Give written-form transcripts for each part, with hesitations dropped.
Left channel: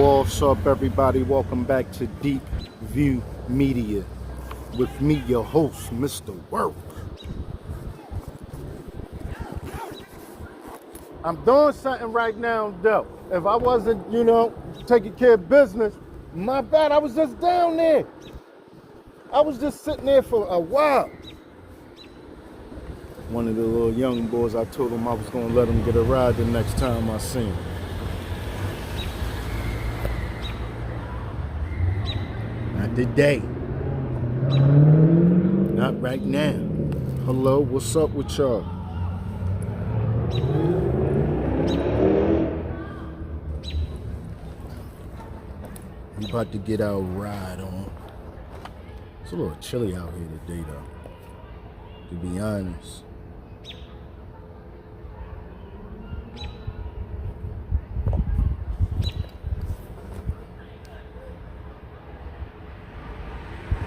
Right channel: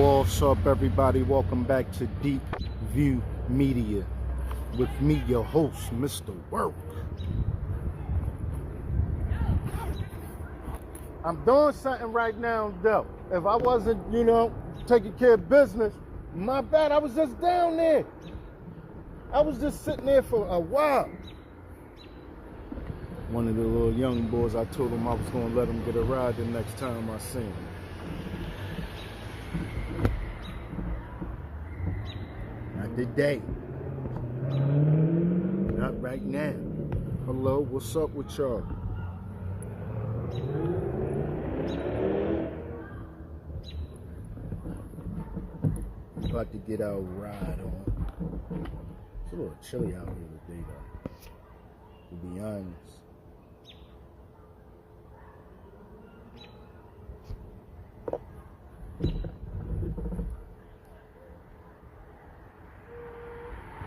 What's up, everybody? Welcome back to Deepview Media with me, your host, Mr. Work. I'm doing something right now, though. If I wasn't, taking care of business, my bad. I was just down there. I was just sitting there for a while. One of the little young boys, I told him I was going to let him get a ride the next time I see him. Not today. Not right now. Hello, what's up with y'all? We about to get our ride on. It's a little chilly out here today, though, to be honest.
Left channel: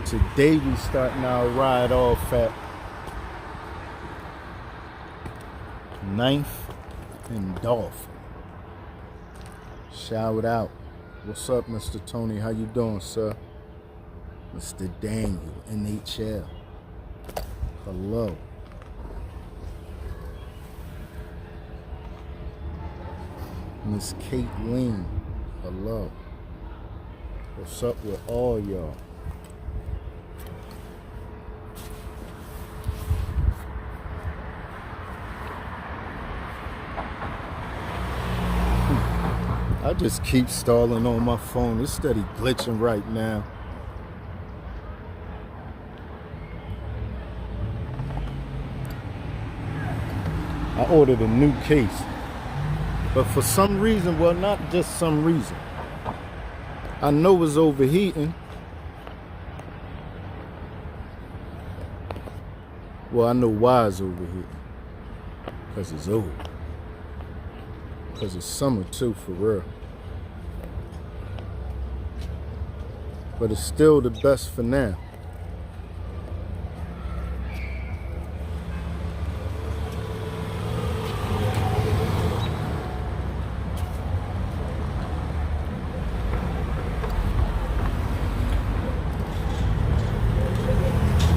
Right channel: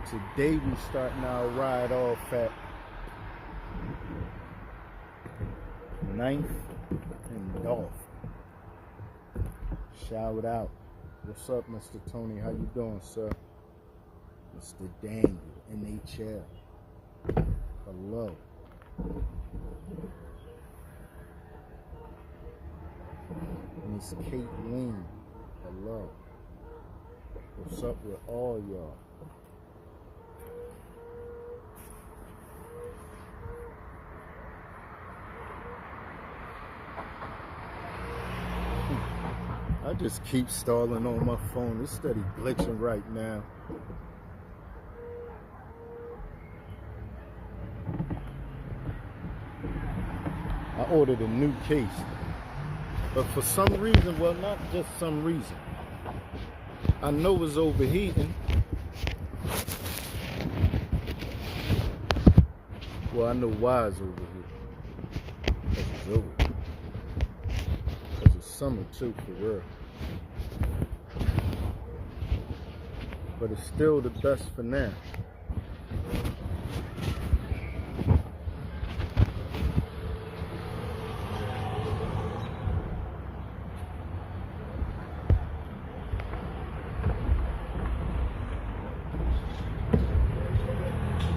Today we starting our ride off at 9th and Dolphin. Shout out. What's up, Mr. Tony? How you doing, sir? Mr. Daniel, NHL. Hello. Miss Caitlin. Hello. What's up with all y'all? I just keep stalling on my phone. It's steady glitching right now. I ordered a new case. But for some reason, well, not just some reason, I know it's overheating. Well, I know why it's overheating. Because it's old. Because it's summer too, for real. But it's still the best for now.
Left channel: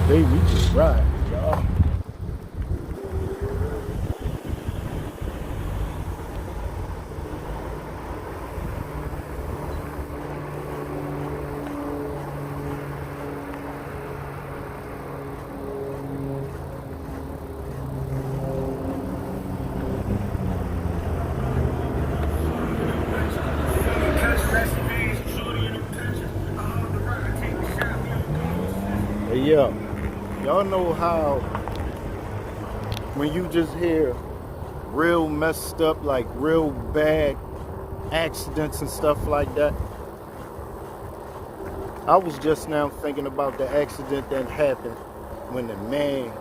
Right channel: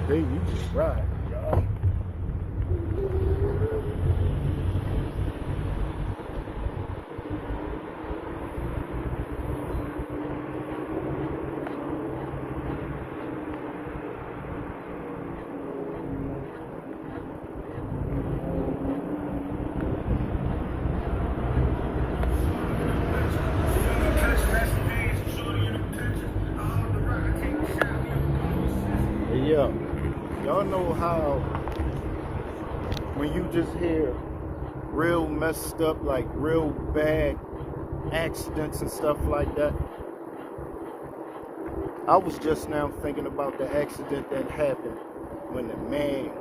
Today we just ride, y'all. Yeah, y'all know how when you just hear real messed up, like real bad accidents and stuff like that. I was just now thinking about the accident that happened when the man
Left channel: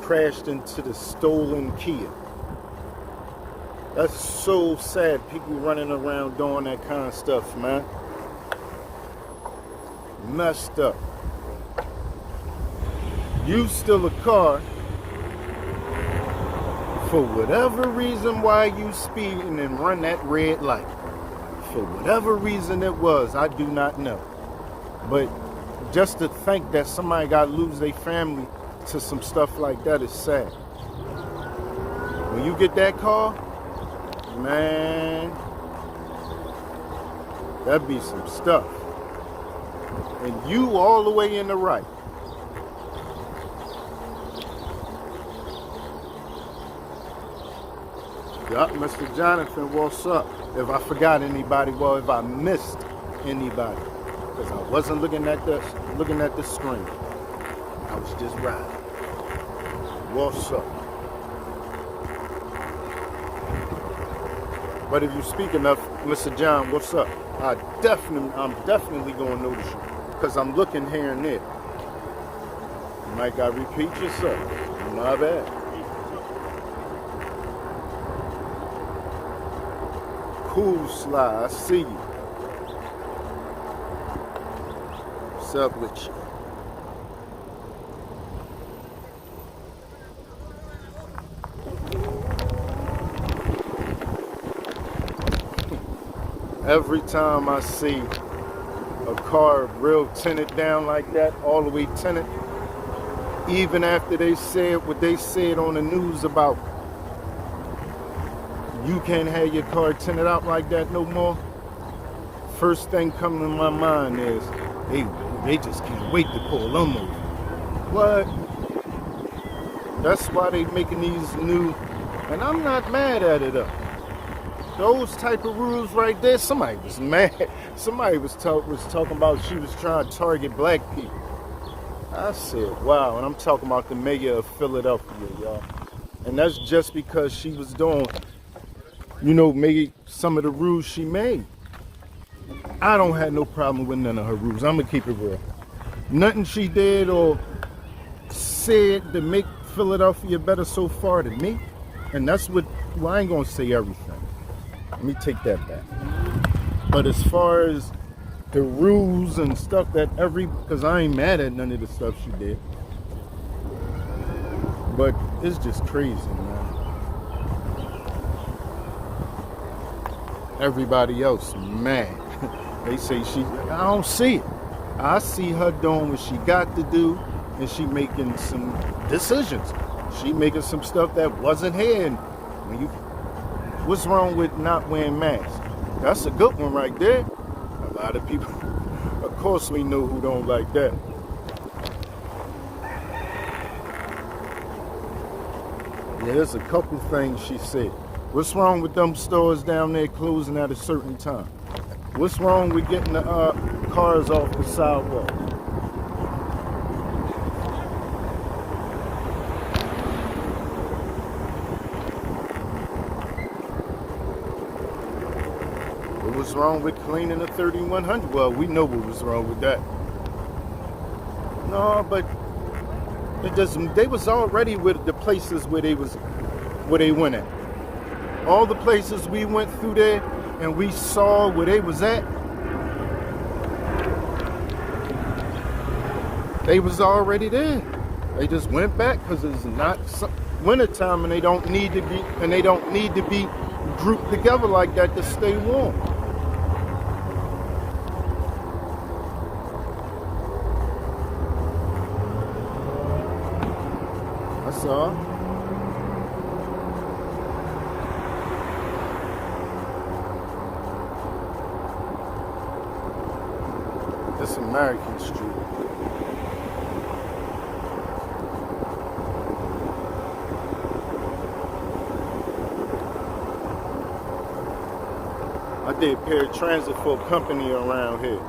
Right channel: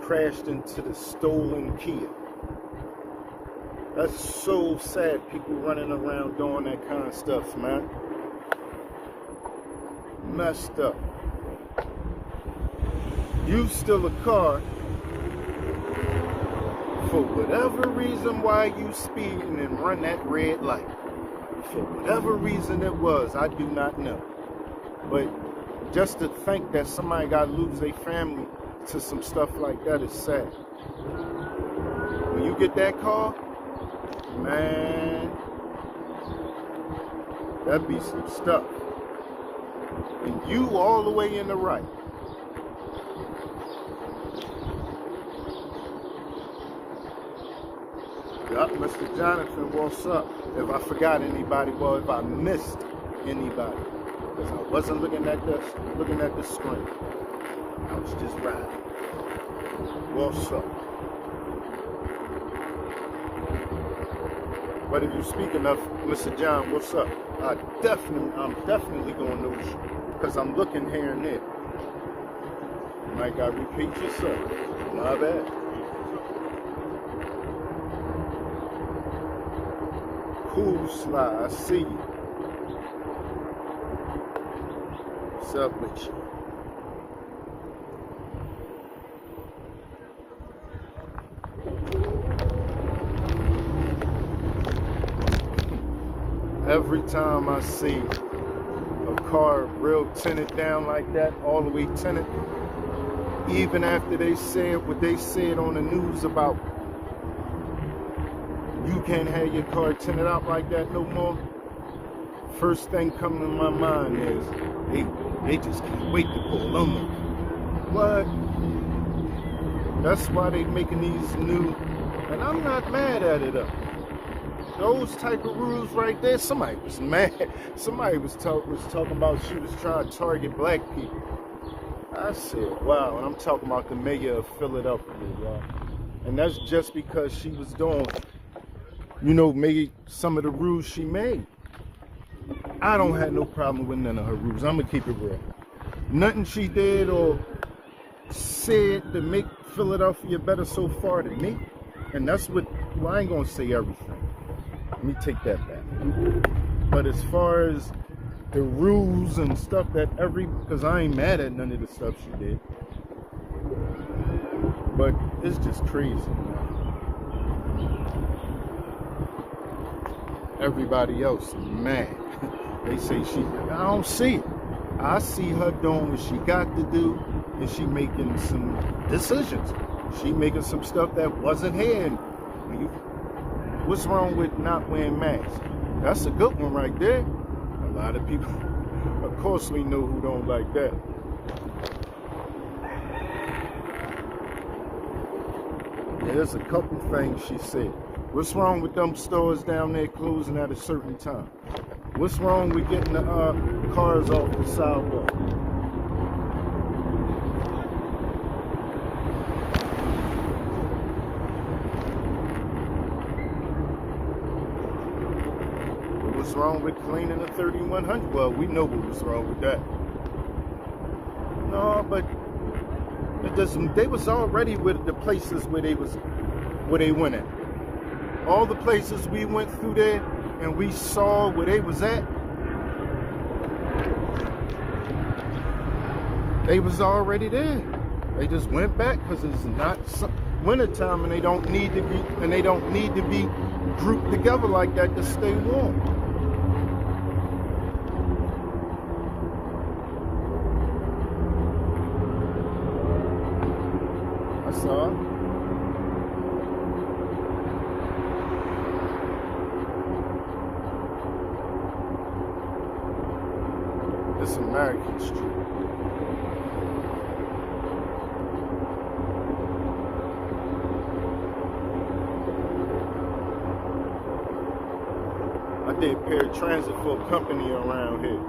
crashed into the stolen Kia. That's so sad, people running around doing that kind of stuff, man. Messed up. You steal a car for whatever reason why you speeding and run that red light. For whatever reason it was, I do not know. But just to think that somebody got to lose their family to some stuff like that is sad. When you get that car, man, that'd be some stuff. And you all the way in the right. Yup, Mr. Jonathan, what's up? If I forgot anybody, well, if I missed anybody, because I wasn't looking at the screen. I was just riding. What's up? But if you speak enough, Mr. John, what's up? I'm definitely gonna notice you, because I'm looking here and there. You might gotta repeat yourself. Not bad. Cool Sly, I see you. What's up with you? every time I see a car real tinted down like that, all the way tinted, even after they said what they said on the news about you can't have your car tinted out like that no more, first thing coming to my mind is they just can't wait to pull them over. What? That's why they making these new, and I'm not mad at it. Those type of rules right there, somebody was mad. Somebody was talking about she was trying to target black people. I said, wow, and I'm talking about the mayor of Philadelphia, y'all. And that's just because she was doing, maybe some of the rules she made. I don't have no problem with none of her rules. I'm going to keep it real. Nothing she did or said to make Philadelphia better so far than me. And that's what, I ain't going to say everything. Let me take that back. But as far as the rules and stuff that because I ain't mad at none of the stuff she did. But it's just crazy, man. Everybody else mad. They say I don't see it. I see her doing what she got to do, and she making some decisions. She making some stuff that wasn't here. And what's wrong with not wearing masks? That's a good one right there. A lot of people, of course we know who don't like that. Yeah, there's a couple things she said. What's wrong with them stores down there closing at a certain time? What's wrong with getting the cars off the sidewalk? What was wrong with cleaning the 3100? Well, we know what was wrong with that. No, but they was already with the places where they went at. All the places we went through there and we saw where they was at, they was already there. They just went back because it's not wintertime and they don't need to be grouped together like that to stay warm. I saw. It's American Street. I did paratransit for a company around here.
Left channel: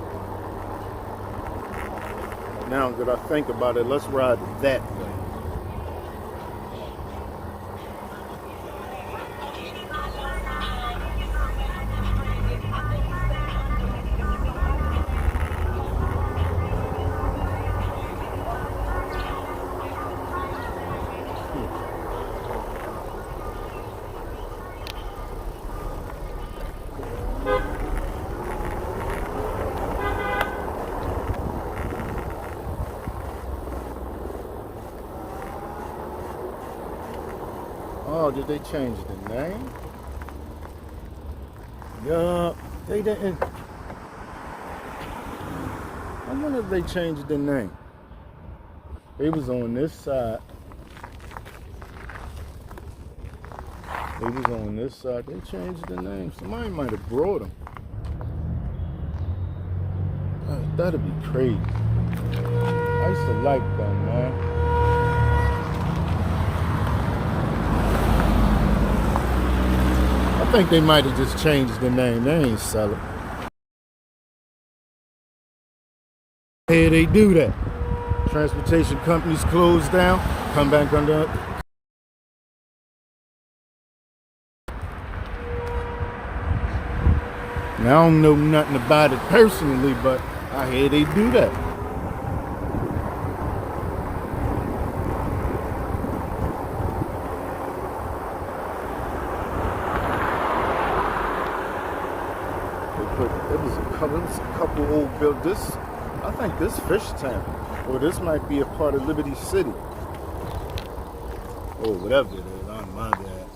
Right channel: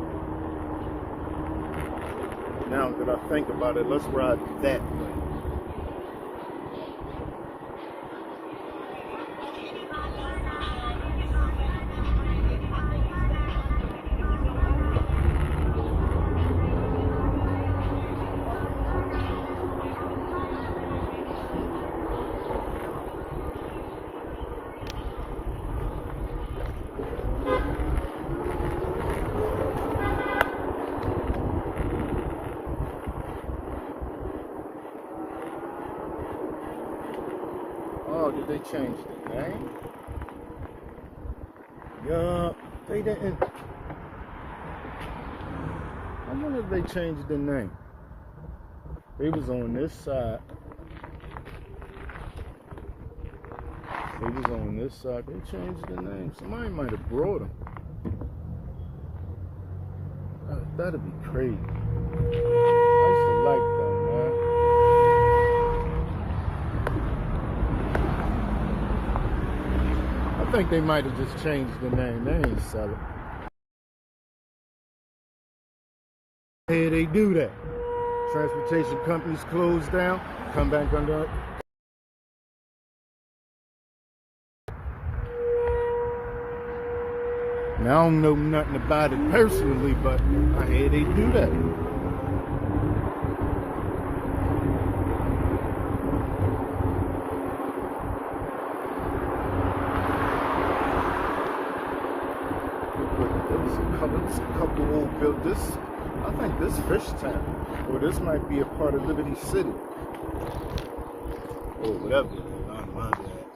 Now that I think about it, let's ride that way. Oh, did they change the name? Yeah, they didn't. I wonder if they changed the name. They was on this side. They was on this side. They changed the name. Somebody might have brought them. That'd be crazy. I used to like them, man. I think they might have just changed the name. They ain't selling. Hey, they do that. Transportation companies close down, come back under. Now, I don't know nothing about it personally, but I hear they do that. There's a couple old buildings. I think this Fishtown, or this might be a part of Liberty City, or whatever it is. I don't mind that.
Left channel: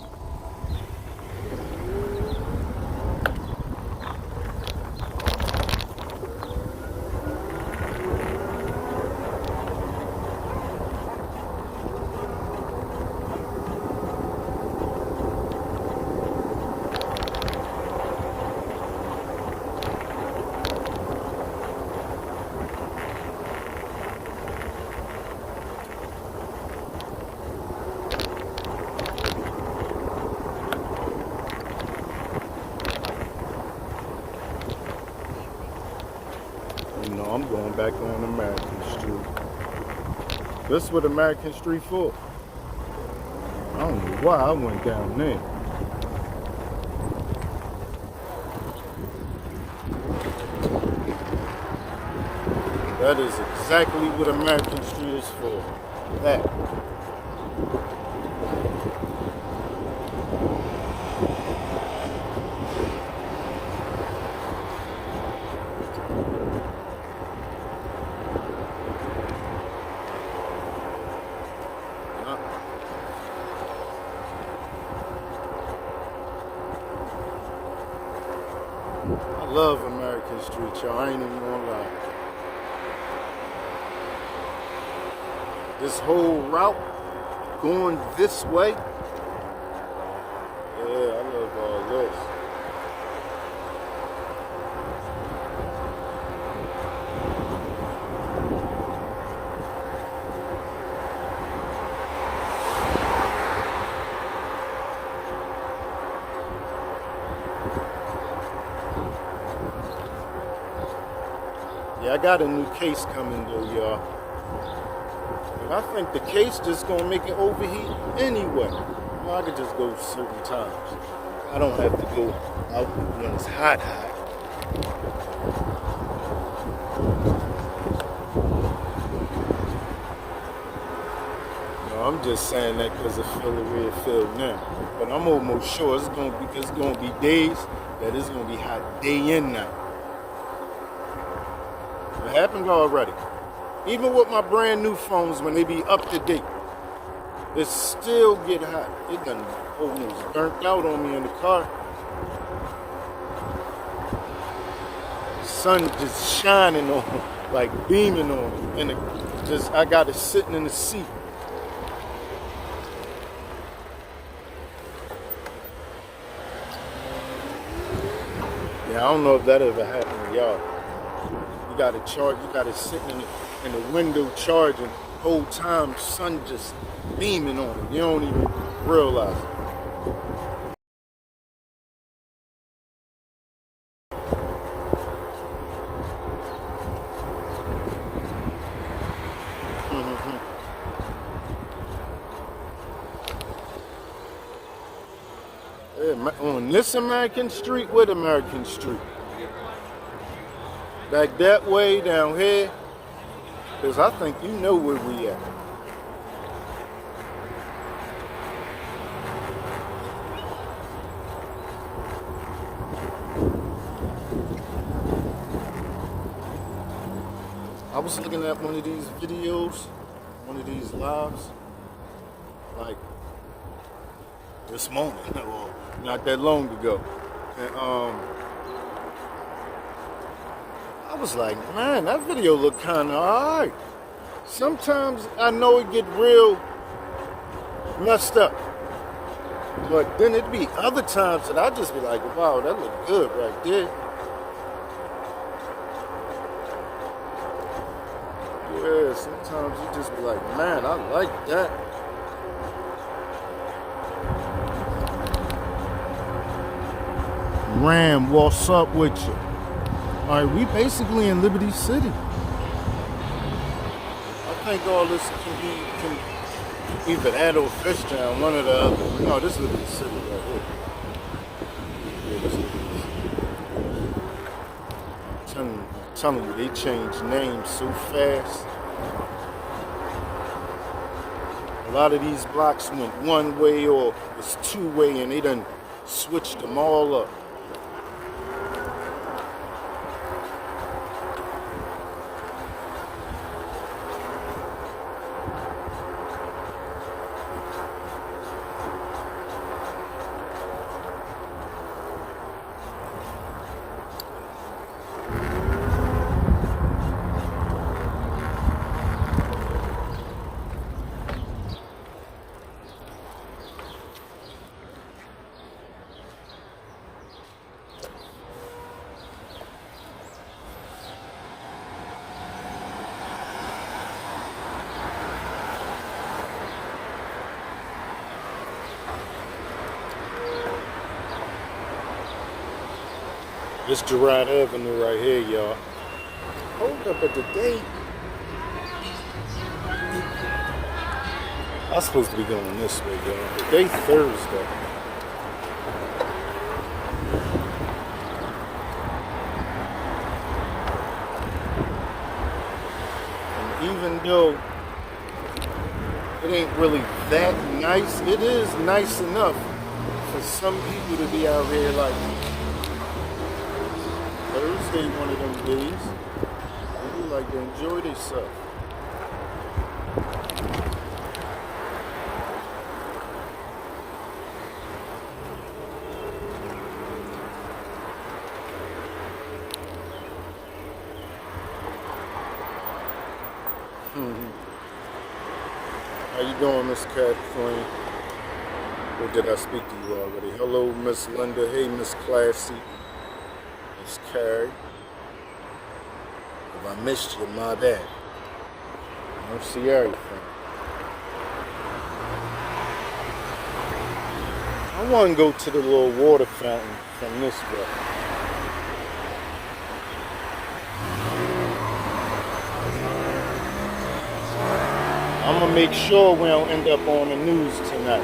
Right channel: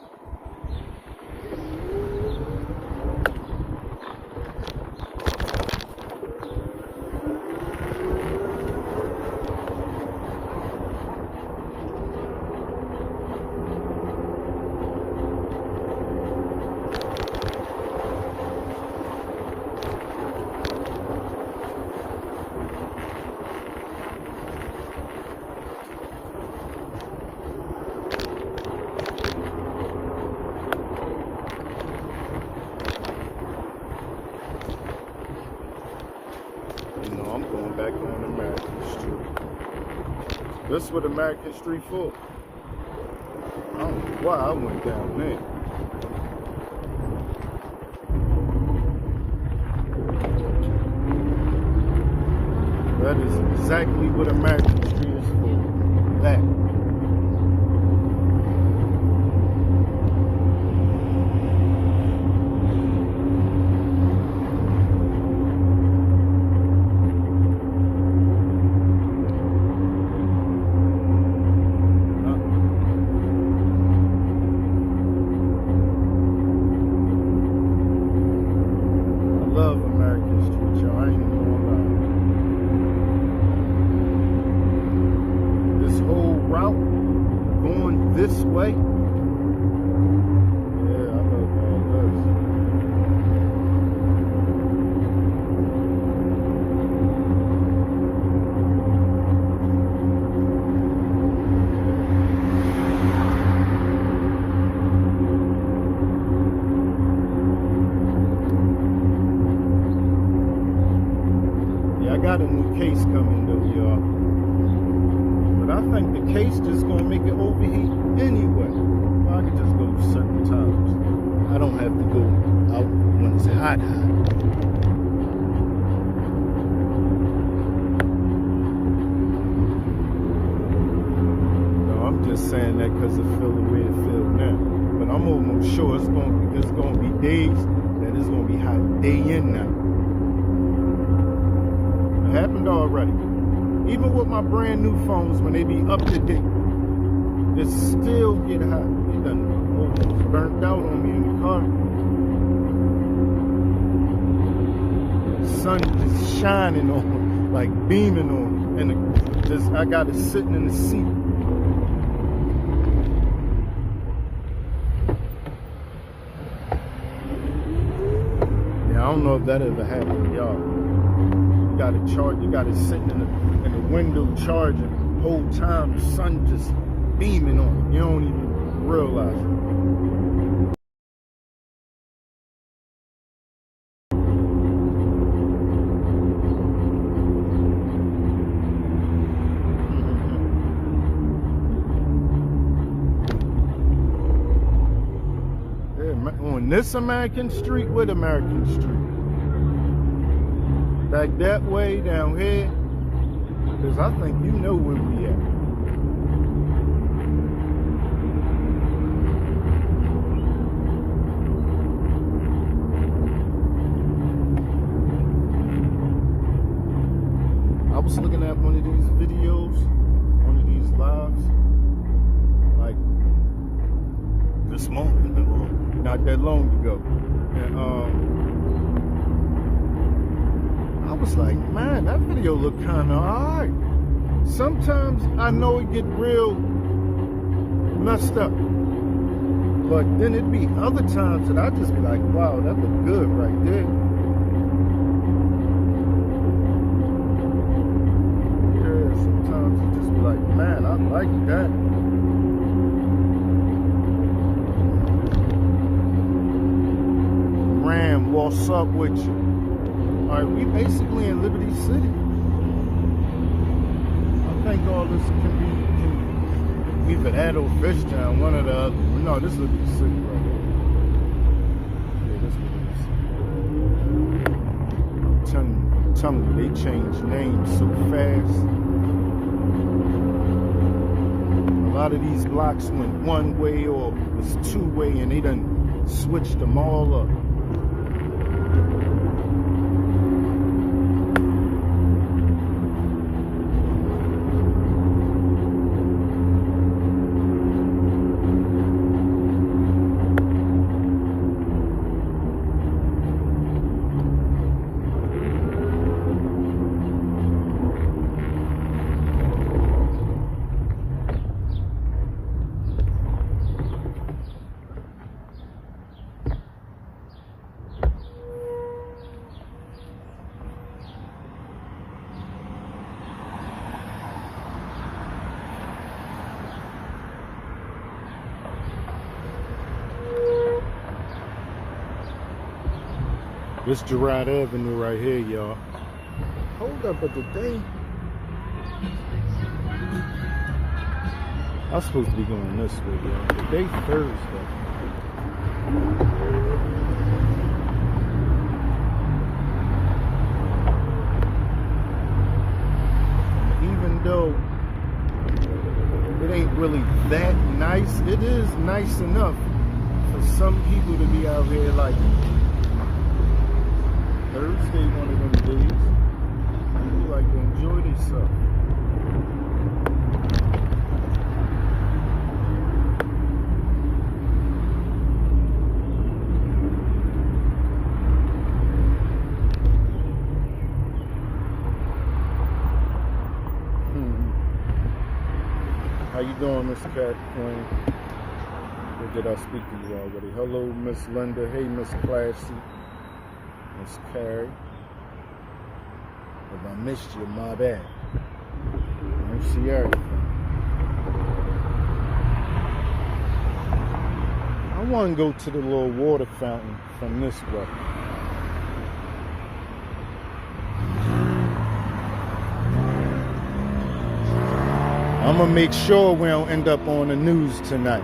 No, I'm going back on American Street. This is what American Street for. I don't know why I went down there. That is exactly what American Street is for. That. I love American Street, y'all. I ain't even gonna lie. This whole route going this way. Yeah, I love all this. Yeah, I got a new case coming though, y'all. I think the case just gonna make it overheat anyway. Well, I could just go certain times. I don't have to go out when it's hot. No, I'm just saying that because I feel the way it feels now. But I'm almost sure it's gonna be days that it's gonna be hot day and night. It happened already. Even with my brand new phones, when they be up to date, it still get hot. It done almost burnt out on me in the car. Sun just shining on it, like beaming on it. And I got it sitting in the seat. Yeah, I don't know if that ever happened, y'all. You got it charged, you got it sitting in the window charging, whole time sun just beaming on it. You don't even realize it. On this American Street, with American Street. Back that way down here. Because I think you know where we at. I was looking at one of these videos, one of these lives, like this morning, or not that long ago. And I was like, man, that video looked kind of alright. Sometimes I know it get real messed up, but then it'd be other times that I just be like, wow, that looked good right there. Yeah, sometimes you just be like, man, I like that. Ram, what's up with you? All right, we basically in Liberty City. I think all this can be either that or Fishtown, one or the other. No, this is Liberty City right here. Yeah, this is Liberty City. I'm telling you, they change names so fast. A lot of these blocks went one way or was two way, and they done switched them all up. This Gerro Avenue right here, y'all. Hold up, but today I'm supposed to be going this way, y'all. Today's Thursday. And even though it ain't really that nice, it is nice enough for some people to be out here like Thursday, one of them days. People like to enjoy themselves. How you doing, Miss Kathleen? Or did I speak to you already? Hello, Miss Linda. Hey, Miss Classy. Miss Carrie. If I missed you, my bad. I don't see everything. I want to go to the little water fountain from this way. I'm gonna make sure we don't end up on the news tonight.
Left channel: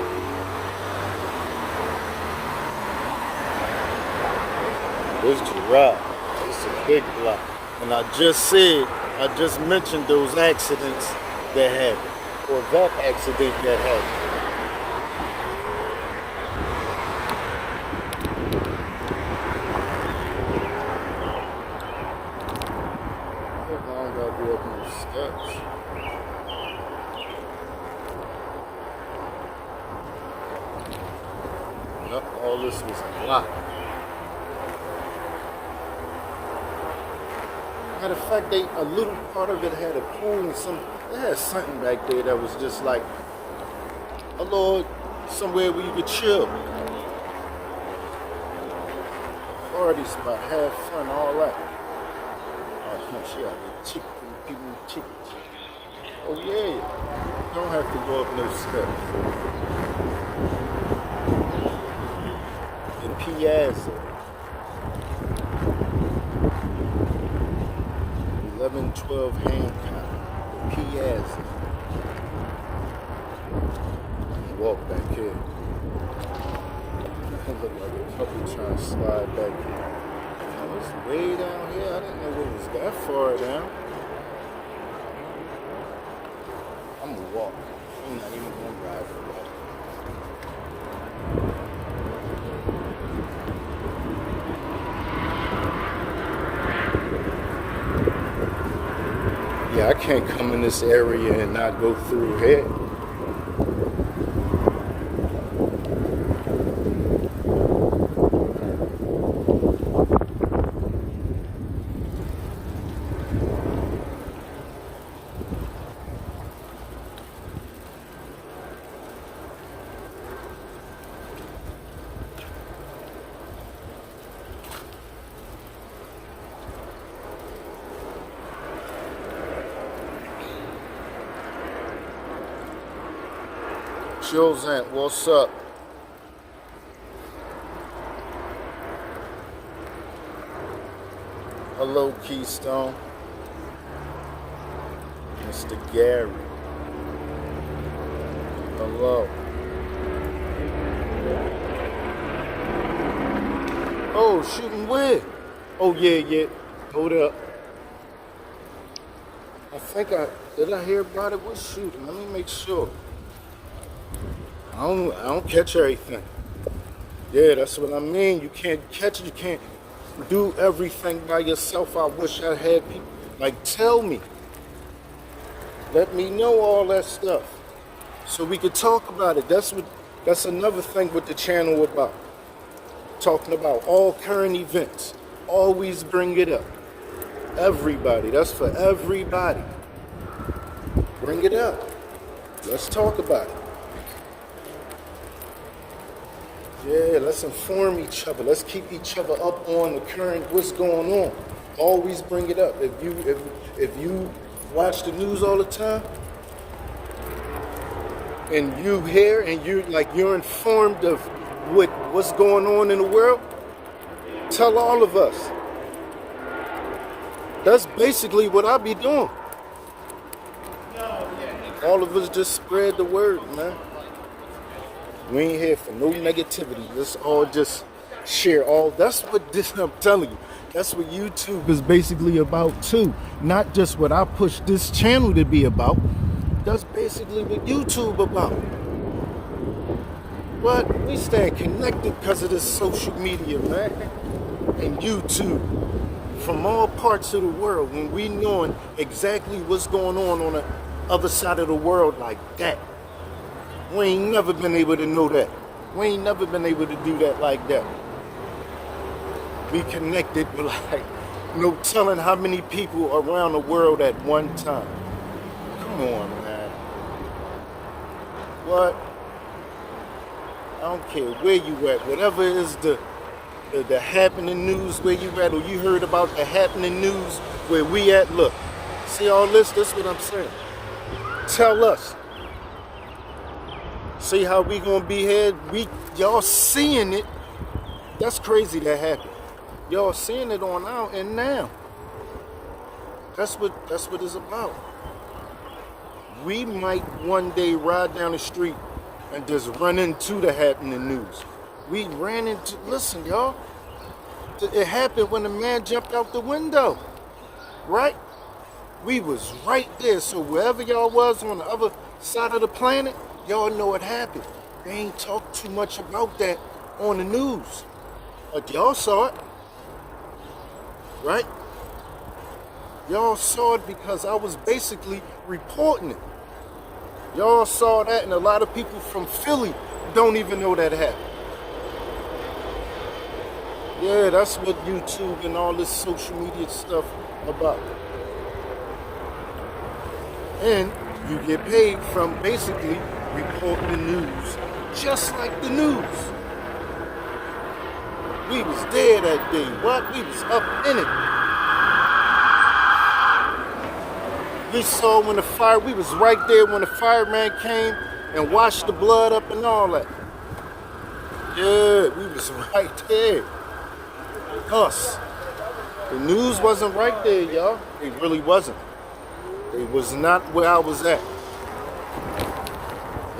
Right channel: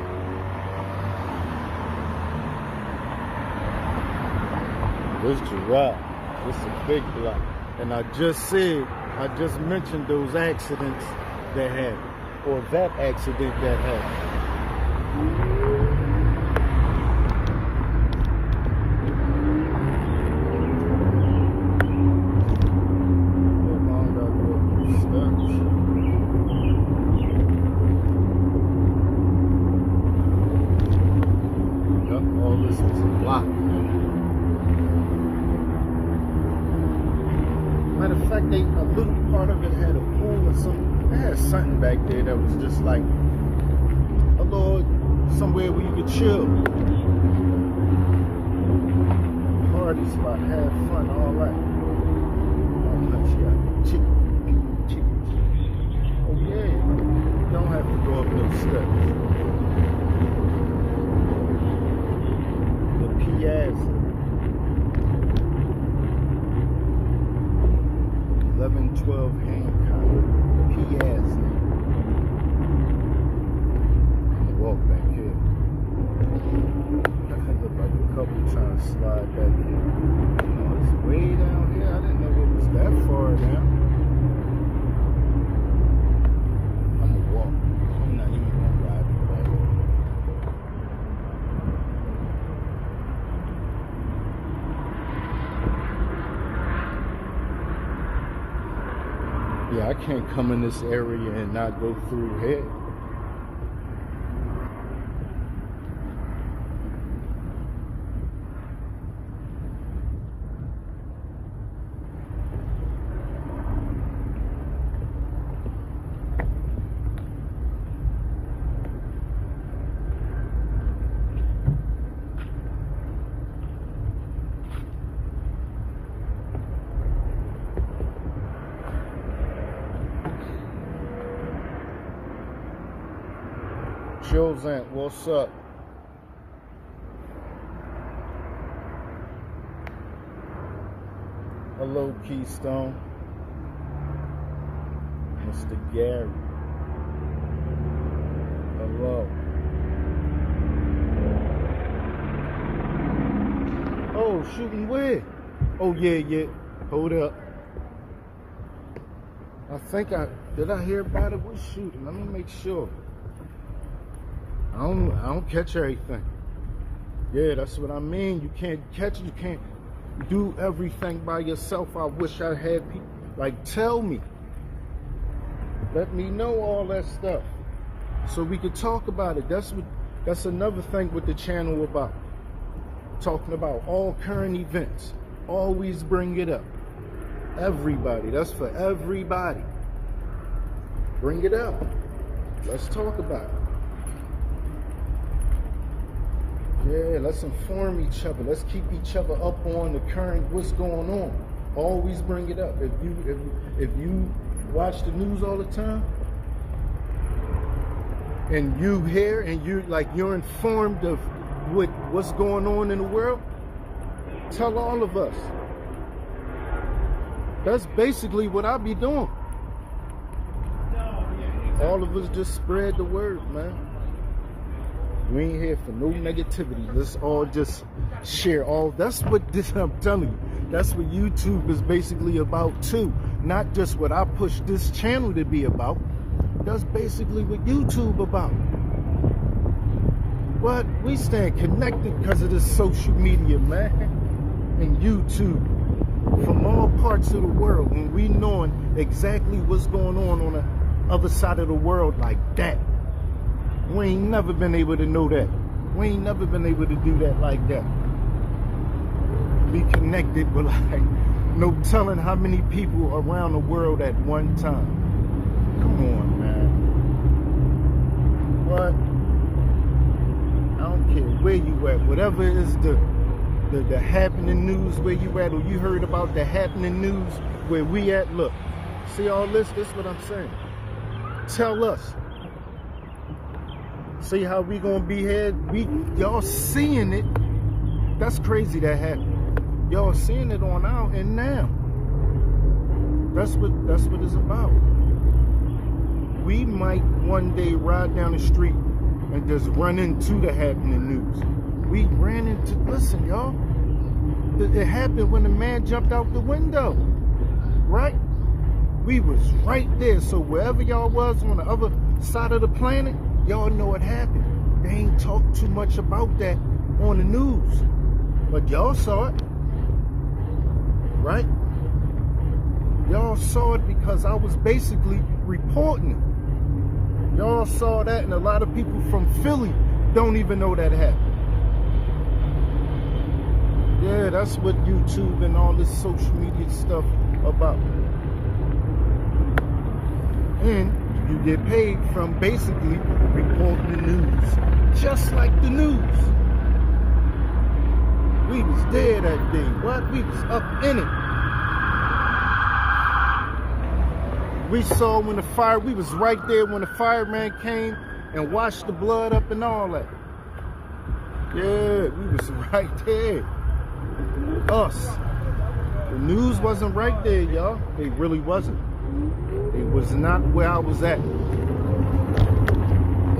This Gerro, this is a big block. And I just mentioned those accidents that happened, or that accident that happened. How long I go up these steps? All this was a block. Matter of fact, a little part of it had a pool and they had something back there that was just like a little somewhere where you could chill. Party spot, have fun, all that. Oh yeah, you don't have to go up those steps. Piazza, 1112 Hancock, Piazza. I'm gonna walk back here. I look like a couple trying to slide back here. Oh, it's way down here. I didn't know it was that far down. I'm gonna walk. I'm not even gonna ride for that. Yeah, I can't come in this area and not go through here. Jules Ant, what's up? Hello, Keystone. Mr. Gary. Hello. Oh, shooting where? Oh, yeah. Hold up. Did I hear about it? What's shooting? Let me make sure. I don't catch everything. Yeah, that's what I mean. You can't catch it. You can't do everything by yourself. I wish I had people. Like, tell me. Let me know all that stuff so we could talk about it. That's another thing with the channel about. Talking about all current events. Always bring it up. Everybody. That's for everybody. Bring it up. Let's talk about it. Yeah, let's inform each other. Let's keep each other up on the current, what's going on. Always bring it up. If you watch the news all the time, and you hear and you're informed of what's going on in the world, tell all of us. That's basically what I be doing. All of us just spread the word, man. We ain't here for no negativity. Let's all just share all. That's what this, I'm telling you. That's what YouTube is basically about too. Not just what I push this channel to be about. That's basically what YouTube about. But we stay connected because of this social media, man. And YouTube. From all parts of the world. When we knowing exactly what's going on the other side of the world like that. We ain't never been able to know that. We ain't never been able to do that like that. Be connected with like no telling how many people around the world at one time. Come on, man. What? I don't care where you at. Whatever is the happening news where you at, or you heard about the happening news where we at, look. See all this? This is what I'm saying. Tell us. See how we gonna be here? Y'all seeing it. That's crazy that happened. Y'all seeing it on out and now. That's what it's about. We might one day ride down the street and just run into the happening news. We ran into, listen, y'all. It happened when the man jumped out the window. Right? We was right there. So wherever y'all was on the other side of the planet, y'all know what happened. They ain't talk too much about that on the news. But y'all saw it. Right? Y'all saw it because I was basically reporting it. Y'all saw that, and a lot of people from Philly don't even know that happened. Yeah, that's what YouTube and all this social media stuff about. And you get paid from basically reporting the news, just like the news. We was there that day. What? We was up in it. We saw when the fire, we was right there when the fireman came and washed the blood up and all that. Yeah, we was right there. Us. The news wasn't right there, y'all. It really wasn't. It was not where I was at.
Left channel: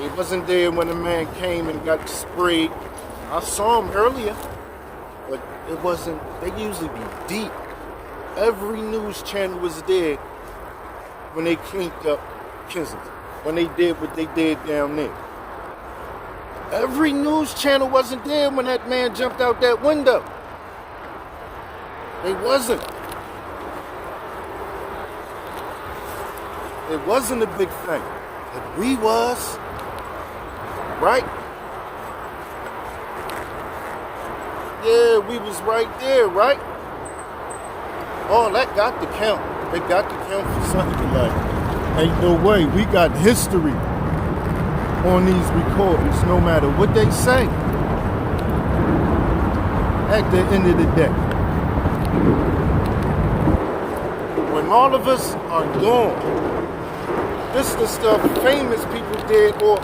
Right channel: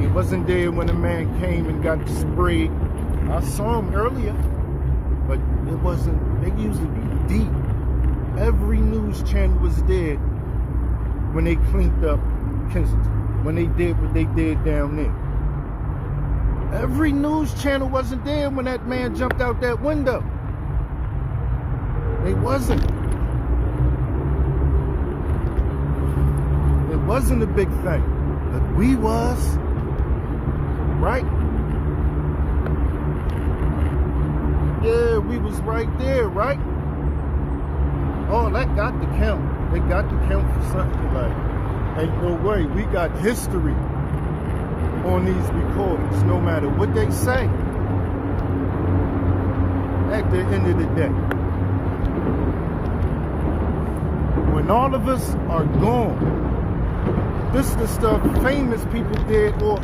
It wasn't there when the man came and got sprayed. I saw him earlier, but it wasn't. They usually be deep. Every news channel was there when they cleaned up Kensington, when they did what they did down there. Every news channel wasn't there when that man jumped out that window. They wasn't. It wasn't a big thing, but we was, right? Yeah, we was right there, right? Oh, that got to count. They got to count for something. Like, ain't no way. We got history on these recordings, no matter what they say. At the end of the day, when all of us are gone, this is the stuff famous people did, or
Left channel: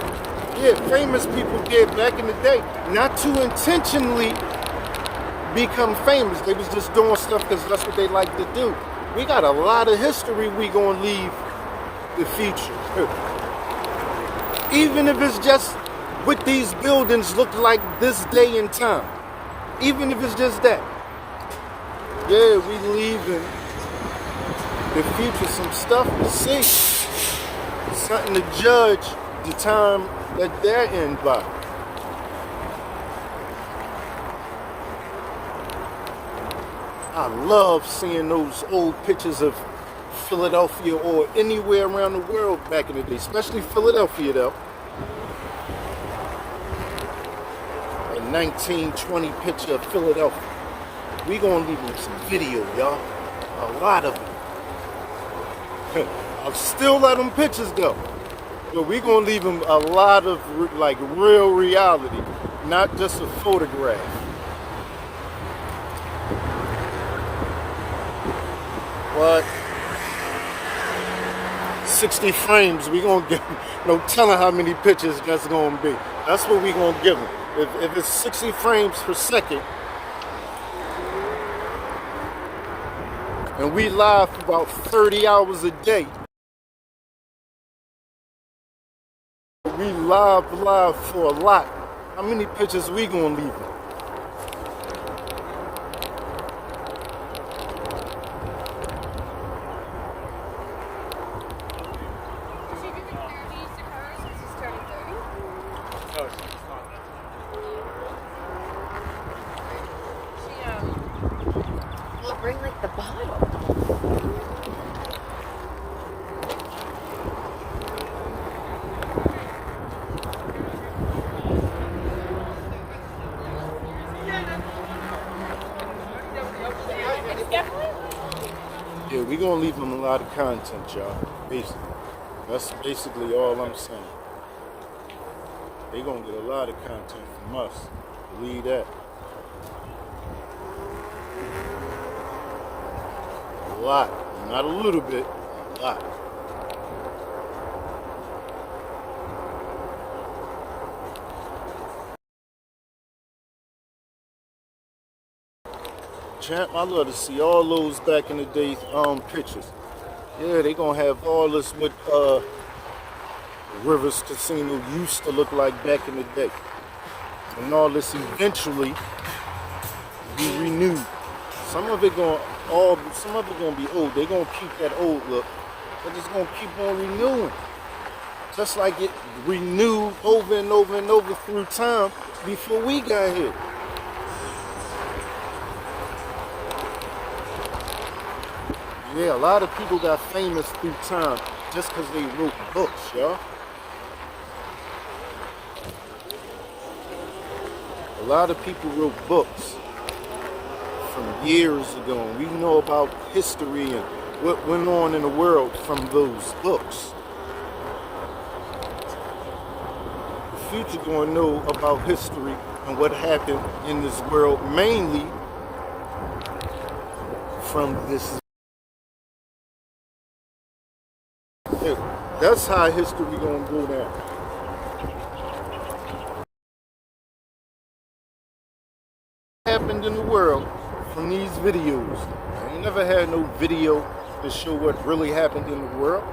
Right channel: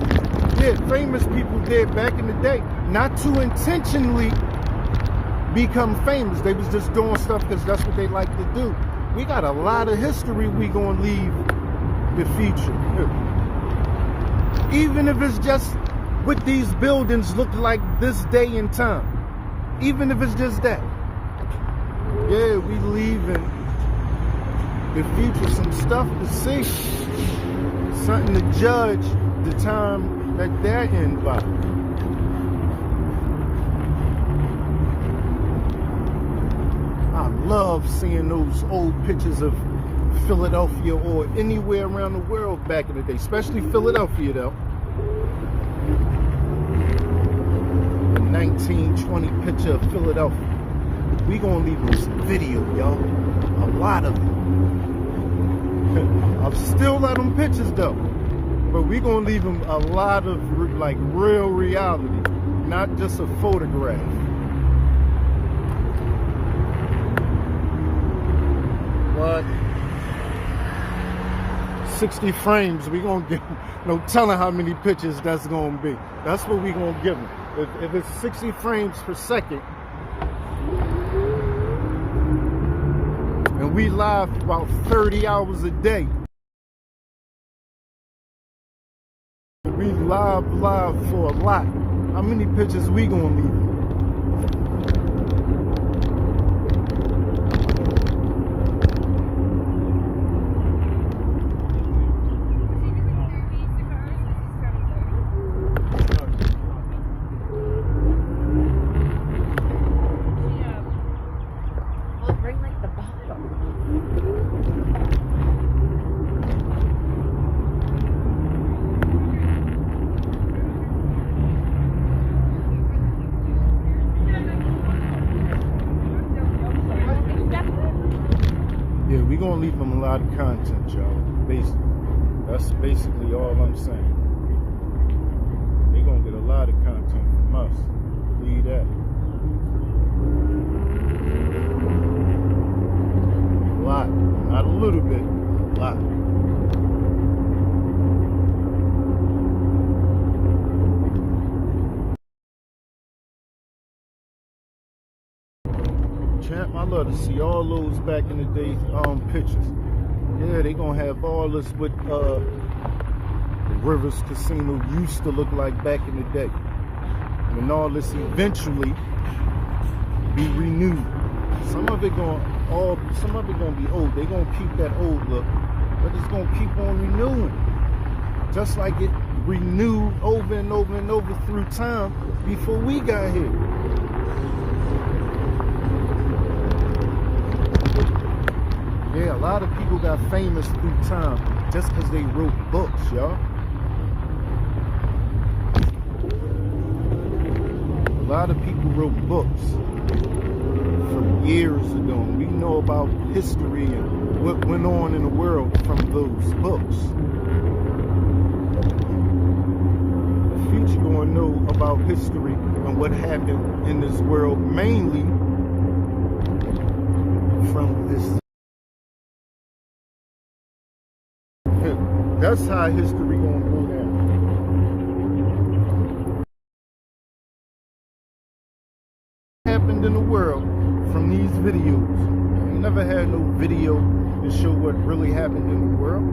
famous people did back in the day, not to intentionally become famous. They was just doing stuff because that's what they like to do. We got a lot of history we gonna leave the future. Even if it's just what these buildings look like this day and time. Even if it's just that. Yeah, we leaving the future some stuff to see. Something to judge the time that they're in by. I love seeing those old pictures of Philadelphia or anywhere around the world back in the day, especially Philadelphia though. A 1920 picture of Philadelphia. We gonna leave them some video, y'all. A lot of them. I'll still let them pictures though, but we gonna leave them a lot of like real reality, not just a photograph. What? 60 frames, we gonna give them, no telling how many pictures that's gonna be. That's what we gonna give them. If it's 60 frames per second, And we live for about 30 hours a day. We live for a lot. How many pictures we gonna leave? Bring like the bottle. Yeah, we gonna leave them a lot of content, y'all. Basically, that's basically all I'm saying. They gonna get a lot of content from us. Believe that. A lot, not a little bit, a lot. Champ, I love to see all those back in the day pictures. Yeah, they gonna have all this what Rivers Casino used to look like back in the day. And all this eventually be renewed. Some of it gonna be old. They gonna keep that old look, but it's gonna keep on renewing. Just like it renewed over and over and over through time before we got here. Yeah, a lot of people got famous through time just because they wrote books, y'all. A lot of people wrote books from years ago, and we know about history and what went on in the world from those books. The future gonna know about history and what happened in this world, mainly from this. That's how history gonna go down. Happened in the world from these videos. I ain't never had no video to show what really happened in the world.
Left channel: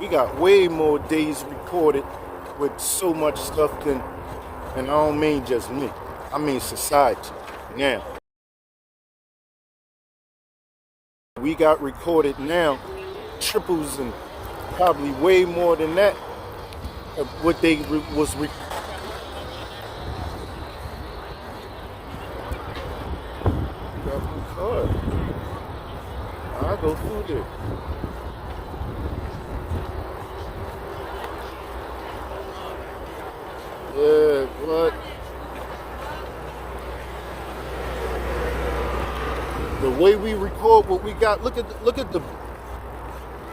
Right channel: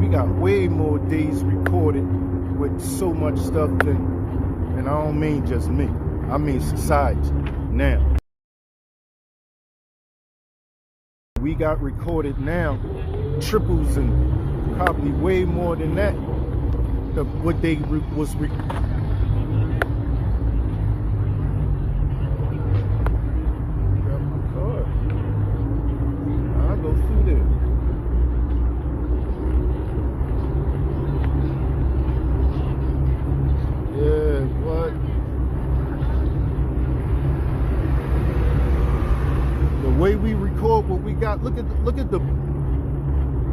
We got way more days recorded with so much stuff than, and I don't mean just me, I mean society now. We got recorded now triples and probably way more than that of what they was got my card. I'll go through there. Yeah, what? The way we record what we got, look at the.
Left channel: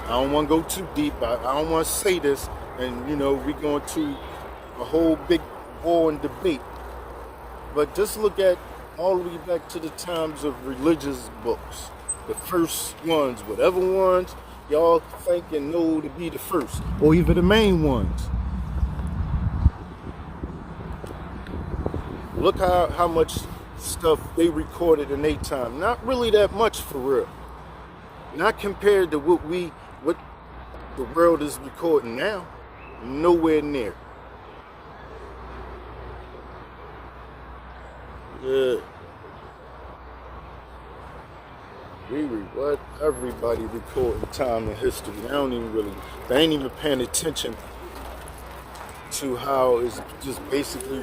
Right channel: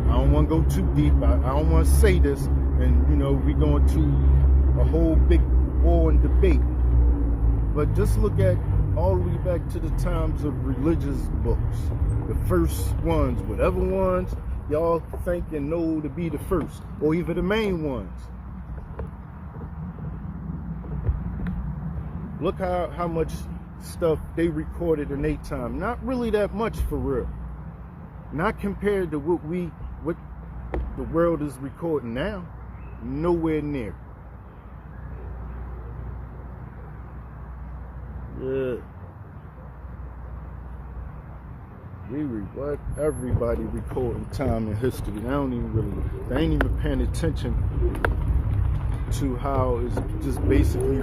I don't want to go too deep. I don't want to say this, and we going to a whole big war and debate. But just look at all the way back to the times of religious books, the first ones, whatever ones y'all think and know to be the first, or even the main ones. Look how much stuff they recorded in their time. Not really that much for real. Not compared to what the world is recording now. Nowhere near. Yeah. What everybody recording time in history. They ain't even paying attention to how it's just basically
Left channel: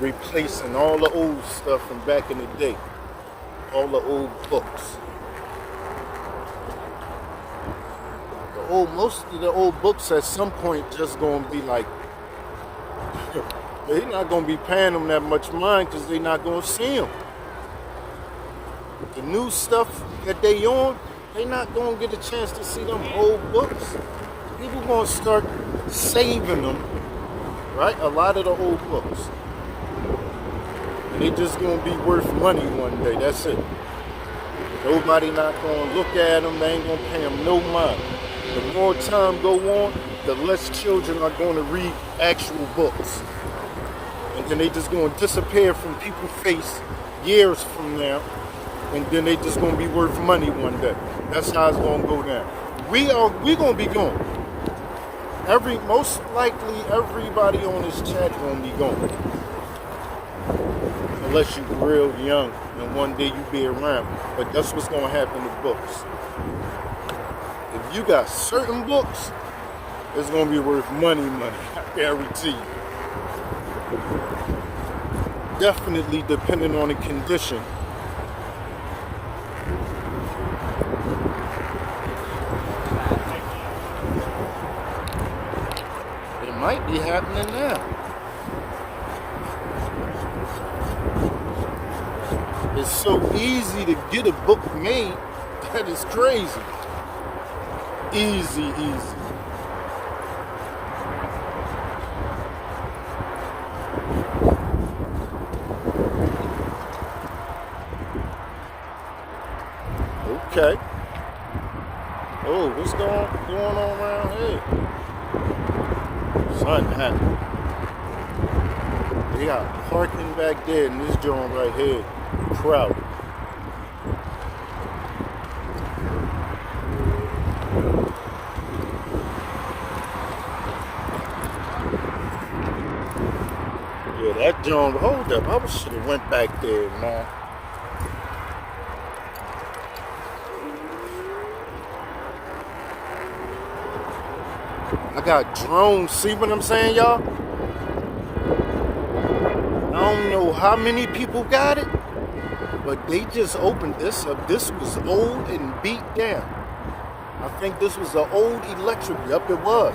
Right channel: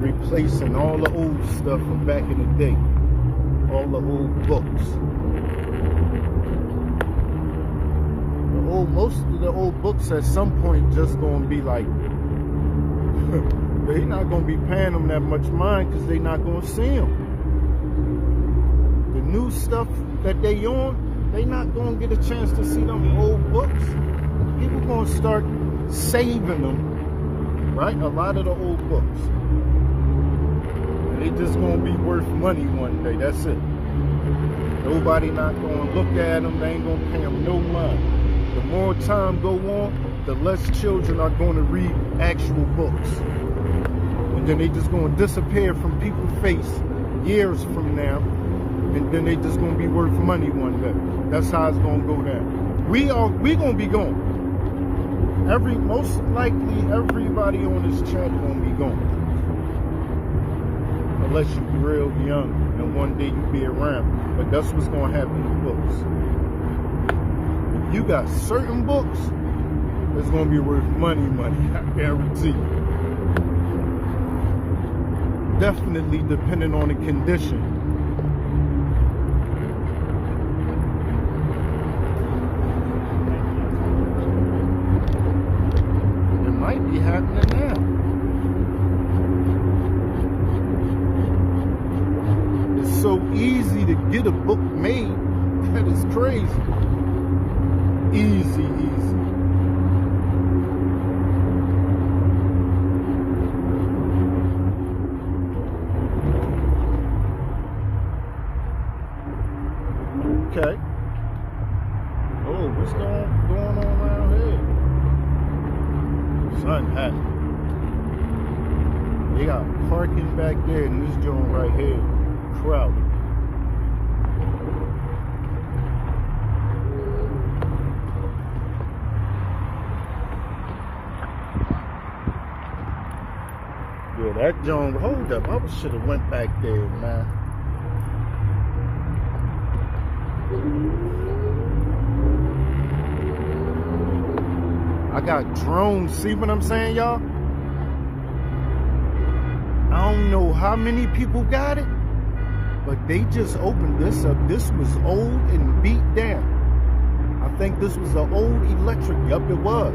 replacing all the old stuff from back in the day. All the old books. Most of the old books at some point just gonna be like, they're not gonna be paying them that much mind because they're not gonna see them. The new stuff that they on, they not gonna get a chance to see them old books. People gonna start saving them, right? A lot of the old books. And they just gonna be worth money one day, that's it. Nobody not gonna look at them, they ain't gonna pay them no mind. The more time go on, the less children are gonna read actual books. And then they just gonna disappear from people's face years from now, and then they just gonna be worth money one day. That's how it's gonna go down. We gonna be gone. Most likely everybody on this chat gonna be gone. Unless you're real young and one day you be around. But that's what's gonna happen to books. If you got certain books, it's gonna be worth money, I guarantee you. Definitely depending on the condition. It might be happening now. It's so easy to get a book made. That is crazy. Easy. Okay. Oh, what's going on around here? Something happened. They got parking back there in this joint right here. Crowded. Yeah, that joint. Hold up, I should have went back there, man. I got drones. See what I'm saying, y'all? I don't know how many people got it, but they just opened this up. This was old and beat down. I think this was an old electric. Yup, it was.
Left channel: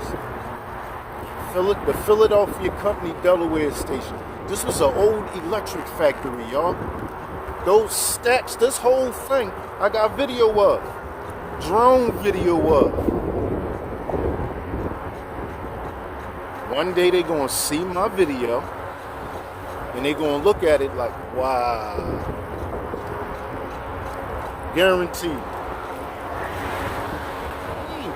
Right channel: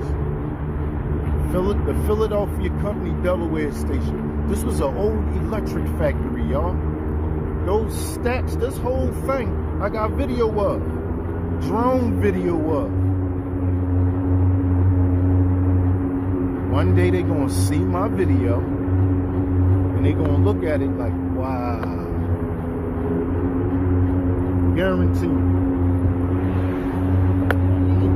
The Philadelphia Company, Delaware station. This was an old electric factory, y'all. Those stacks, this whole thing, I got video of. Drone video of. One day they gonna see my video and they gonna look at it like, wow. Guaranteed.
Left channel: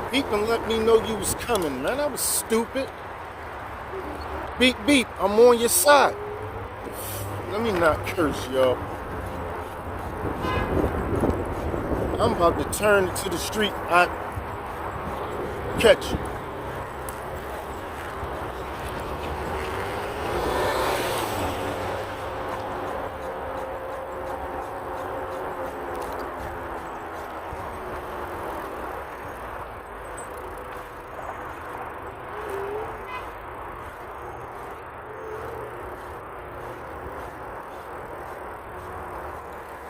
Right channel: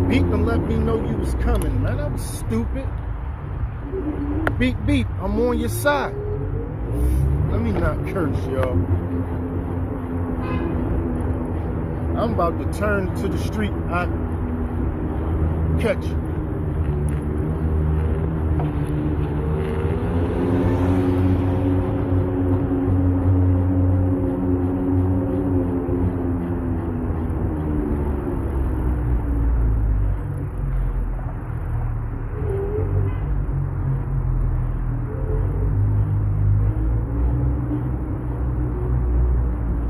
Beep and let me know you was coming, man. That was stupid. Beep, I'm on your side. Let me not curse, y'all. I'm about to turn to the street. I catch you.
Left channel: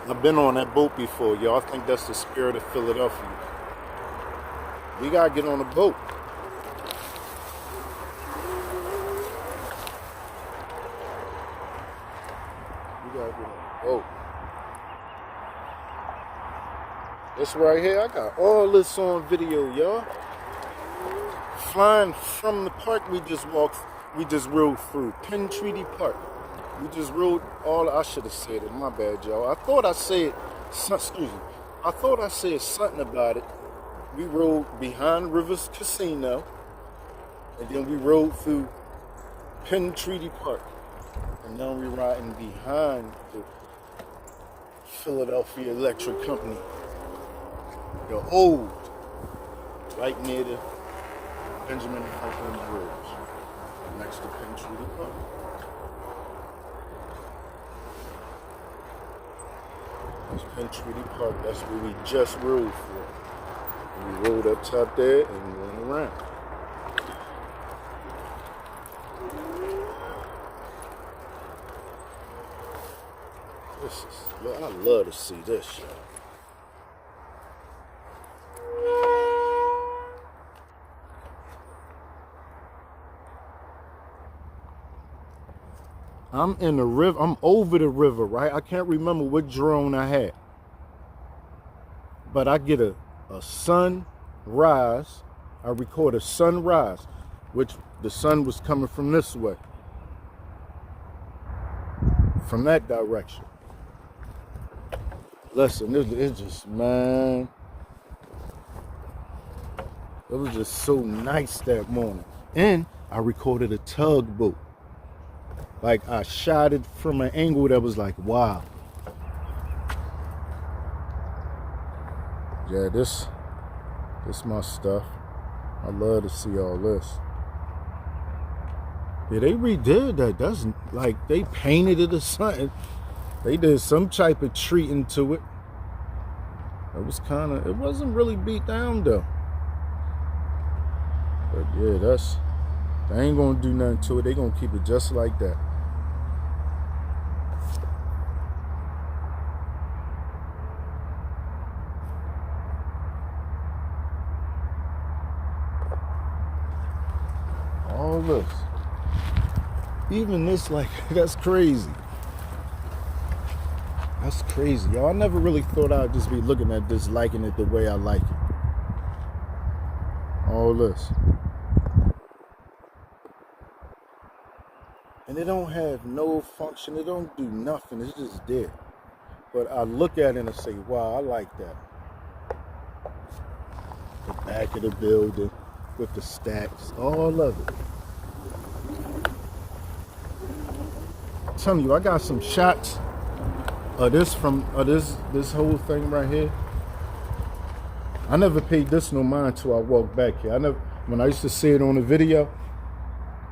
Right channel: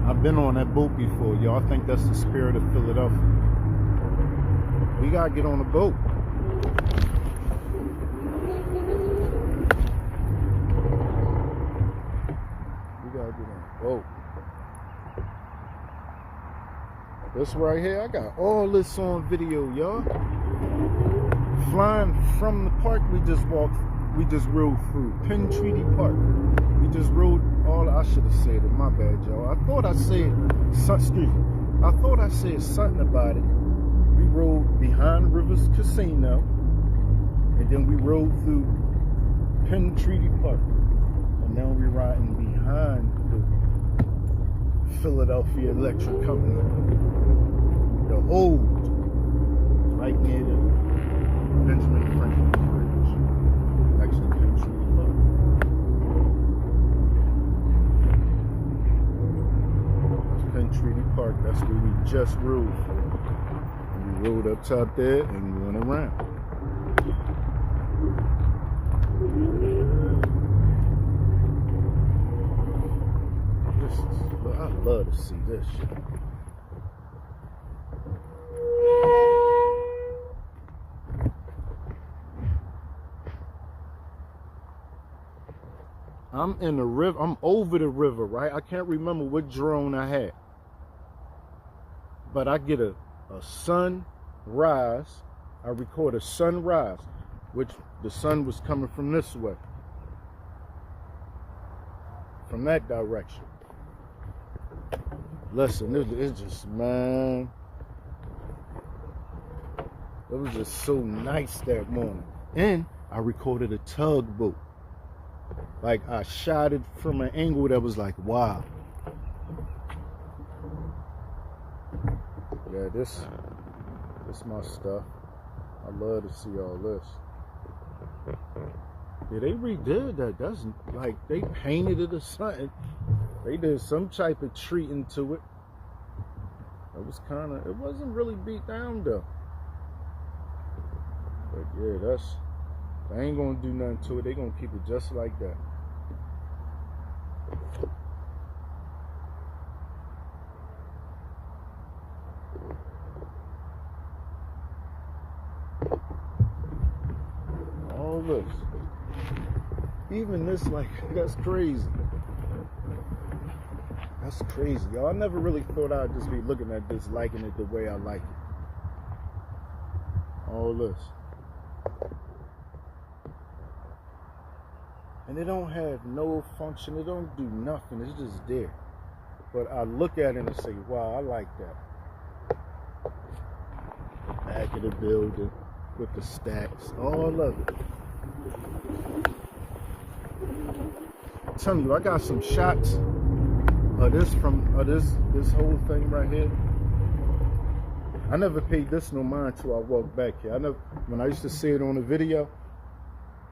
I've been on that boat before, y'all. I think that's the Spirit of Philadelphia. We gotta get on the boat. We gotta get on the boat. This right here, I got all this on video, y'all. Flying from the park we just rode through. Penn Treaty Park. We just rode I should have said it, my bad, y'all. I thought I said something about it. We rode behind Rivers Casino, and then we rode through Penn Treaty Park. And now we're riding behind the Philadelphia Electric Company. The old, right near the Benjamin Franklin Bridge, next to Penn Treaty Park. Penn Treaty Park, that's where we just rode from. We rode up top there and we went around. I love to see this shit. I'm in the river, I'm over the river, right? I can't remember what drone I had. But I get a sunrise. I record a sunrise, which the sun was coming from this way. From that direction. Listen, it's just, man. It was just so nice that morning. And I recorded a tugboat. Like, I shot it from an angle that was like, wow. Yeah, this my stuff. I love to see all this. Yeah, they redid that. That's like they painted it or something. They did some type of treating to it. It wasn't really beat down though. But yeah, they ain't gonna do nothing to it. They gonna keep it just like that. All this. Even this, like, that's crazy. That's crazy, y'all. I never really thought I'd just be looking at this, liking it the way I like it. All this. And it don't have no function. It don't do nothing. It's just there. But I look at it and I say, wow, I like that. The back of the building with the stacks. All of it. I'm telling you, I got some shots of this from this whole thing right here. I never paid this no mind till I walked back here. When I used to see it on the video,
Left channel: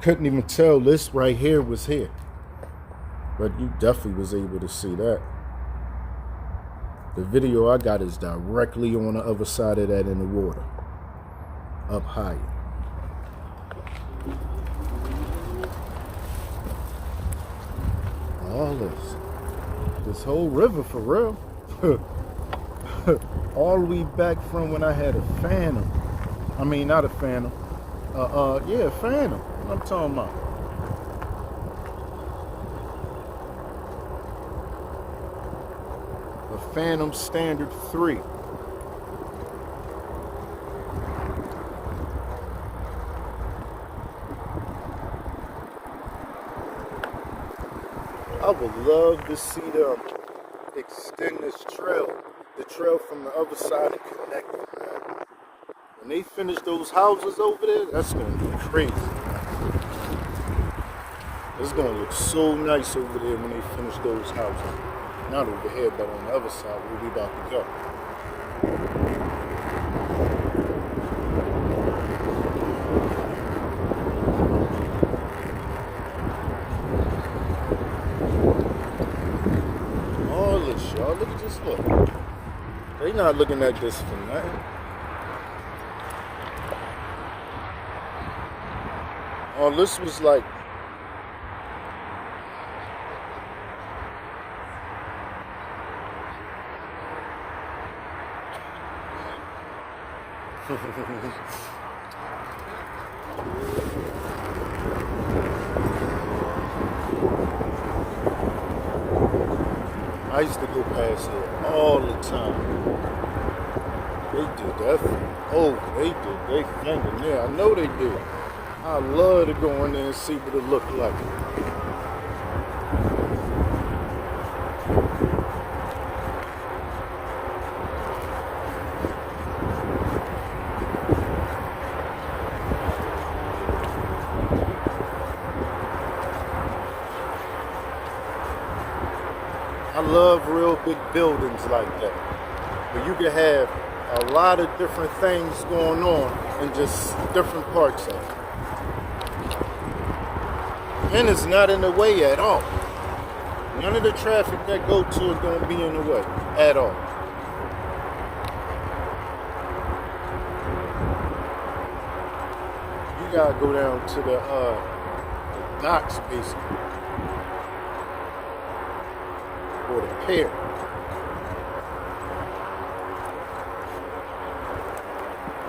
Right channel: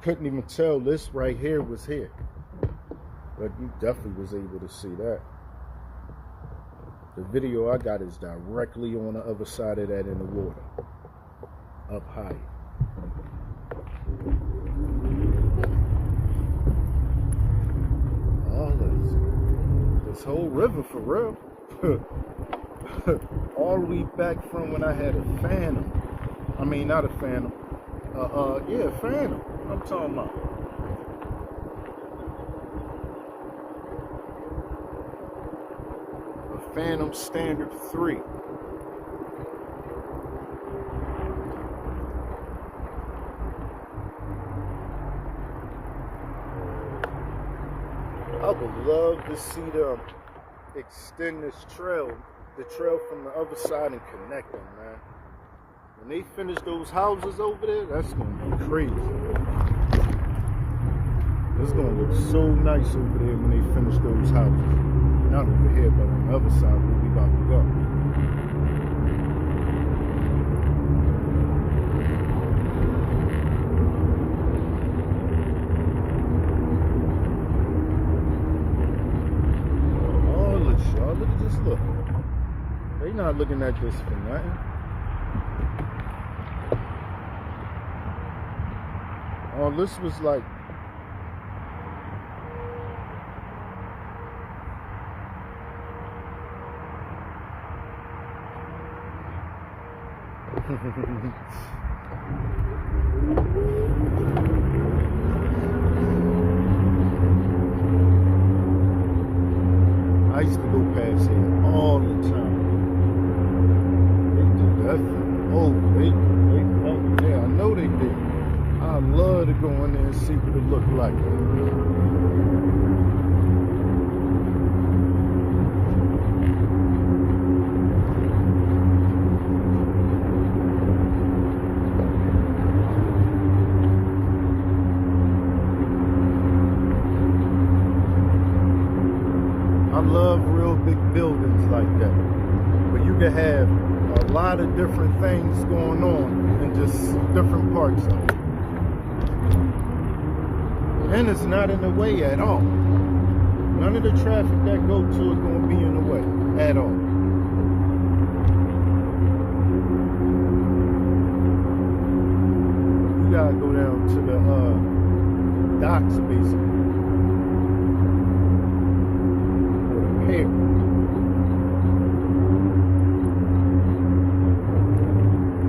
couldn't even tell this right here was here. But you definitely was able to see that. The video I got is directly on the other side of that in the water. Up higher. All this whole river for real. All the way back from when I had a Phantom. I mean, not a Phantom. Yeah, Phantom. What I'm talking about. A Phantom Standard 3. I would love to see them extend this trail, the trail from the other side and connect them, man. When they finish those houses over there, that's going to be crazy. It's going to look so nice over there when they finish those houses. Not over here, but on the other side where we about to go. Y'all, look at this, look. They not looking at this for nothing. Oh, this was like I used to go past here all the time. They did that thing. Oh, they did. They thing in there. I know they did. I love to go in there and see what it looked like. I love real big buildings like that, where you can have a lot of different things going on in just different parts of it. And it's not in the way at all. None of the traffic that go to it gonna be in the way at all. You gotta go down to the docks basically. Pier.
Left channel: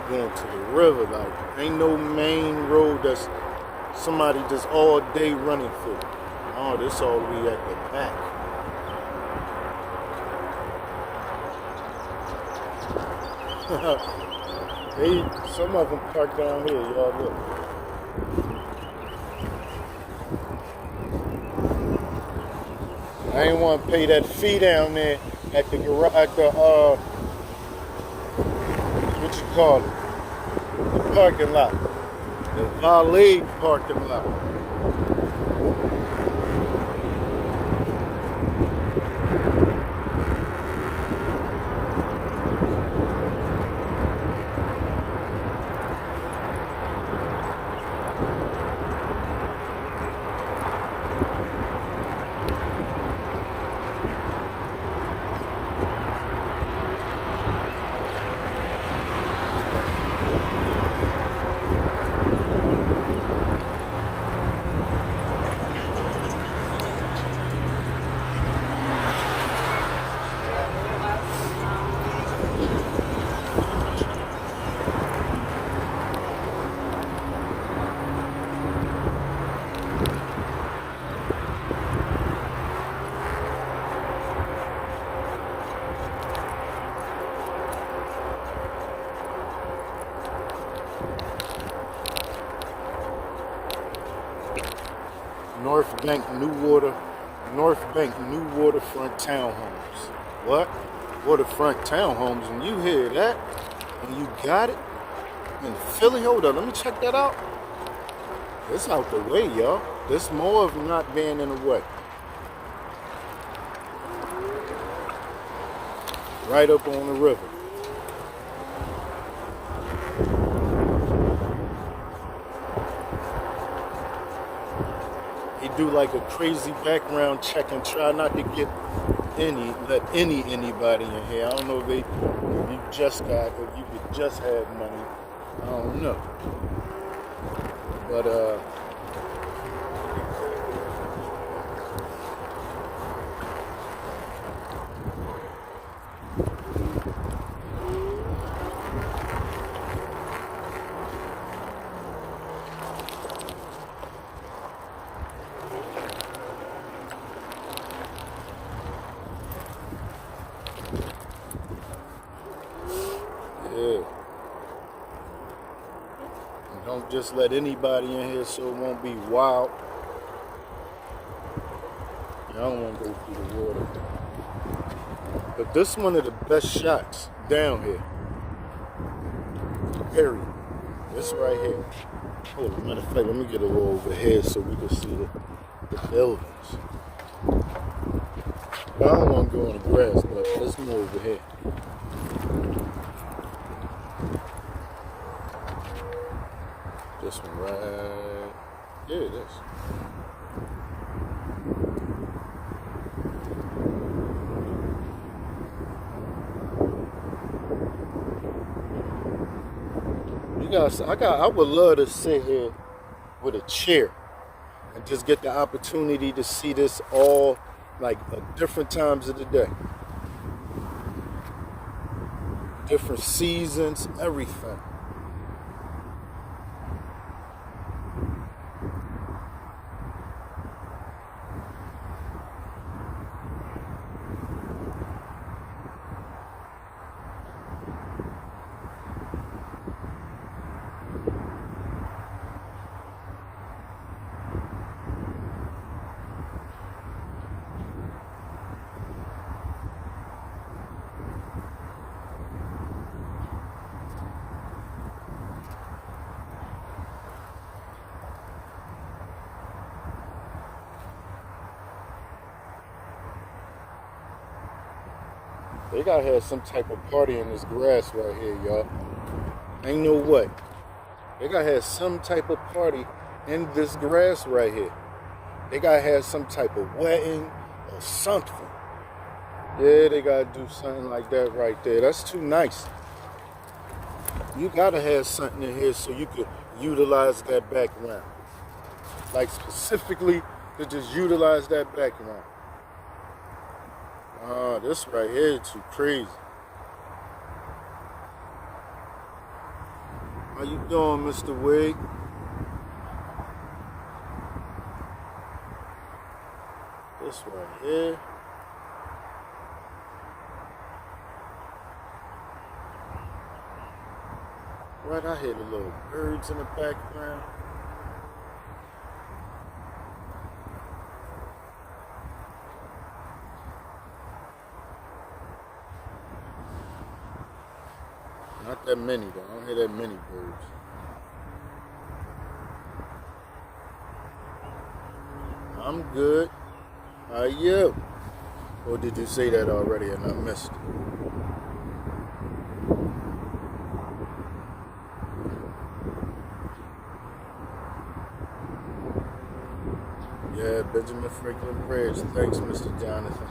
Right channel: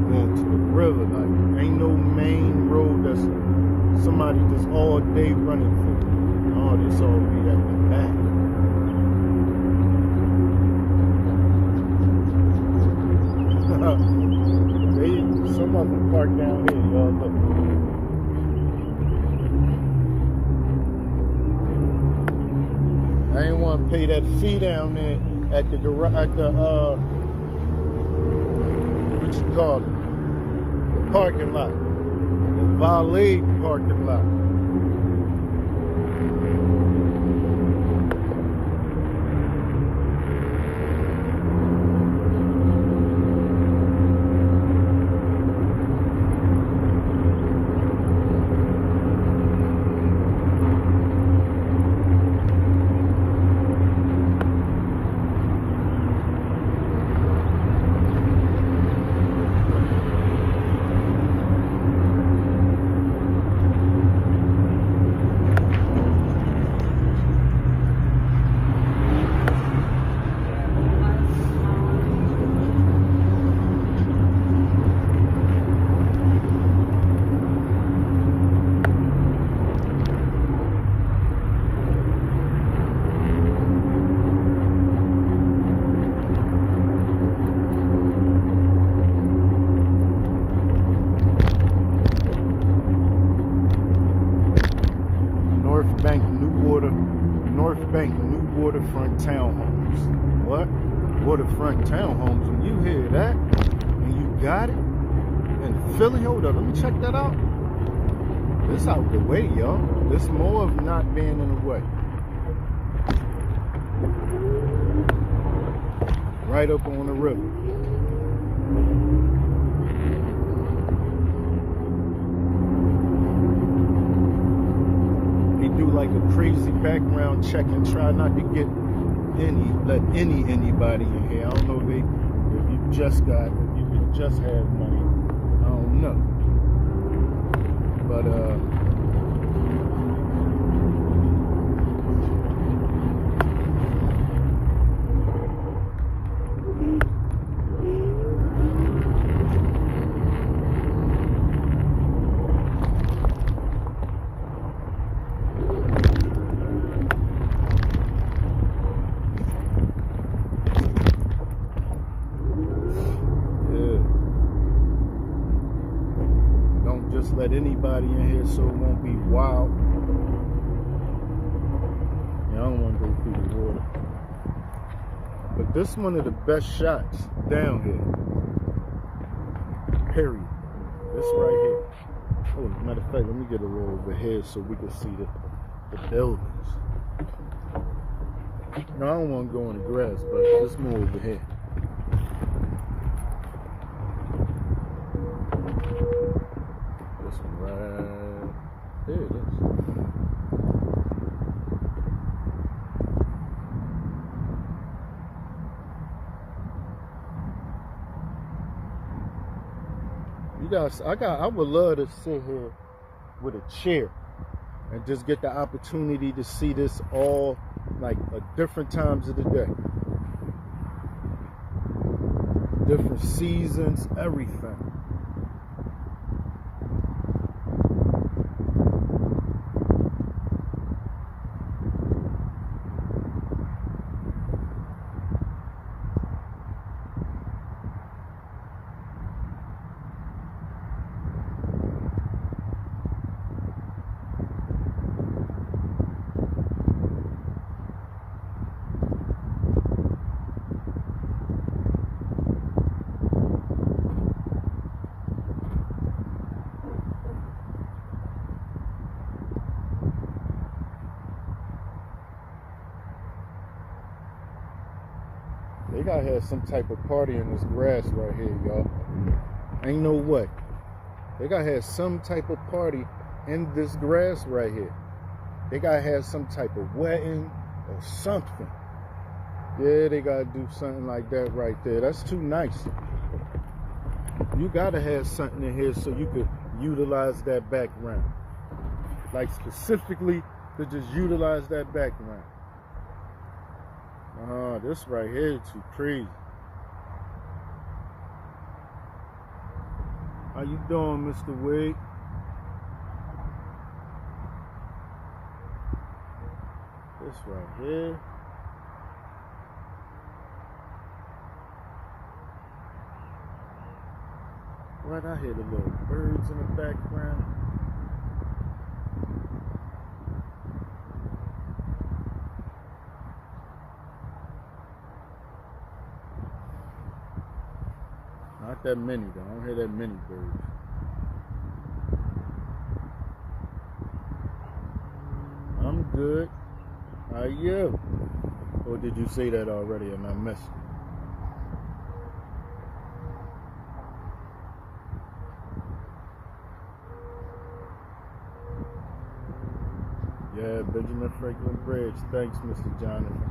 Going to the river, like ain't no main road that's somebody just all day running through. Oh, this all the way at the back. Some of them park down here, y'all look. I ain't want to pay that fee down there at the garage, what you call it? The parking lot. The valet parking lot. North Bank New Waterfront Townhomes. What? Waterfront Townhomes, and you hear that, and you got it in Philly. Hold up, let me check that out. It's out the way, y'all. This more of not being in the way. Right up on the river. He do like a crazy background check and try not to get anybody in here. I don't know if you just got, if you could just have money. I don't know. But just let anybody in here so it won't be wild. Yeah, I don't want to go through the water. But this is one of the best shots down here. Period. This right here. Oh, as a matter of fact, let me get a little over here so we can see the buildings. I don't want to go in the grass, but let's move over here. This one right there it is. You guys, I would love to sit here with a chair and just get the opportunity to see this all like at different times of the day. Different seasons, everything. They gotta have some type of party in this grass right here, y'all. Ain't no way. They gotta have some type of party in this grass right here. They gotta have some type of wedding or something. Yeah, they gotta do something like that right there. That's too nice. You gotta have something in here so you could utilize that background. Like specifically to just utilize that background. This right here is too crazy. How you doing, Mr. Wig? This right here. Right, I hear the little birds in the background. Not that many though. I don't hear that many birds. I'm good. How are you? Or did you say that already and I missed it? Yeah, Benjamin Franklin Bridge. Thanks, Mr. Jonathan.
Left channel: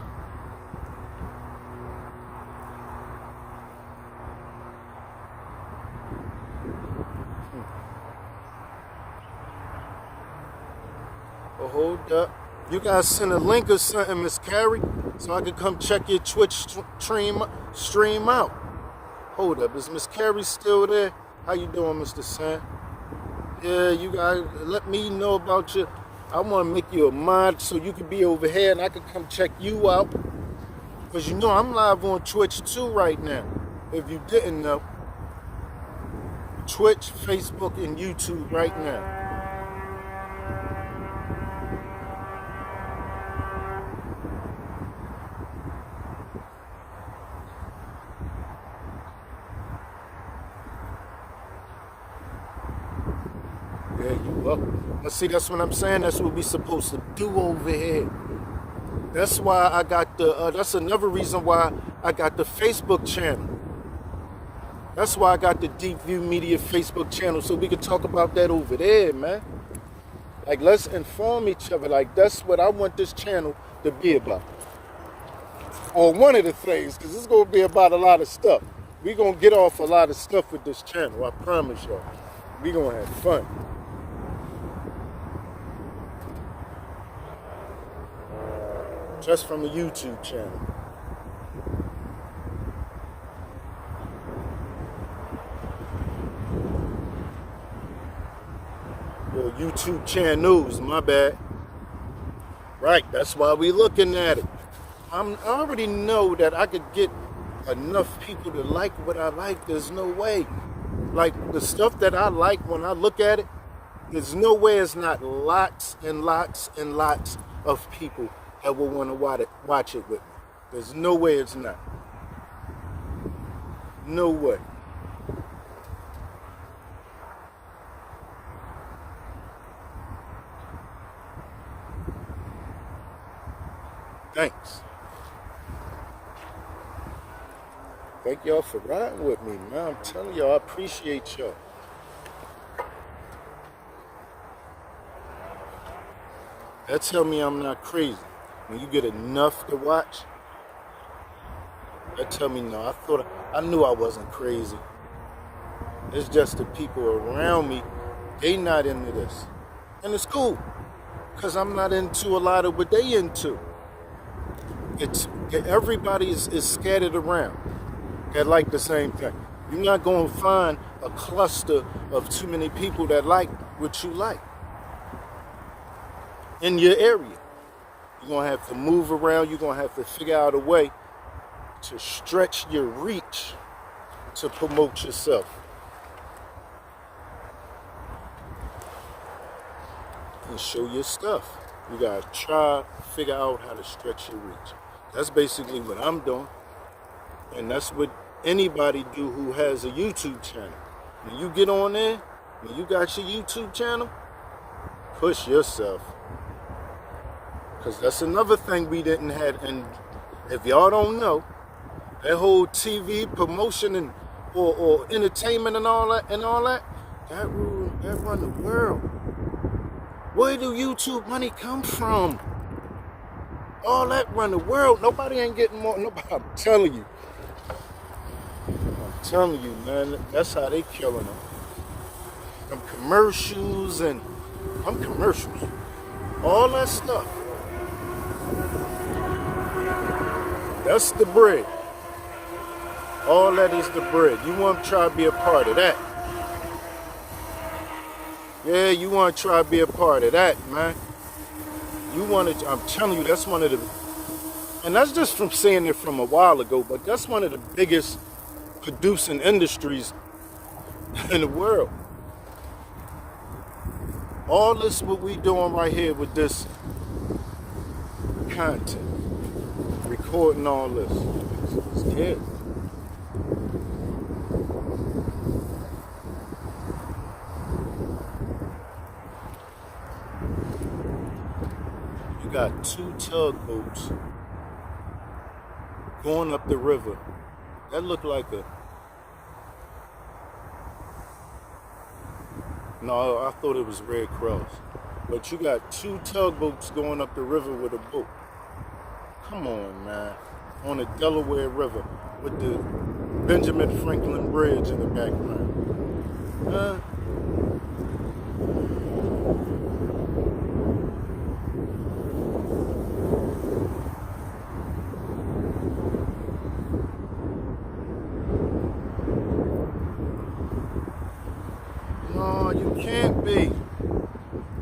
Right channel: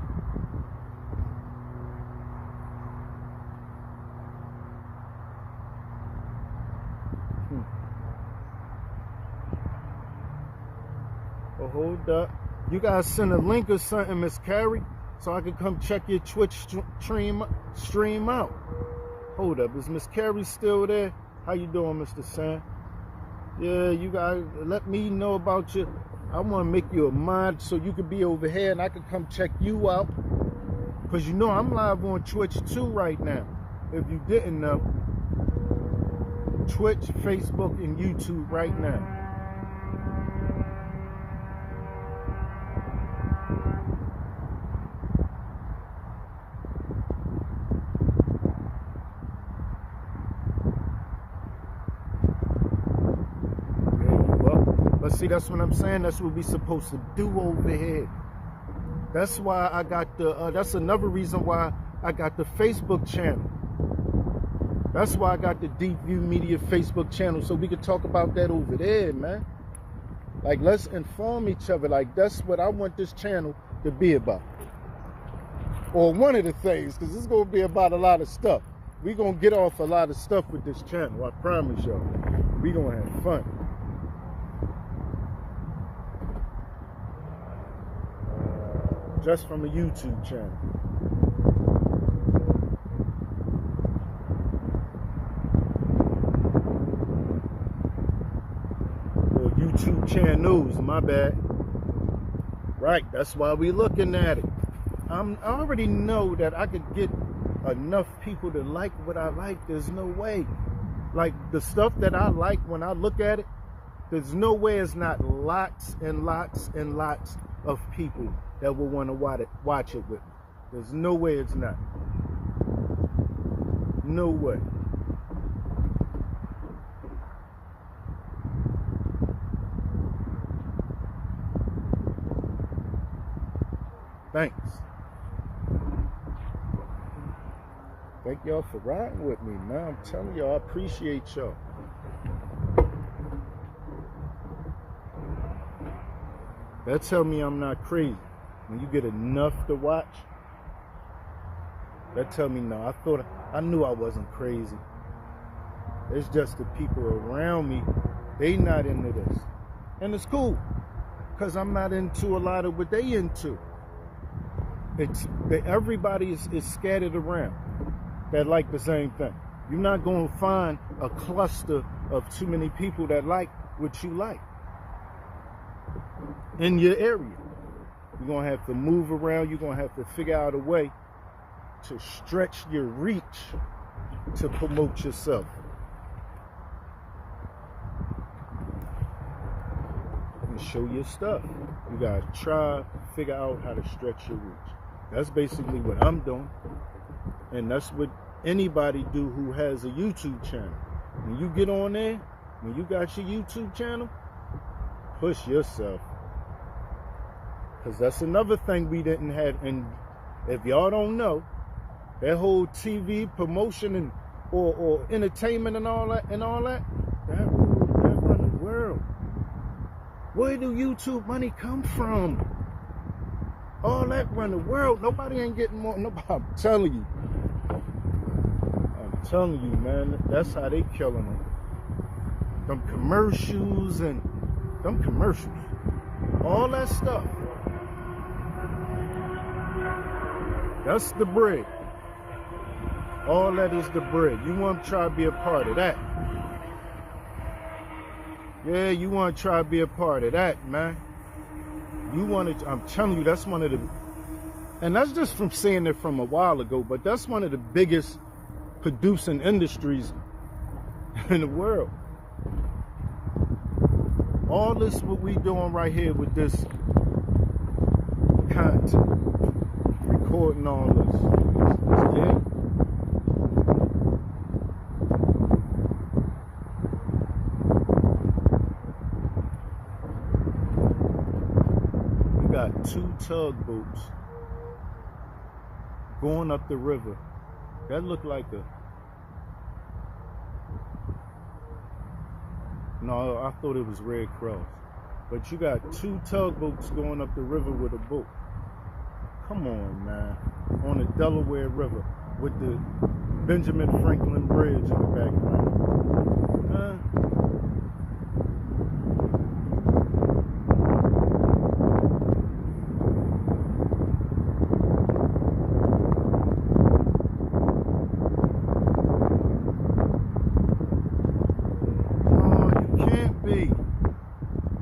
Oh, hold up. You guys send a link or something, Miss Carrie, so I can come check your Twitch stream out. Hold up. Is Miss Carrie still there? How you doing, Mr. Sam? Yeah, you guys let me know about you. I want to make you a mod so you can be over here and I can come check you out. Because you know I'm live on Twitch too right now. If you didn't know. Twitch, Facebook, and YouTube right now. Well, let's see, that's what I'm saying. That's what we supposed to do over here. That's why I got that's another reason why I got the Facebook channel. That's why I got the Deepview Media Facebook channel, so we could talk about that over there, man. Like, let's inform each other. Like, that's what I want this channel to be about. Or one of the things, because it's going to be about a lot of stuff. We're going to get off a lot of stuff with this channel, I promise y'all. We're going to have fun. Just from a YouTube channel. Or YouTube channels, my bad. Right, that's why we looking at it. I already know that I could get enough people to like what I like. There's no way. Like, the stuff that I like, when I look at it, there's no way it's not lots and lots and lots of people that will want to watch it with me. There's no way it's not. No way. Thanks. Thank y'all for riding with me, man. I'm telling y'all, I appreciate y'all. That tell me I'm not crazy. When you get enough to watch, that tell me no. I knew I wasn't crazy. It's just the people around me, they not into this. And it's cool, because I'm not into a lot of what they into. It's that everybody is scattered around that like the same thing. You're not going to find a cluster of too many people that like what you like in your area. You're going to have to move around. You're going to have to figure out a way to stretch your reach to promote yourself. And show your stuff. You got to try, figure out how to stretch your reach. That's basically what I'm doing. And that's what anybody do who has a YouTube channel. When you get on there, when you got your YouTube channel, push yourself. Because that's another thing we didn't have. And if y'all don't know, that whole TV promotion and or entertainment and all that that run the world. Where do YouTube money come from? All that run the world. Nobody ain't getting more. Nobody. I'm telling you, man. That's how they killing them. Them commercials and them commercials. All that stuff. That's the bread. All that is the bread. You want to try to be a part of that. Yeah, you want to try to be a part of that, man. You want to, I'm telling you, that's one of the, and that's just from seeing it from a while ago, but that's one of the biggest producing industries in the world. All this what we doing right here with this content, recording all this, it's dead. Got 2 tugboats going up the river. That looked like a... No, I thought it was Red Cross. But you got 2 tugboats going up the river with a boat. Come on, man. On the Delaware River with the Benjamin Franklin Bridge in the background.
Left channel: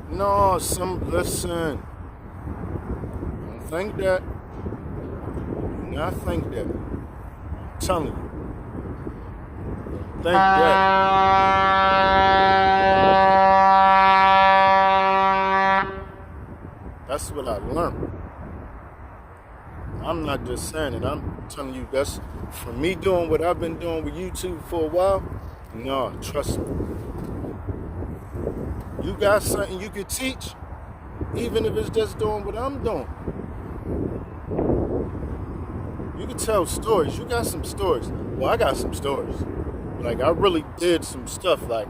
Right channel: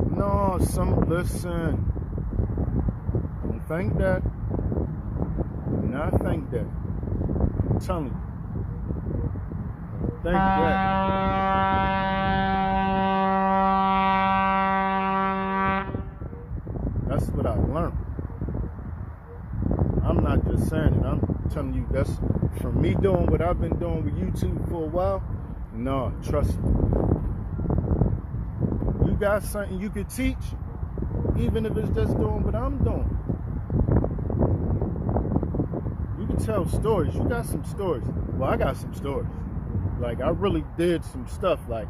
No, listen. Don't think that. Do not think that. I'm telling you. Don't think that. That's what I learned. I'm not just saying it. I'm telling you, that's from me doing what I've been doing with YouTube for a while. No, trust me. You got something you could teach, even if it's just doing what I'm doing. You can tell stories. You got some stories. Well, I got some stories. Like, I really did some stuff, like,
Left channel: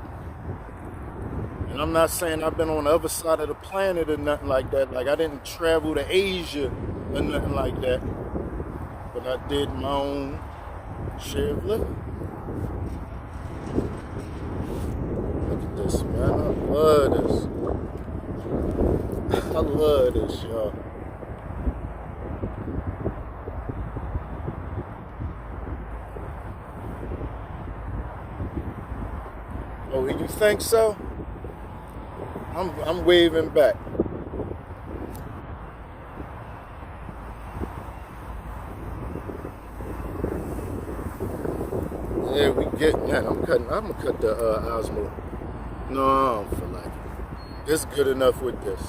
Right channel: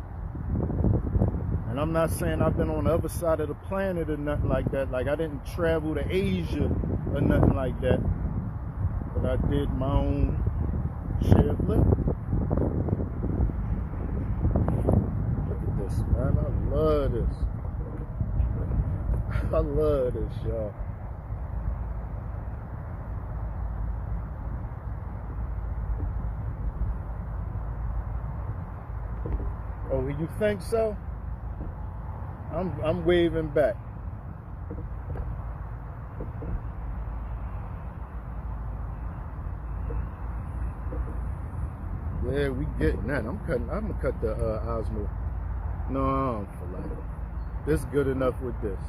and I'm not saying I've been on the other side of the planet or nothing like that. Like, I didn't travel to Asia or nothing like that. But I did my own share of living. Look at this, man. I love this. I love this, y'all. Oh, you think so? I'm waving back. Yeah, we getting that. I'm gonna cut the Osmo. No, I don't feel like it. It's good enough with this.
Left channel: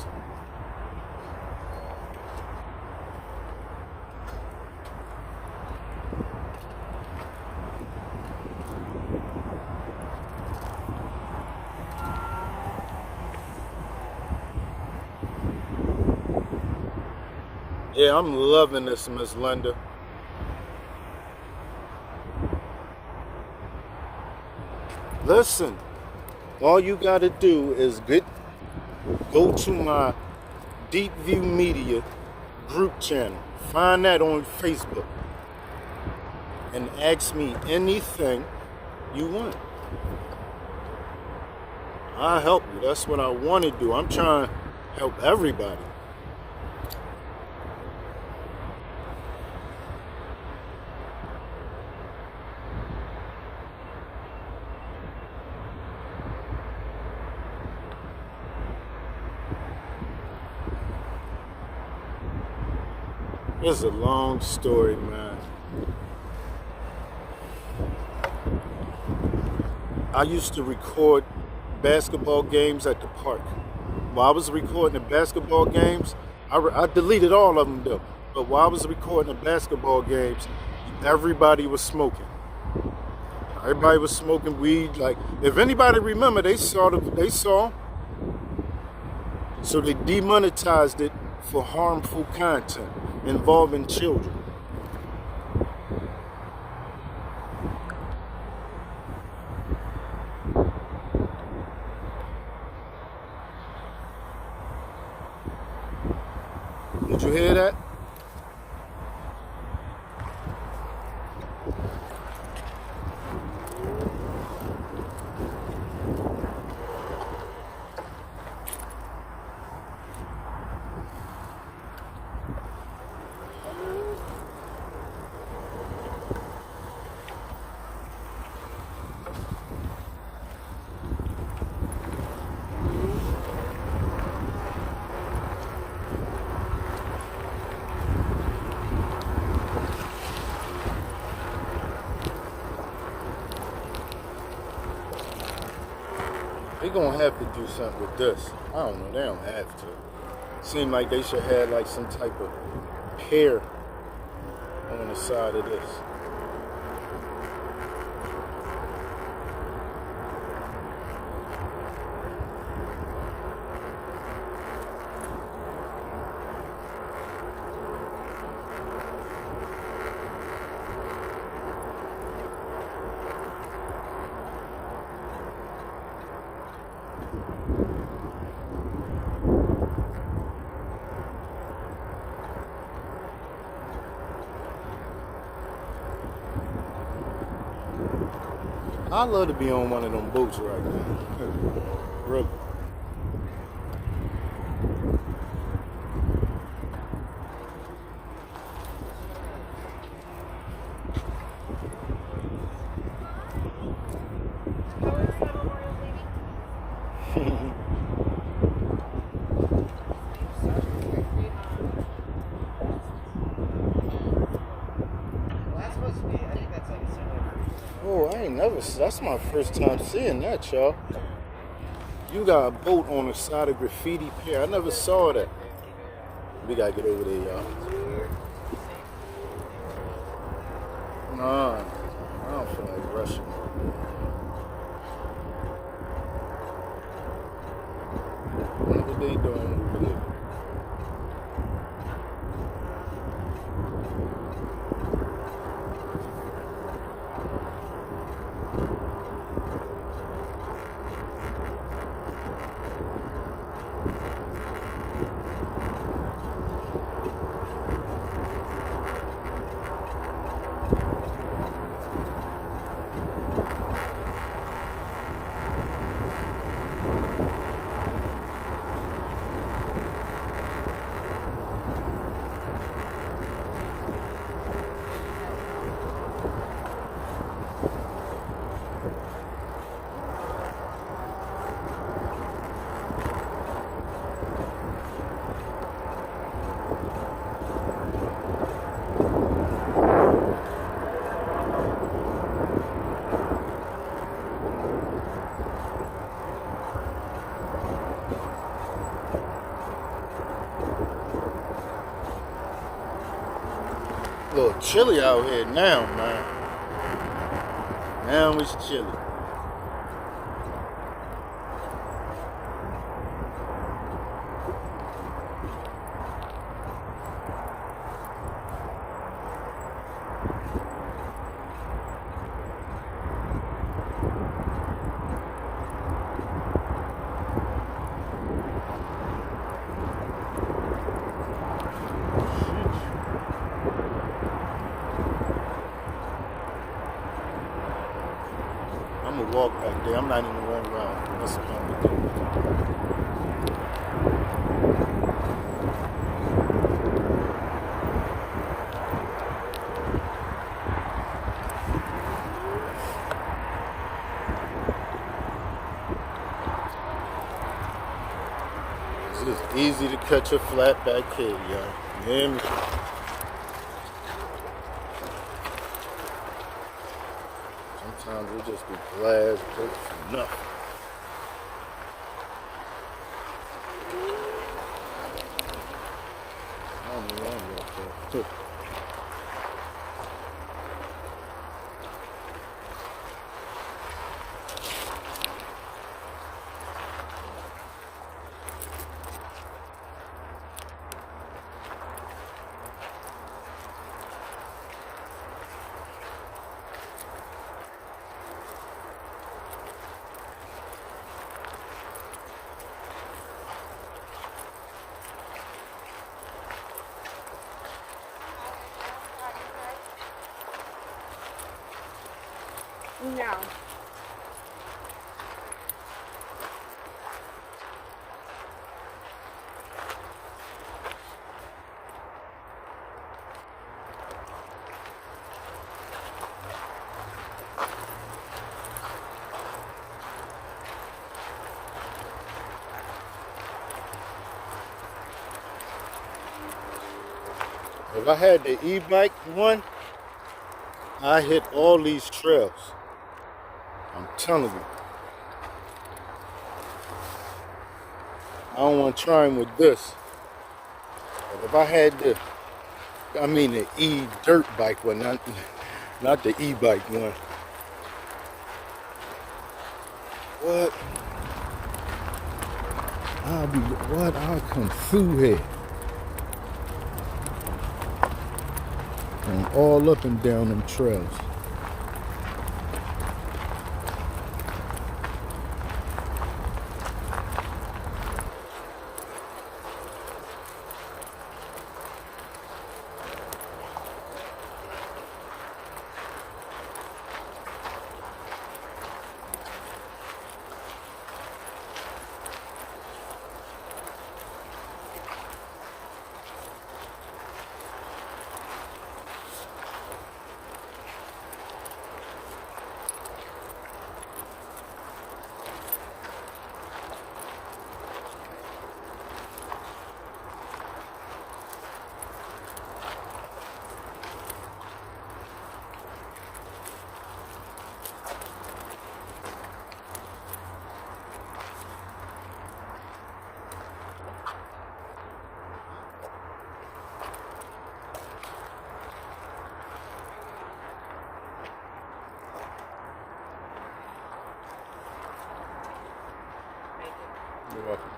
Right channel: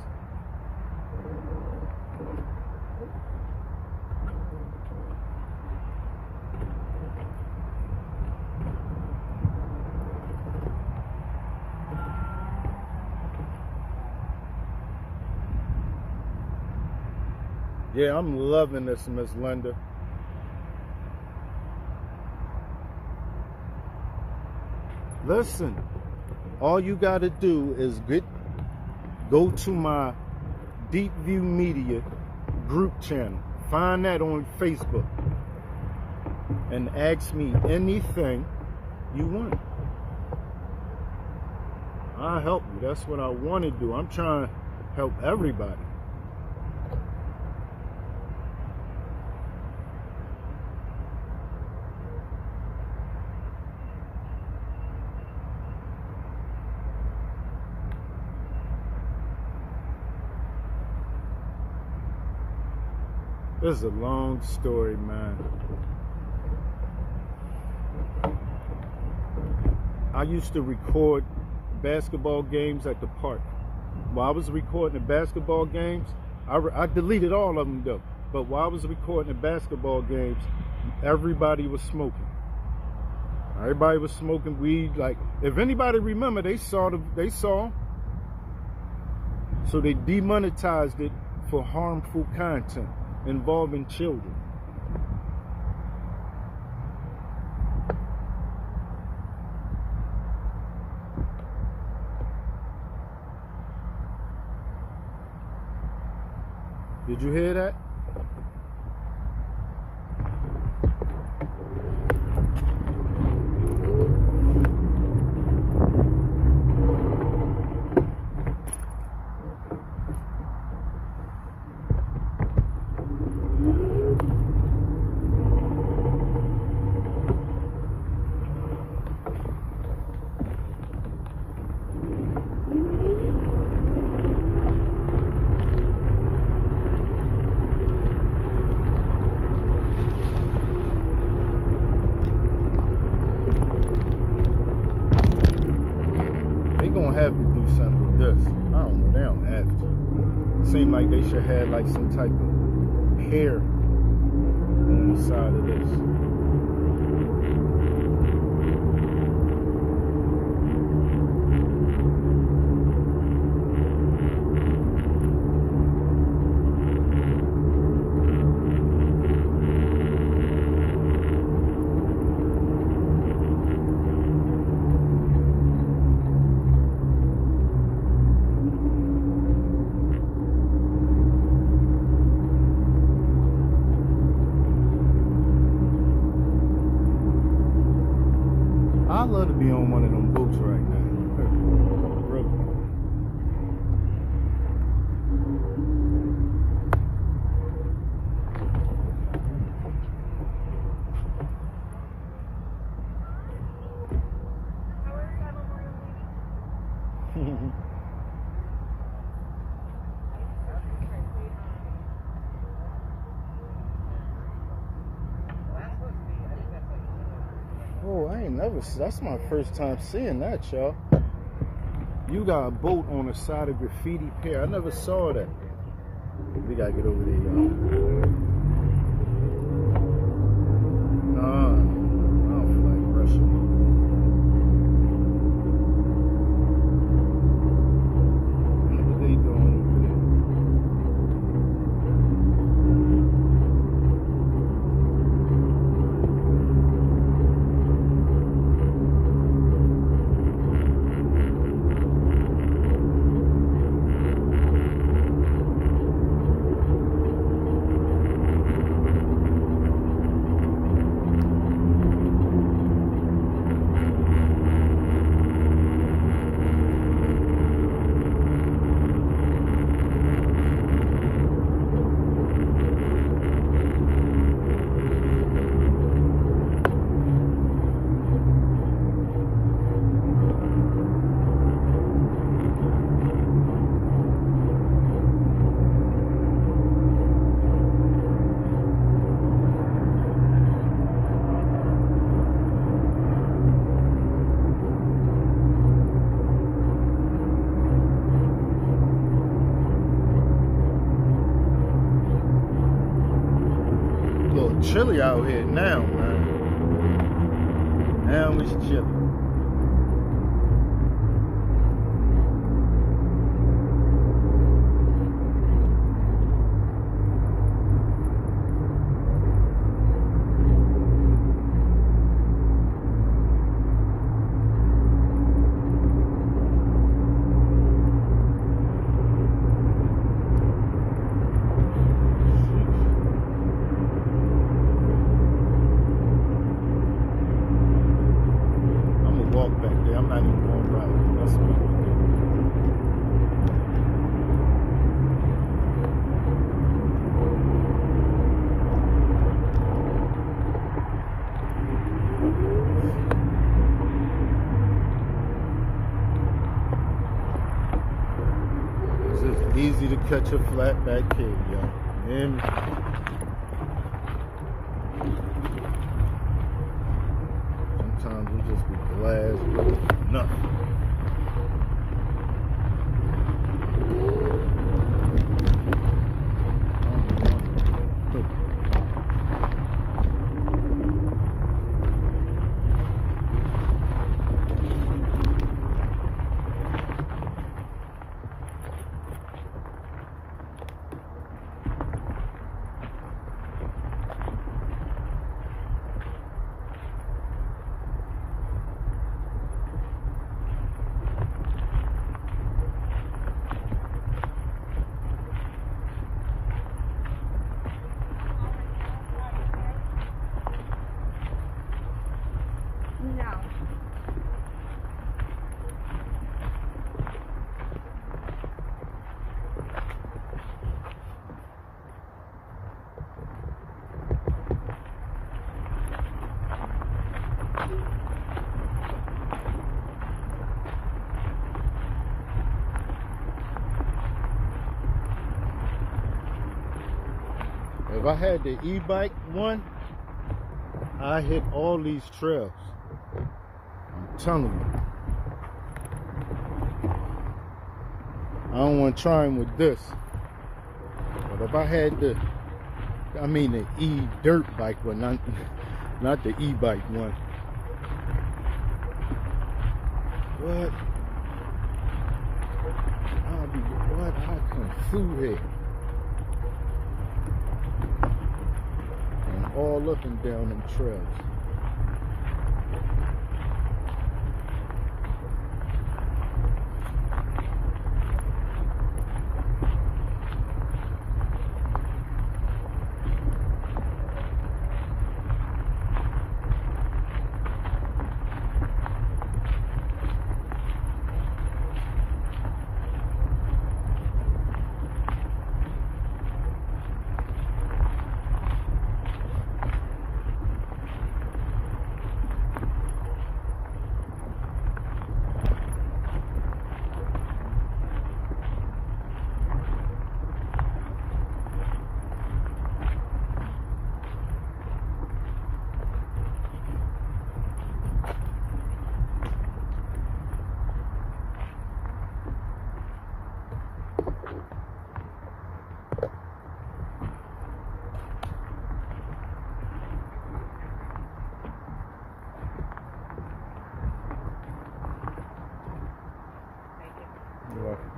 Yeah, I'm loving this, Miss Linda. Listen, all you gotta do is go to my Deepview Media group channel. Find that on Facebook. And ask me anything you want. I'll help you. That's what I want to do. I'm trying to help everybody. This is a long story, man. I used to record basketball games at the park. While I was recording the basketball games, I deleted all of them though. But while I was recording the basketball games, everybody was smoking. Everybody was smoking weed. Like, if anybody remember, they saw. So they demonetized it for harmful content involving children. Did you hear that? They gonna have to do something with this. I don't know, they don't have to. Seem like they should have like some type of pier on the side of this. I'd love to be on one of them boats right now. Really. Oh, I ain't never, that's my first time seeing that, y'all. You got a boat on the side of Graffiti Pier. I never saw that. We gotta get over there, y'all. Nah, I don't feel like rushing. chilly out here now, man. Now it's chilly. Walk back there. I'm not even going to ride. That's what I'm going to do. It's just easy to catch a flat back here, yo. You hear me? Sometimes it just be glass, nothing. I don't even want to. No. If I had the e-bike one, I hit all these trails. I'm telling you. I don't want to try him with this. But if I had the e-dirt bike one, not the e-bike one. What? I'll come through here. And all up and down them trails. You're welcome.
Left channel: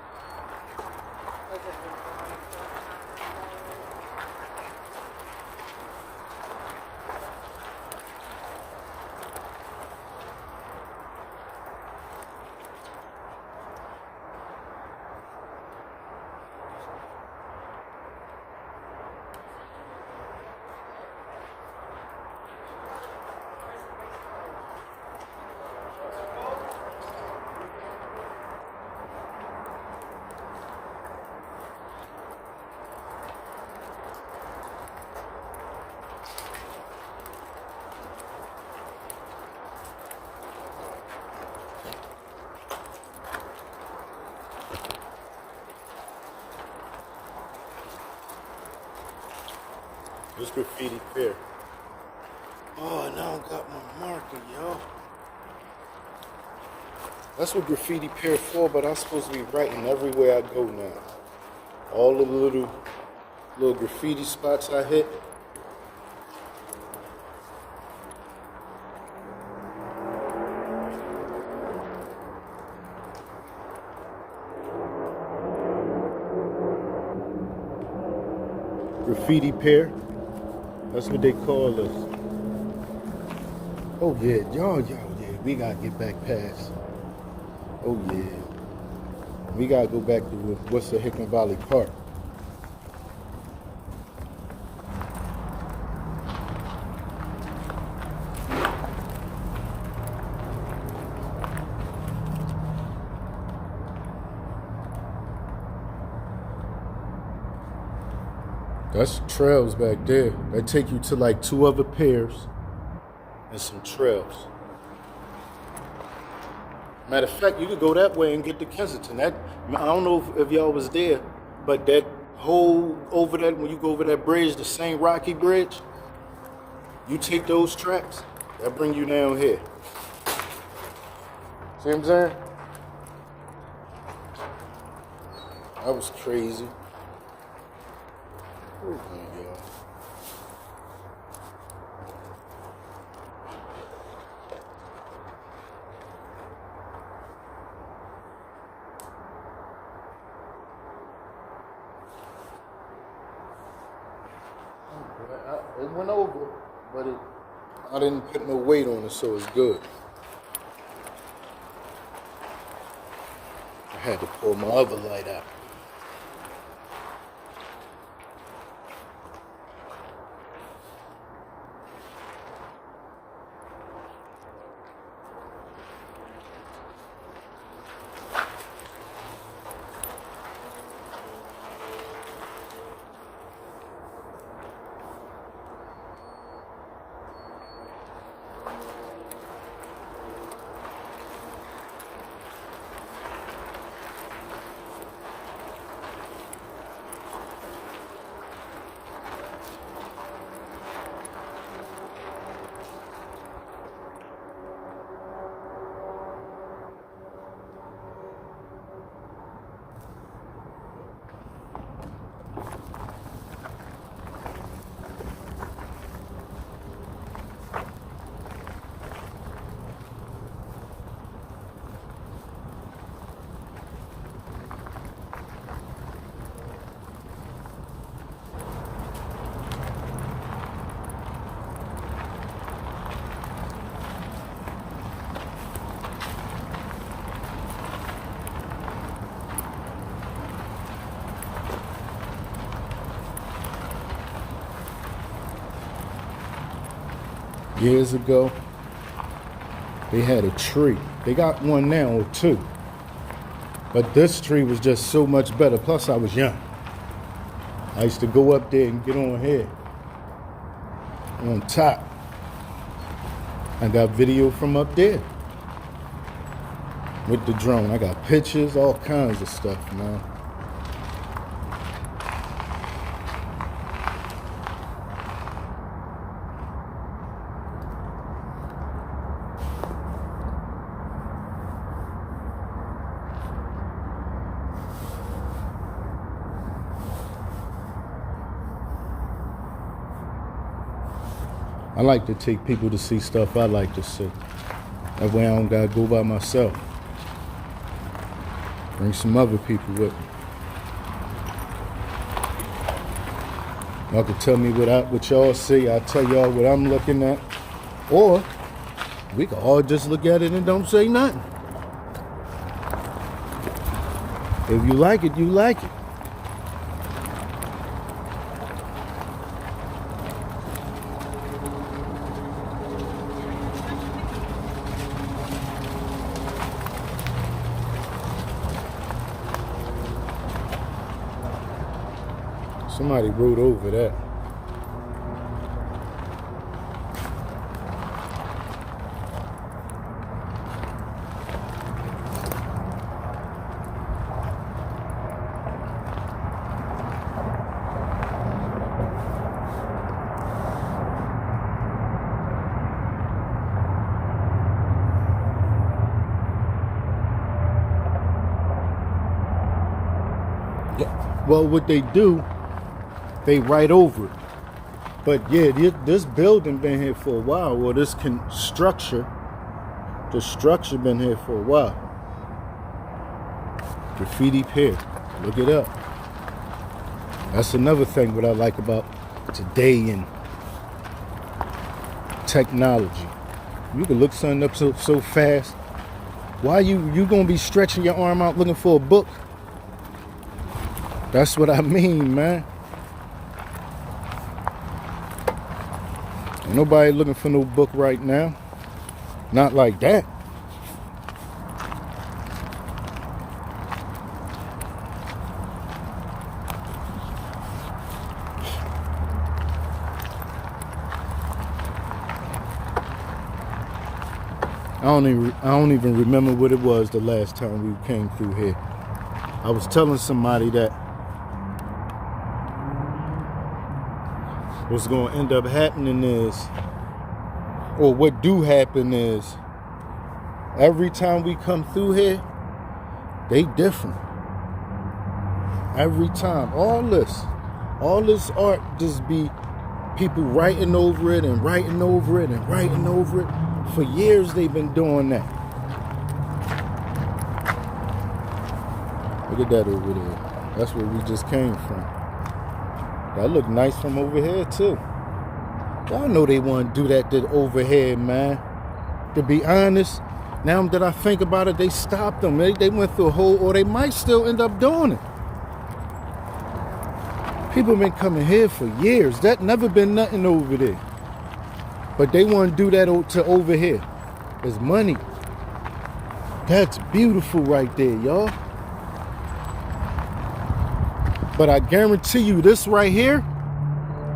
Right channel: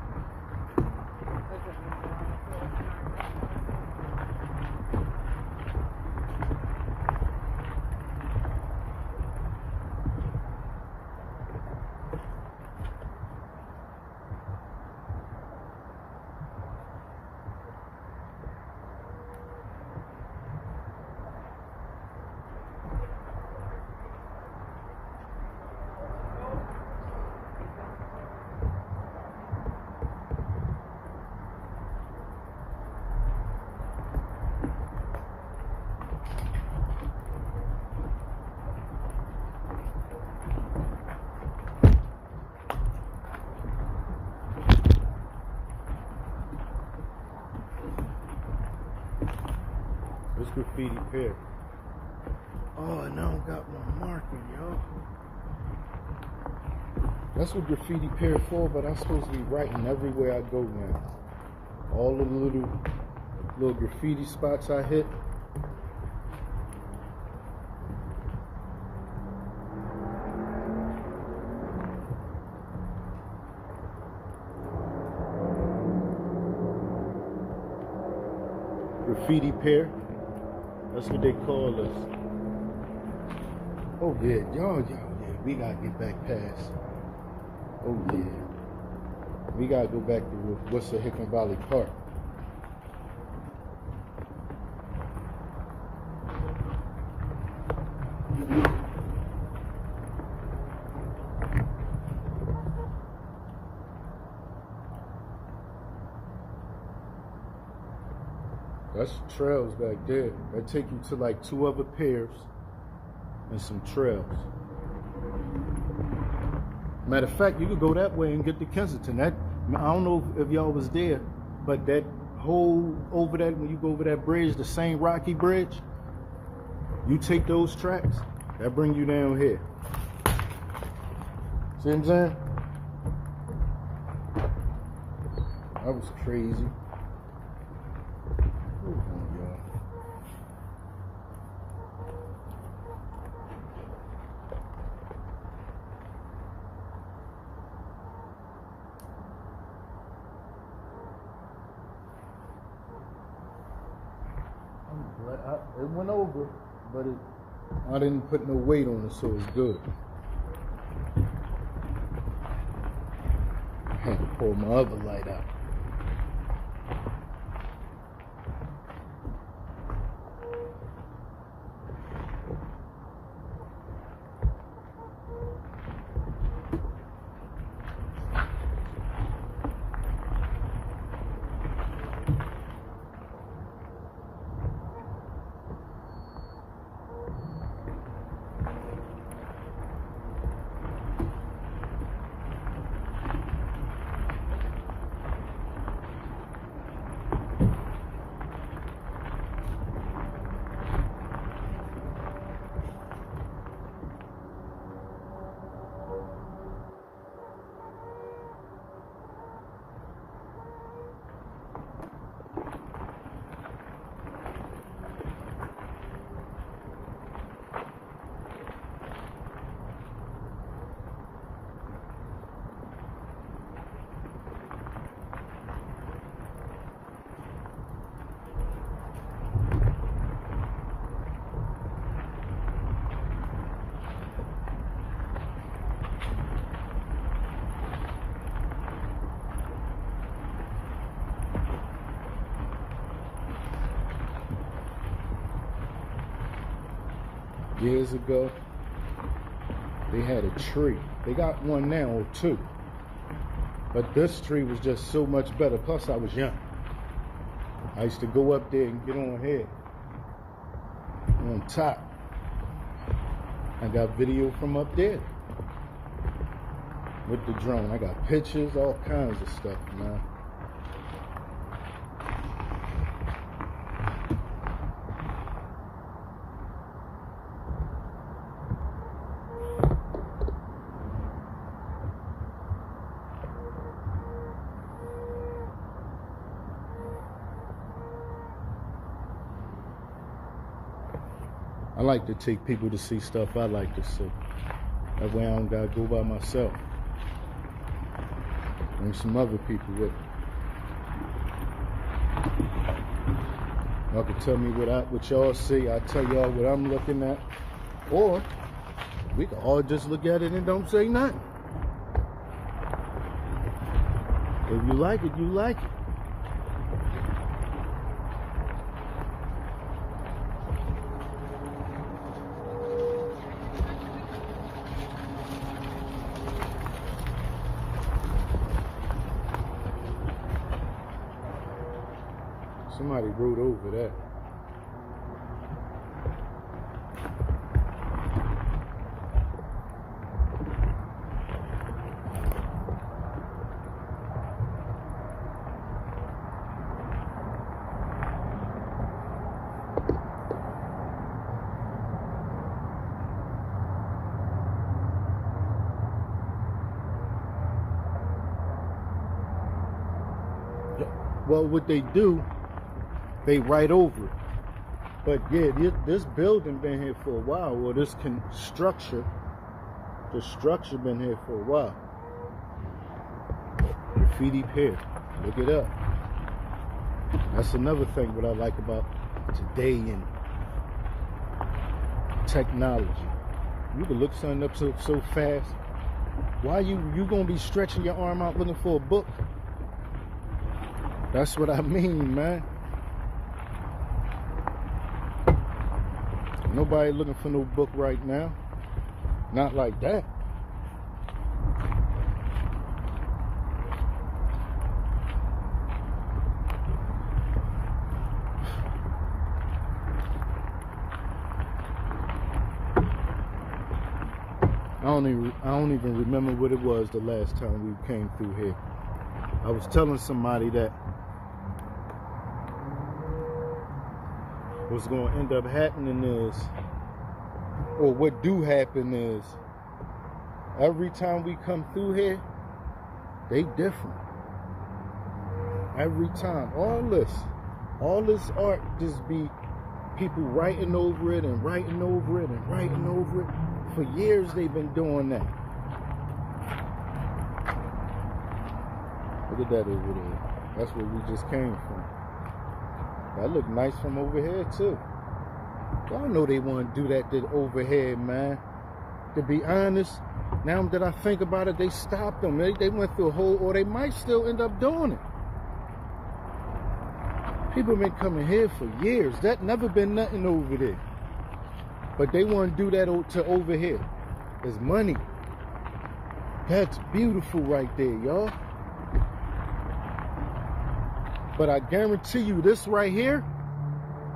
This Graffiti Pier. Oh, and I don't got my marker, yo. That's what Graffiti Pier for, but I'm supposed to be writing everywhere I go now. All the little graffiti spots I hit. Graffiti Pier. That's what they call us. Oh yeah, y'all, yeah. We gotta get back past. Oh yeah. We gotta go back to what's the Hickman Valley Park. That's trails back there. That take you to like 2 other piers and some trails. Matter of fact, you could go that way and get to Kensington. That, I don't know if y'all was there, but that whole over that, when you go over that bridge, the St. Rocky Bridge, you take those tracks, that bring you down here. See what I'm saying? That was crazy. Oh my God. It went over, but I didn't put no weight on it, so it's good. I had to pull my other light out. Years ago, they had a tree. They got one now or 2. But this tree was just so much better. Plus, I was young. I used to go up there and get on here, on top. I got video from up there with the drone. I got pictures, all kinds of stuff, man. I like to take people to see stuff I like to see. That way I don't gotta go by myself. Bring some other people with me. Y'all can tell me what y'all see. I'll tell y'all what I'm looking at. Or we can all just look at it and don't say nothing. If you like it, you like it. Somebody rode over that. Well, what they do, they right over it. But yeah, this building been here for a while, or this structure, the structure been here for a while. Graffiti Pier, look it up. That's another thing what I like about today and technology. You can look something up so fast. Why you gonna be stretching your arm out looking for a book? That's what I mean, man. Ain't nobody looking for no book right now. Not like that. I don't even remember what it was the last time we came through here. I was telling somebody that what's going to end up happening is, or what do happen is, every time we come through here, they different. Every time. All this art just be people writing over it and writing over it and writing over it. For years they've been doing that. Look at that over there. That's where we just came from. That look nice from over here too. Y'all know they want to do that over here, man. To be honest, now that I think about it, they stopped them. They went through a whole, or they might still end up doing it. People been coming here for years. That never been nothing over there. But they want to do that to over here. It's money. That's beautiful right there, y'all. But I guarantee you this right here,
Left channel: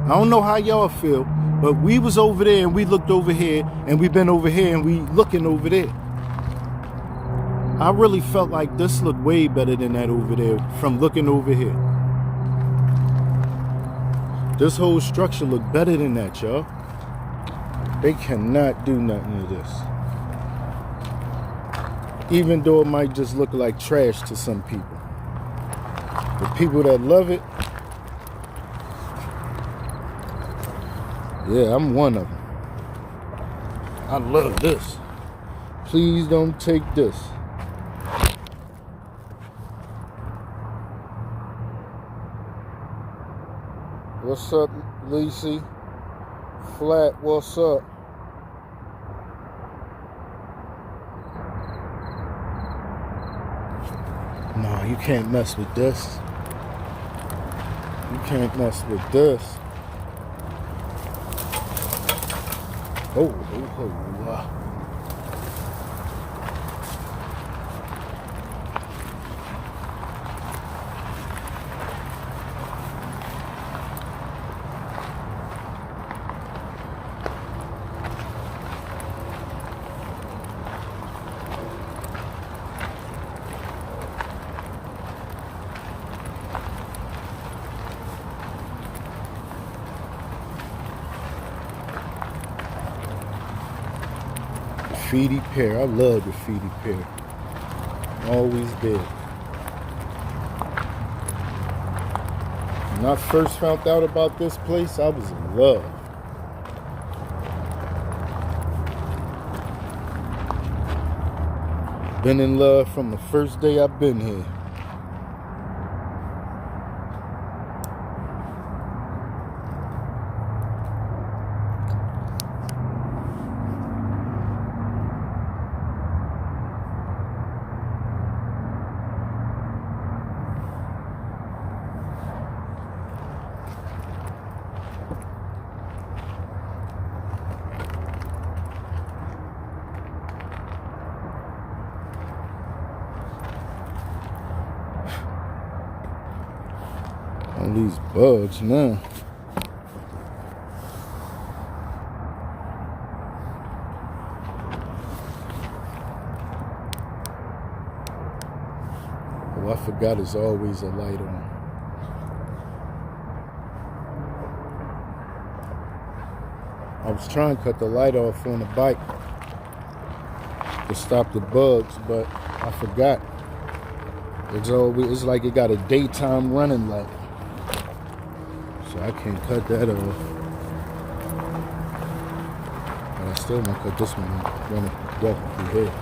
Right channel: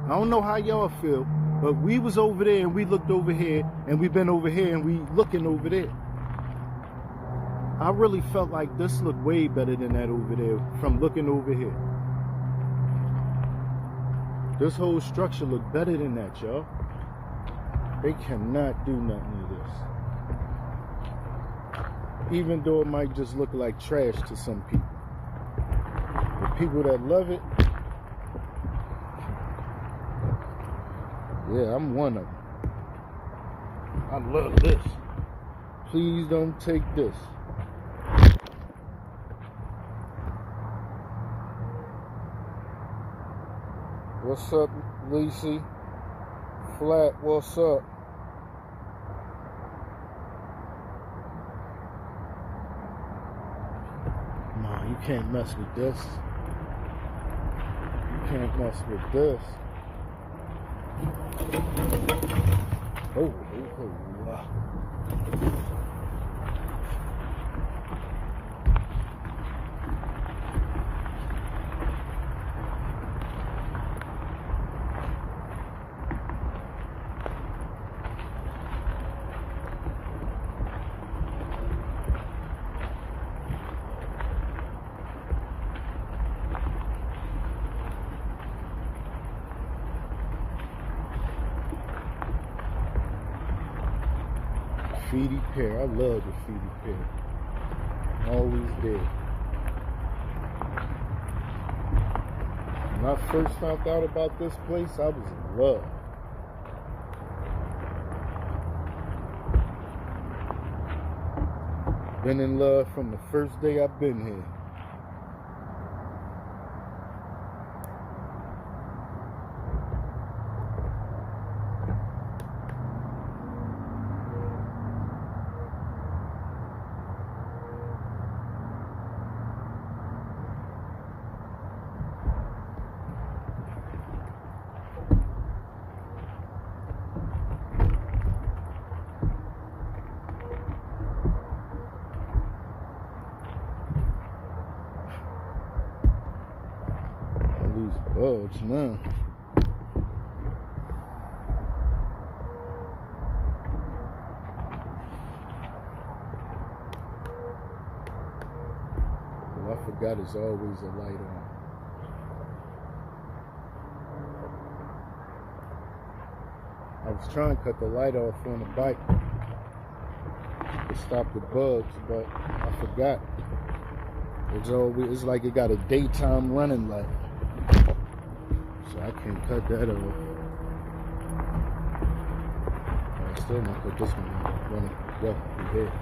I don't know how y'all feel, but we was over there and we looked over here and we been over here and we looking over there. I really felt like this looked way better than that over there from looking over here. This whole structure looked better than that, y'all. They cannot do nothing to this. Even though it might just look like trash to some people. The people that love it, yeah, I'm one of them. I love this. Please don't take this. What's up, Lacey? Flat, what's up? No, you can't mess with this. You can't mess with this. Oh. Graffiti Pier. I love Graffiti Pier. Always did. When I first found out about this place, I was in love. Been in love from the first day I've been here. All these bugs now. Oh, I forgot there's always a light on. I was trying to cut the light off on the bike to stop the bugs, but I forgot. It's like it got a daytime running light. So I can't cut that off. But I still want to cut this one when it walking through here.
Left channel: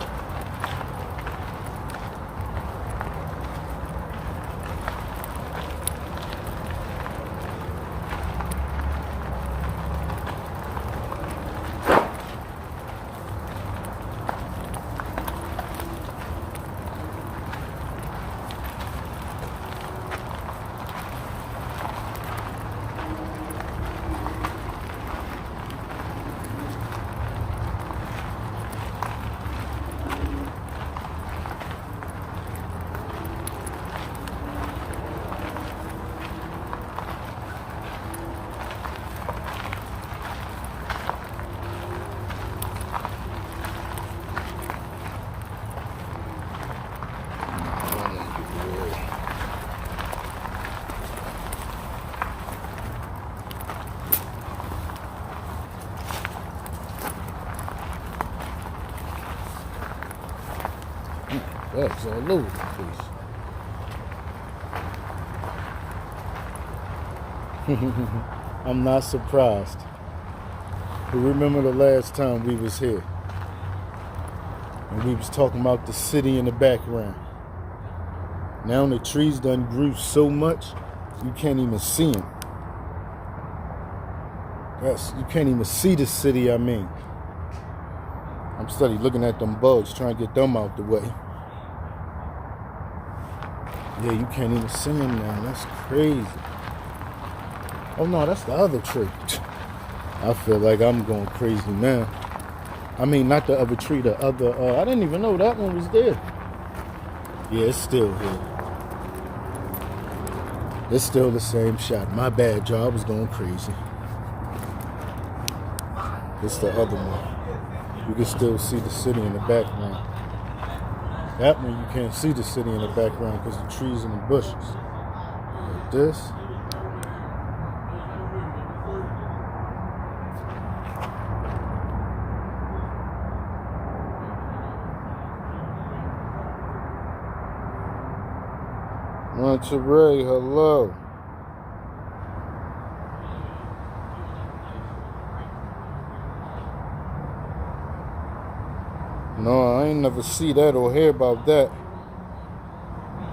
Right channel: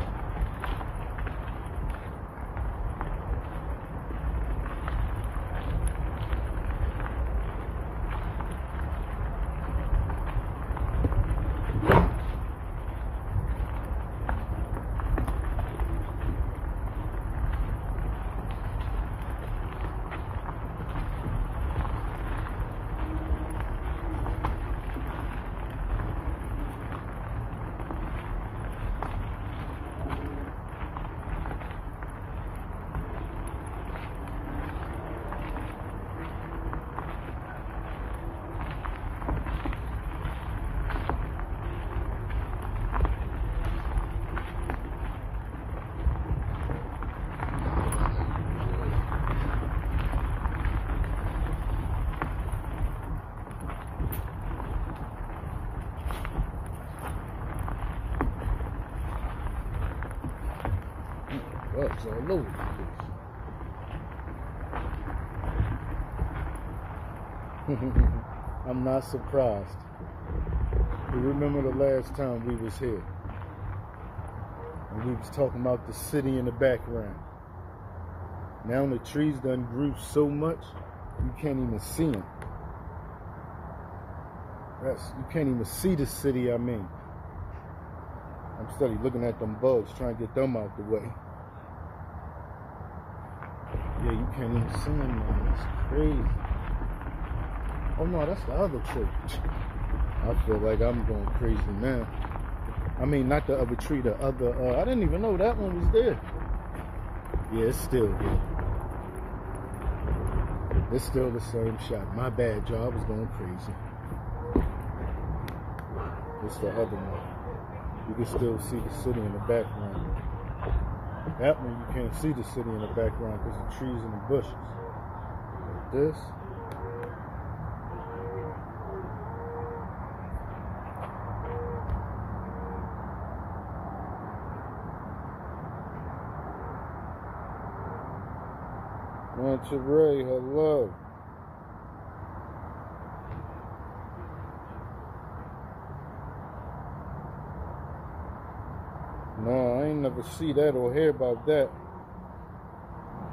bugs all over the place. I'm not surprised. You remember the last time we was here and we was talking about the city in the background. Now the trees done grew so much you can't even see them. You can't even see the city. I'm steady looking at them bugs, trying to get them out the way. Yeah, you can't even see them now. That's crazy. Oh no, that's the other tree. I feel like I'm going crazy now. I mean, not the other tree, the other, I didn't even know that one was there. Yeah, it's still here. It's still the same shot. My bad, y'all. I was going crazy. It's the other one. You can still see the city in the background. That one you can't see the city in the background because the trees and the bushes. Like this. Monterey, hello. No, I ain't never see that or hear about that.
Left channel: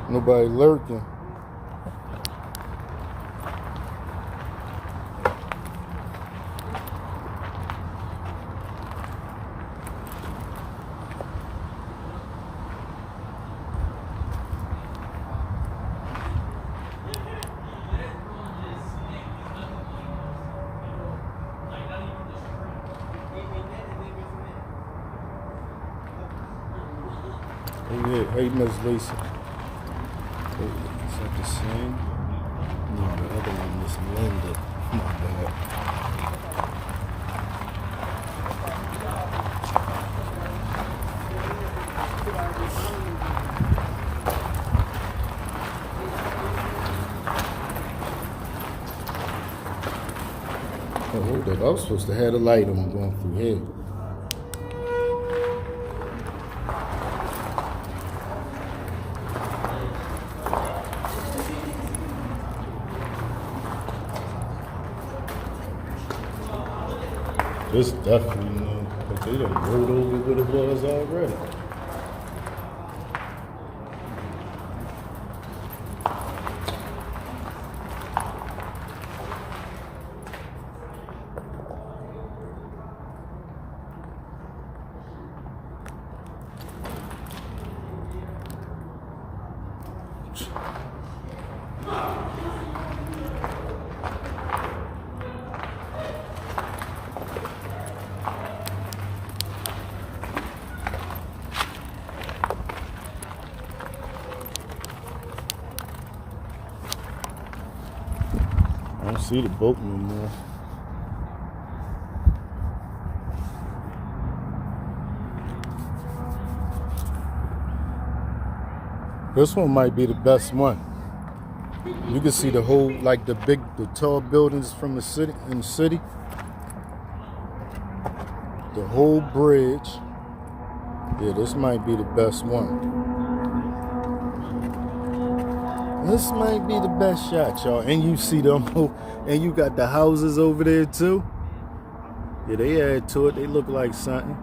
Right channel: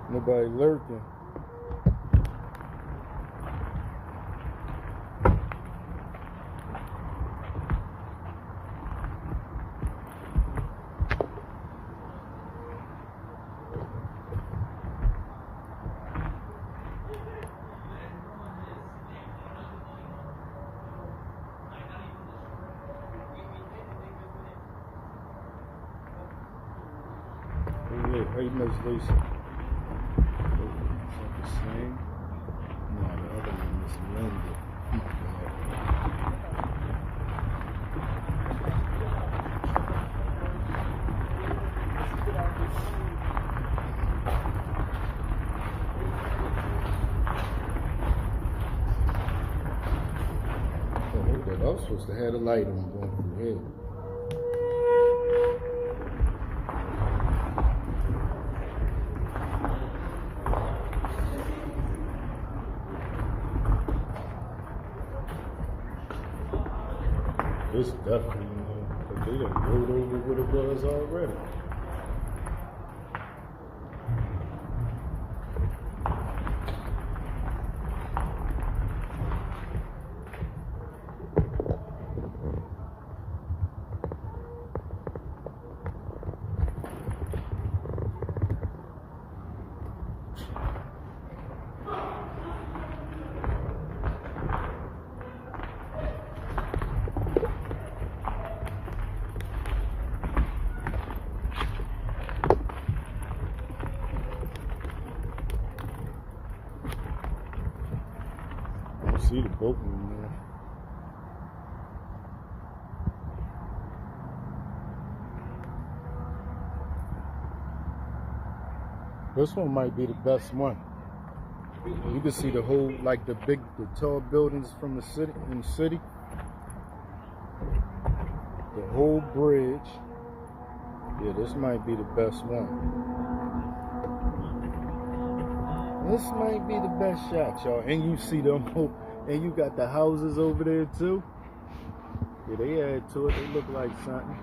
Nobody lurking. Hey, Miss Lisa. Oh, is that the same? No, the other one is Linda. My bad. Oh, hold up. I was supposed to have the light on going through here. This definitely, but they done rolled over what it was already. I don't see the boat no more. This one might be the best one. You can see the whole, like the tall buildings from the city, in the city. The whole bridge. Yeah, this might be the best one. This might be the best shot, y'all. And you see them, and you got the houses over there too. Yeah, they add to it. They look like something.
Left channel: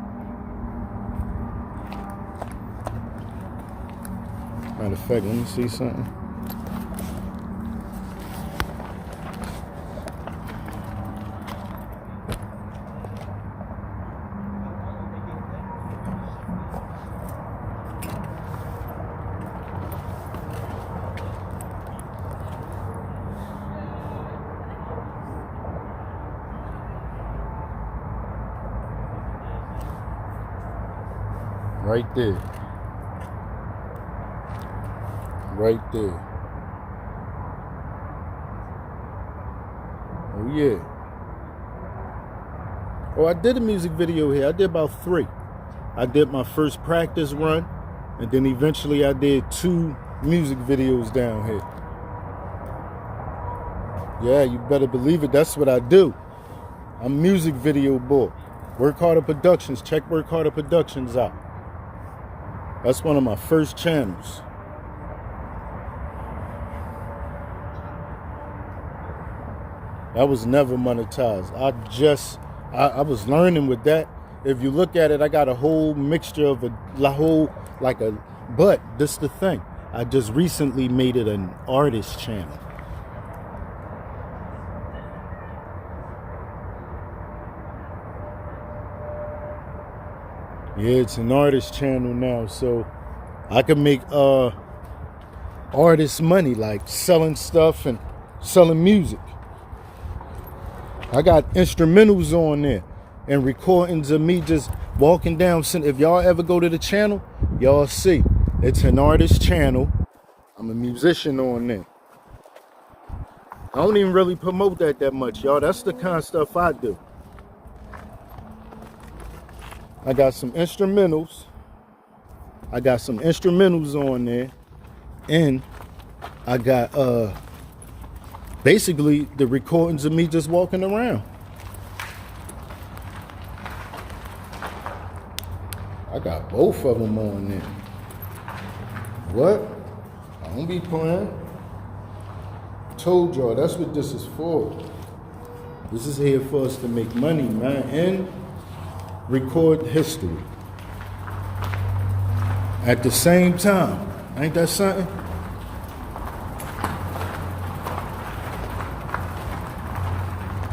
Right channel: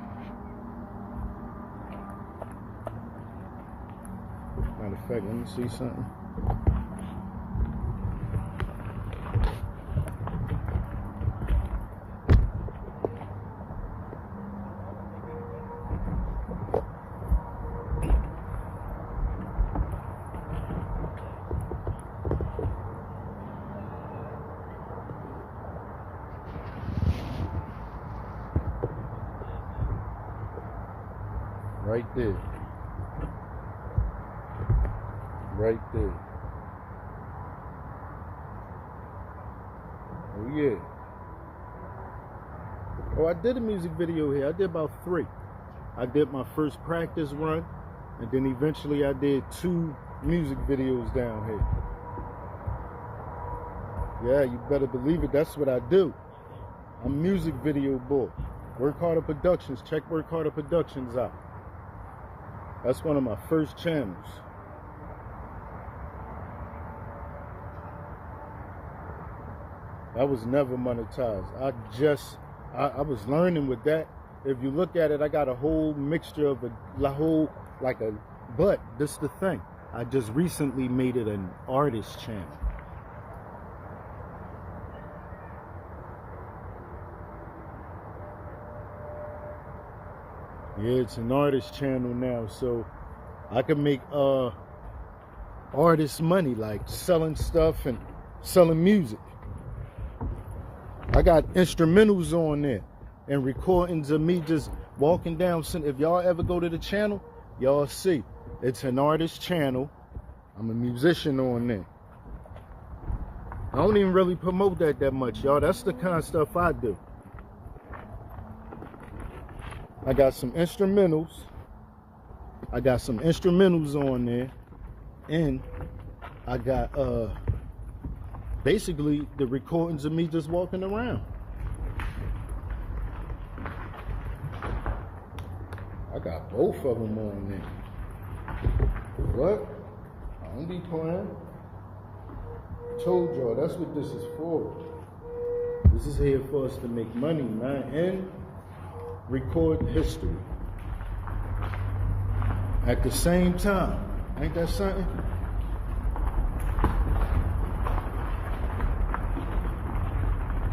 Matter of fact, let me see something. Right there. Right there. Oh yeah. Oh, I did a music video here. I did about 3. I did my first practice run, and then eventually I did 2 music videos down here. Yeah, you better believe it. That's what I do. I'm music video boy. Work Harder Productions. Check Work Harder Productions out. That's one of my first channels. That was never monetized. I was learning with that. If you look at it, I got a whole mixture of but this the thing. I just recently made it an artist channel. Yeah, it's an artist channel now, so I can make artist money, like selling stuff and selling music. I got instrumentals on there and recordings of me just walking down. If y'all ever go to the channel, y'all see it's an artist channel. I'm a musician on there. I don't even really promote that much, y'all. That's the kind of stuff I do. I got some instrumentals. On there. And I got basically the recordings of me just walking around. I got both of them on there. What? I don't be playing. Told y'all, that's what this is for. This is here for us to make money, man, and record history at the same time. Ain't that something?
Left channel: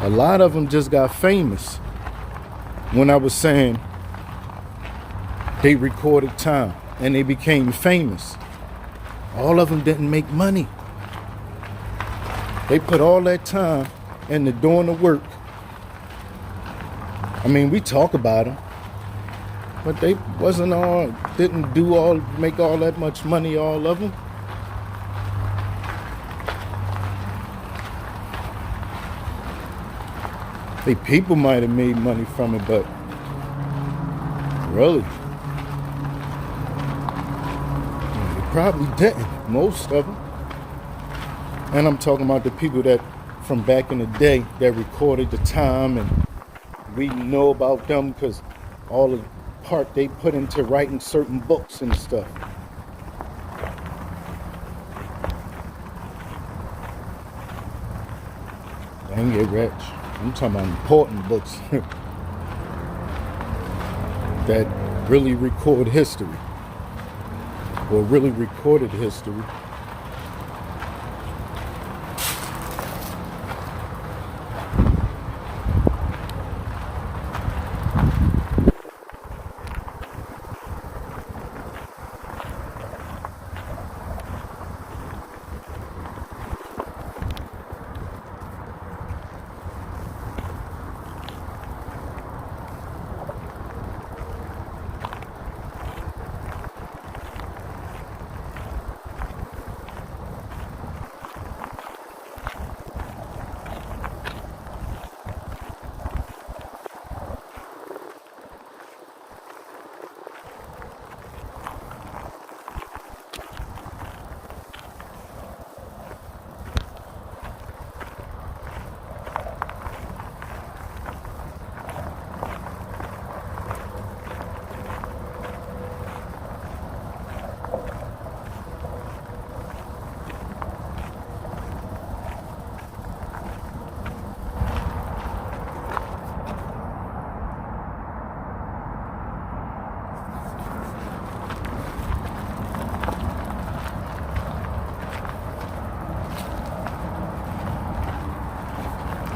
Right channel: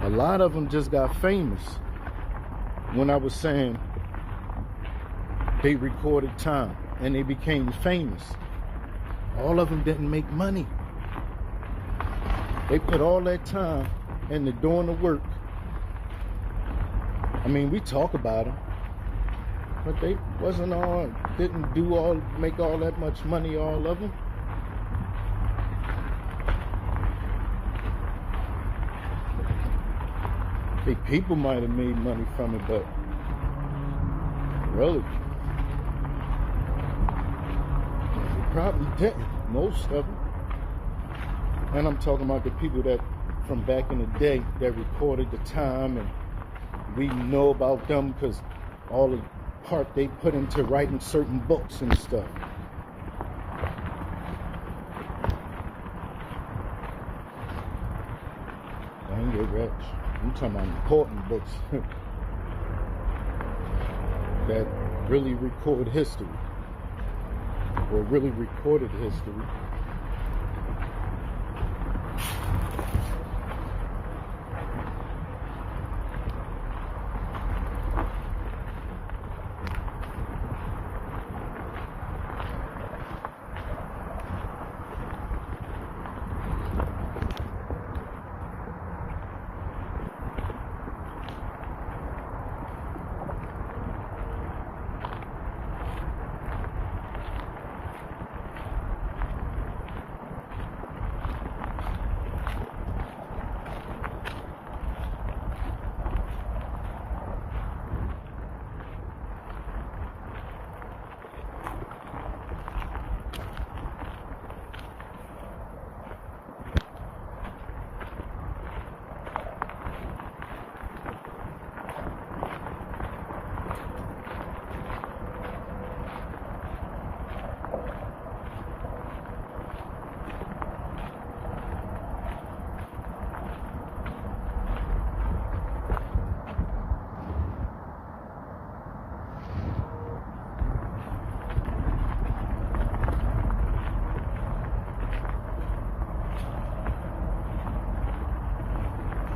A lot of them just got famous when I was saying they recorded time and they became famous. All of them didn't make money. They put all that time into doing the work. I mean, we talk about them, but they didn't make all that much money, all of them. Hey, people might have made money from it, but really, they probably didn't, most of them. And I'm talking about the people that from back in the day that recorded the time, and we know about them because all the part they put into writing certain books and stuff. I ain't get rich. I'm talking about important books that really record history or really recorded history.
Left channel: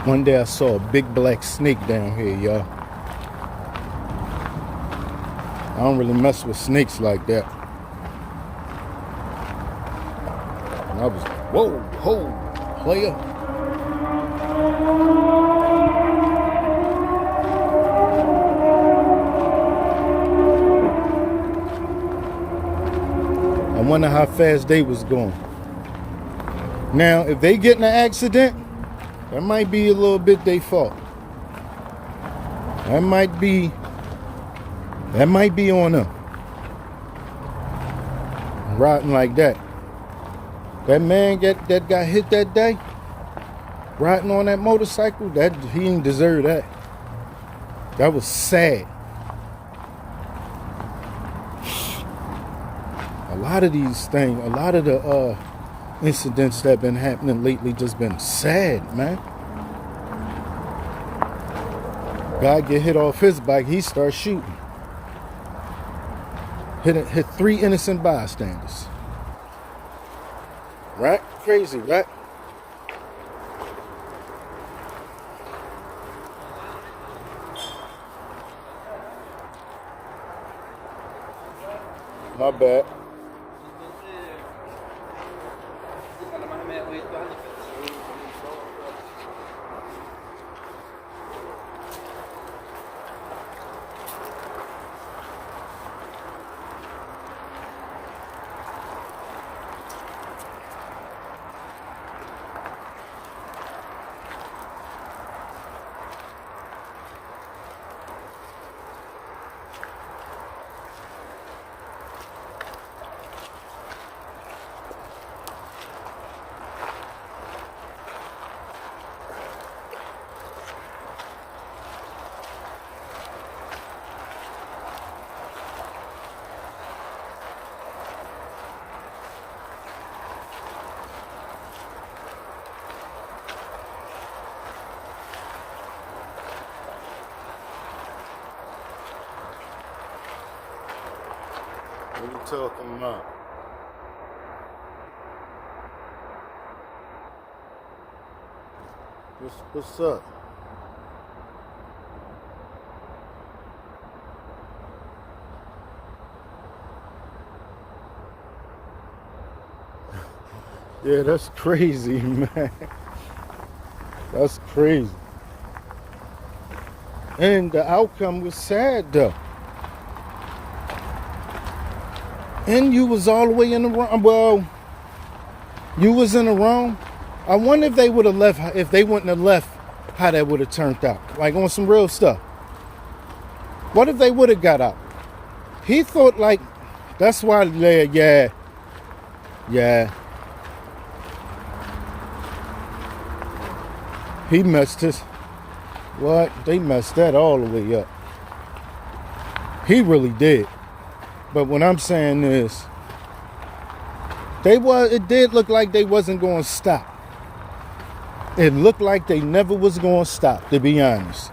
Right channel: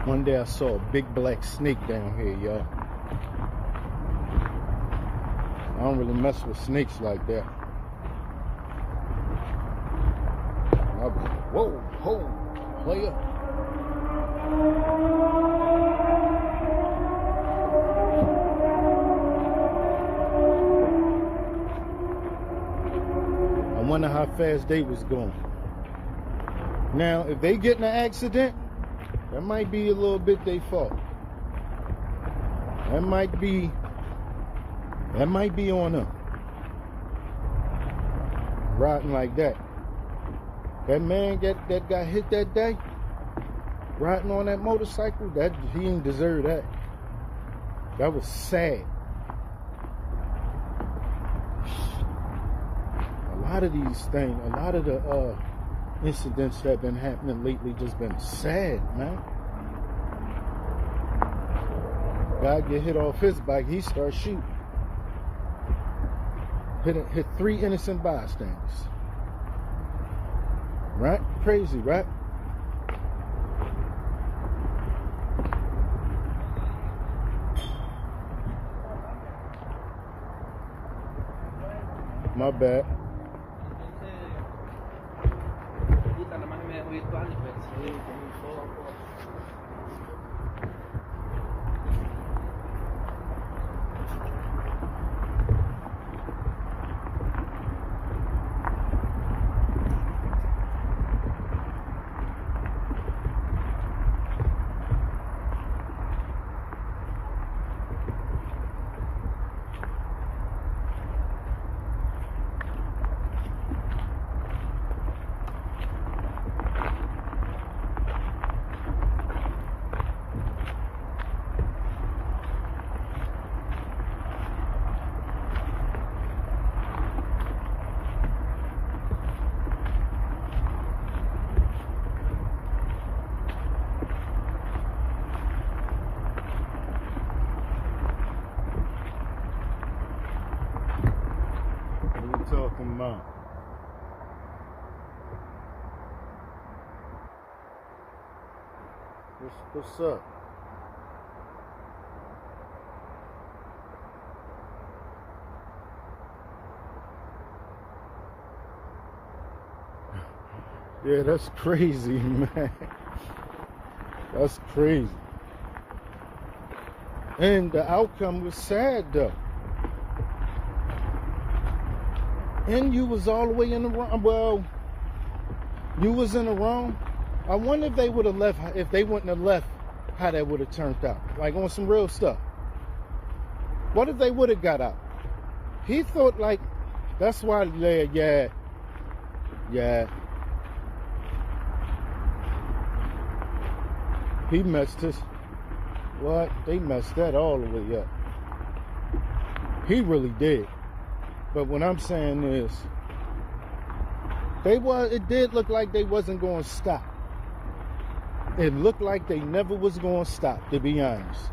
One day I saw a big black snake down here, y'all. I don't really mess with snakes like that. And I was like, whoa, ho, player. I wonder how fast they was going. Now, if they get in an accident, that might be a little bit their fault. That might be on them. Riding like that. That man that got hit that day, riding on that motorcycle, that he didn't deserve that. That was sad. A lot of these things, a lot of the incidents that been happening lately just been sad, man. Guy get hit off his bike, he starts shooting. Hit 3 innocent bystanders. Right? Crazy, right? My bad. What you talking about? What's up? Yeah, that's crazy, man. That's crazy. And the outcome was sad, though. And you was all the way in the wrong. Well, you was in the wrong. I wonder if they would have left, if they wouldn't have left, how that would have turned out. Like on some real stuff. What if they would have got out? He thought like, that's why, yeah. He messed his, what? They messed that all the way up. He really did. But what I'm saying is, it did look like they wasn't going to stop. It looked like they never was going to stop, to be honest.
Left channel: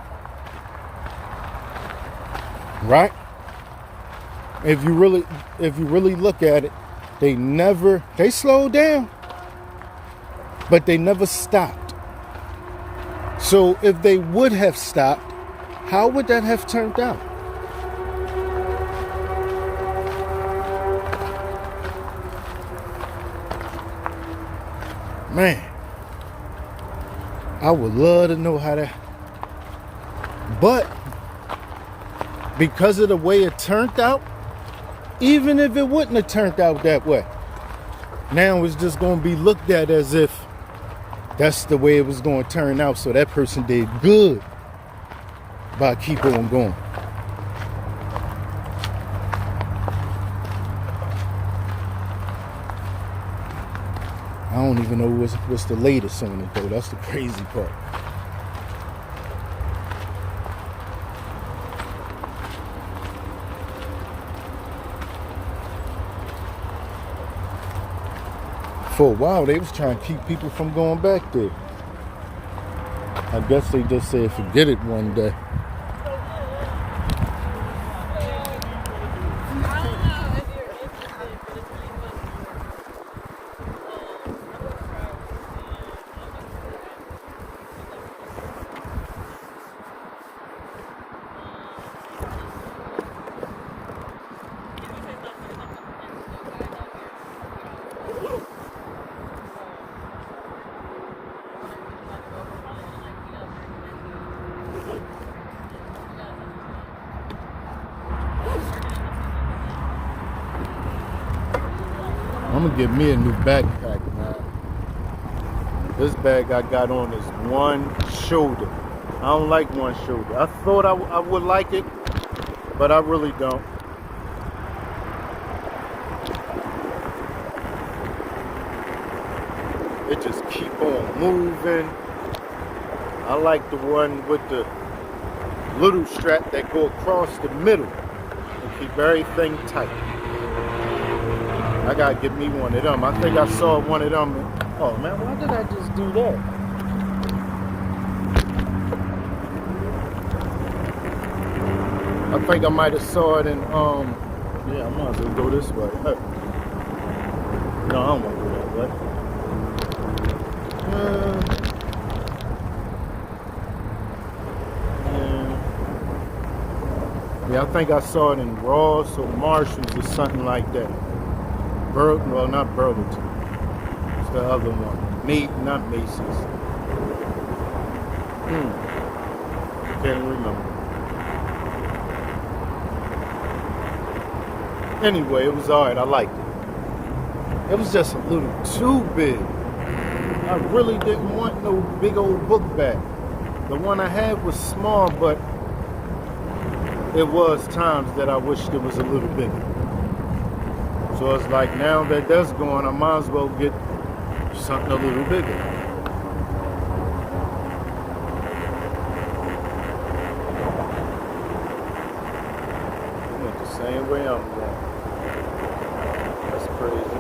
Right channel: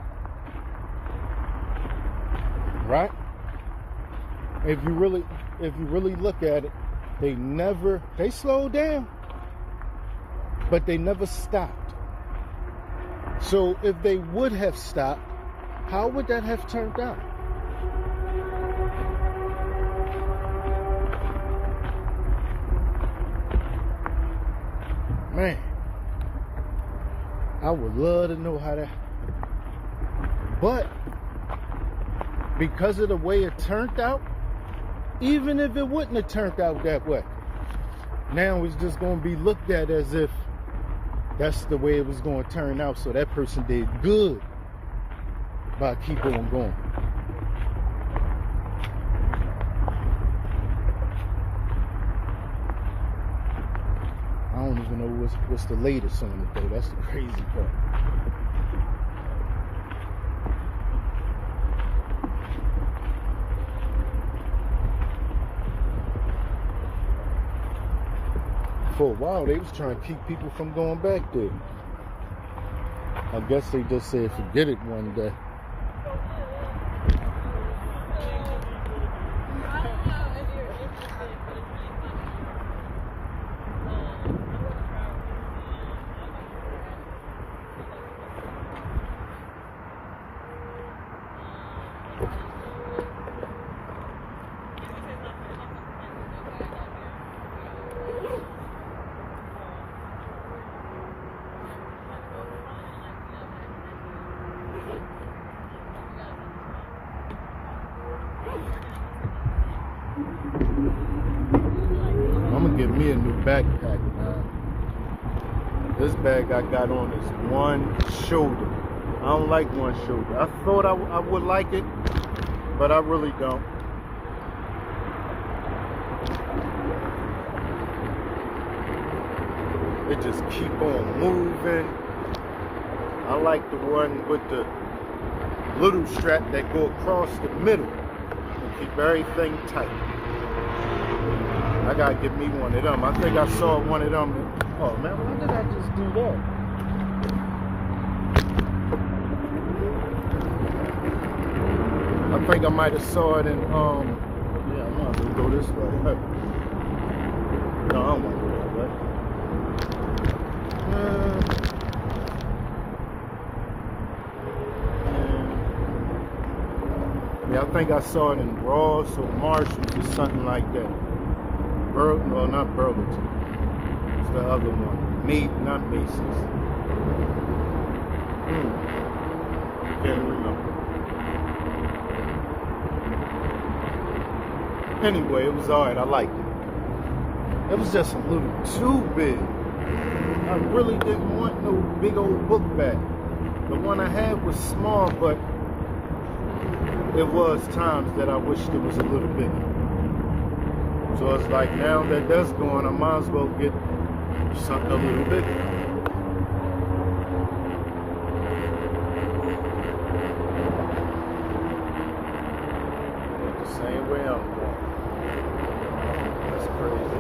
Right? If you really look at it, they slowed down, but they never stopped. So if they would have stopped, how would that have turned out? Man, I would love to know how that, but because of the way it turned out, even if it wouldn't have turned out that way, now it's just going to be looked at as if that's the way it was going to turn out, so that person did good by keep on going. I don't even know what's the latest on it, though. That's the crazy part. For a while, they was trying to keep people from going back there. I guess they just said forget it one day. I'm gonna get me a new backpack, man. This bag I got on is one shoulder. I don't like one shoulder. I thought I would like it, but I really don't. It just keep on moving. I like the one with the little strap that go across the middle and keep everything tight. I gotta get me one of them. I think I saw one of them. Oh man, why did I just do that? I think I might have saw it in yeah, I might as well go this way. No, I don't want to go that way. Yeah, I think I saw it in Ross or Marshalls or something like that. Well, not Burlington. It's the other one. Not Macy's. Can't remember. Anyway, it was alright. I liked it. It was just a little too big. I really didn't want no big old book bag. The one I had was small, but it was times that I wished it was a little bigger. So it's like now that that's going, I might as well get something a little bigger. It went the same way I'm going. That's crazy.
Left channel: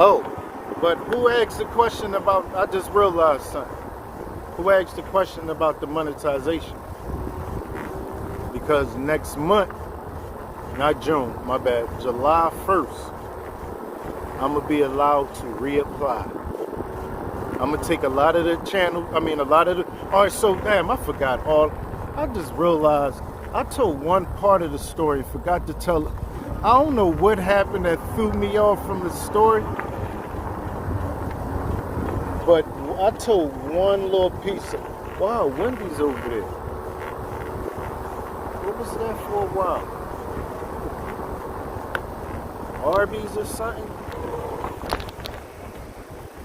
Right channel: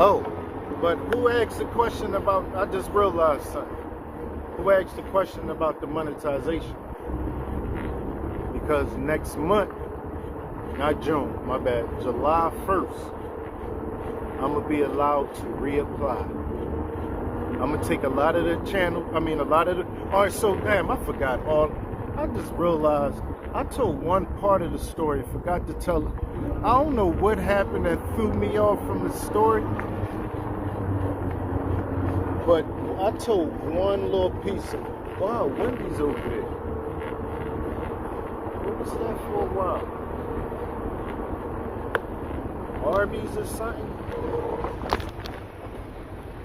Oh, but who asked the question about, I just realized something. Who asked the question about the monetization? Because next month, not June, my bad, July 1st, I'm going to be allowed to reapply. I'm going to take a lot of the alright, so damn, I forgot all, I just realized, I told one part of the story, forgot to tell it. I don't know what happened that threw me off from the story. But I told one little piece of, wow, Wendy's over there. What was that for a while? Arby's or something?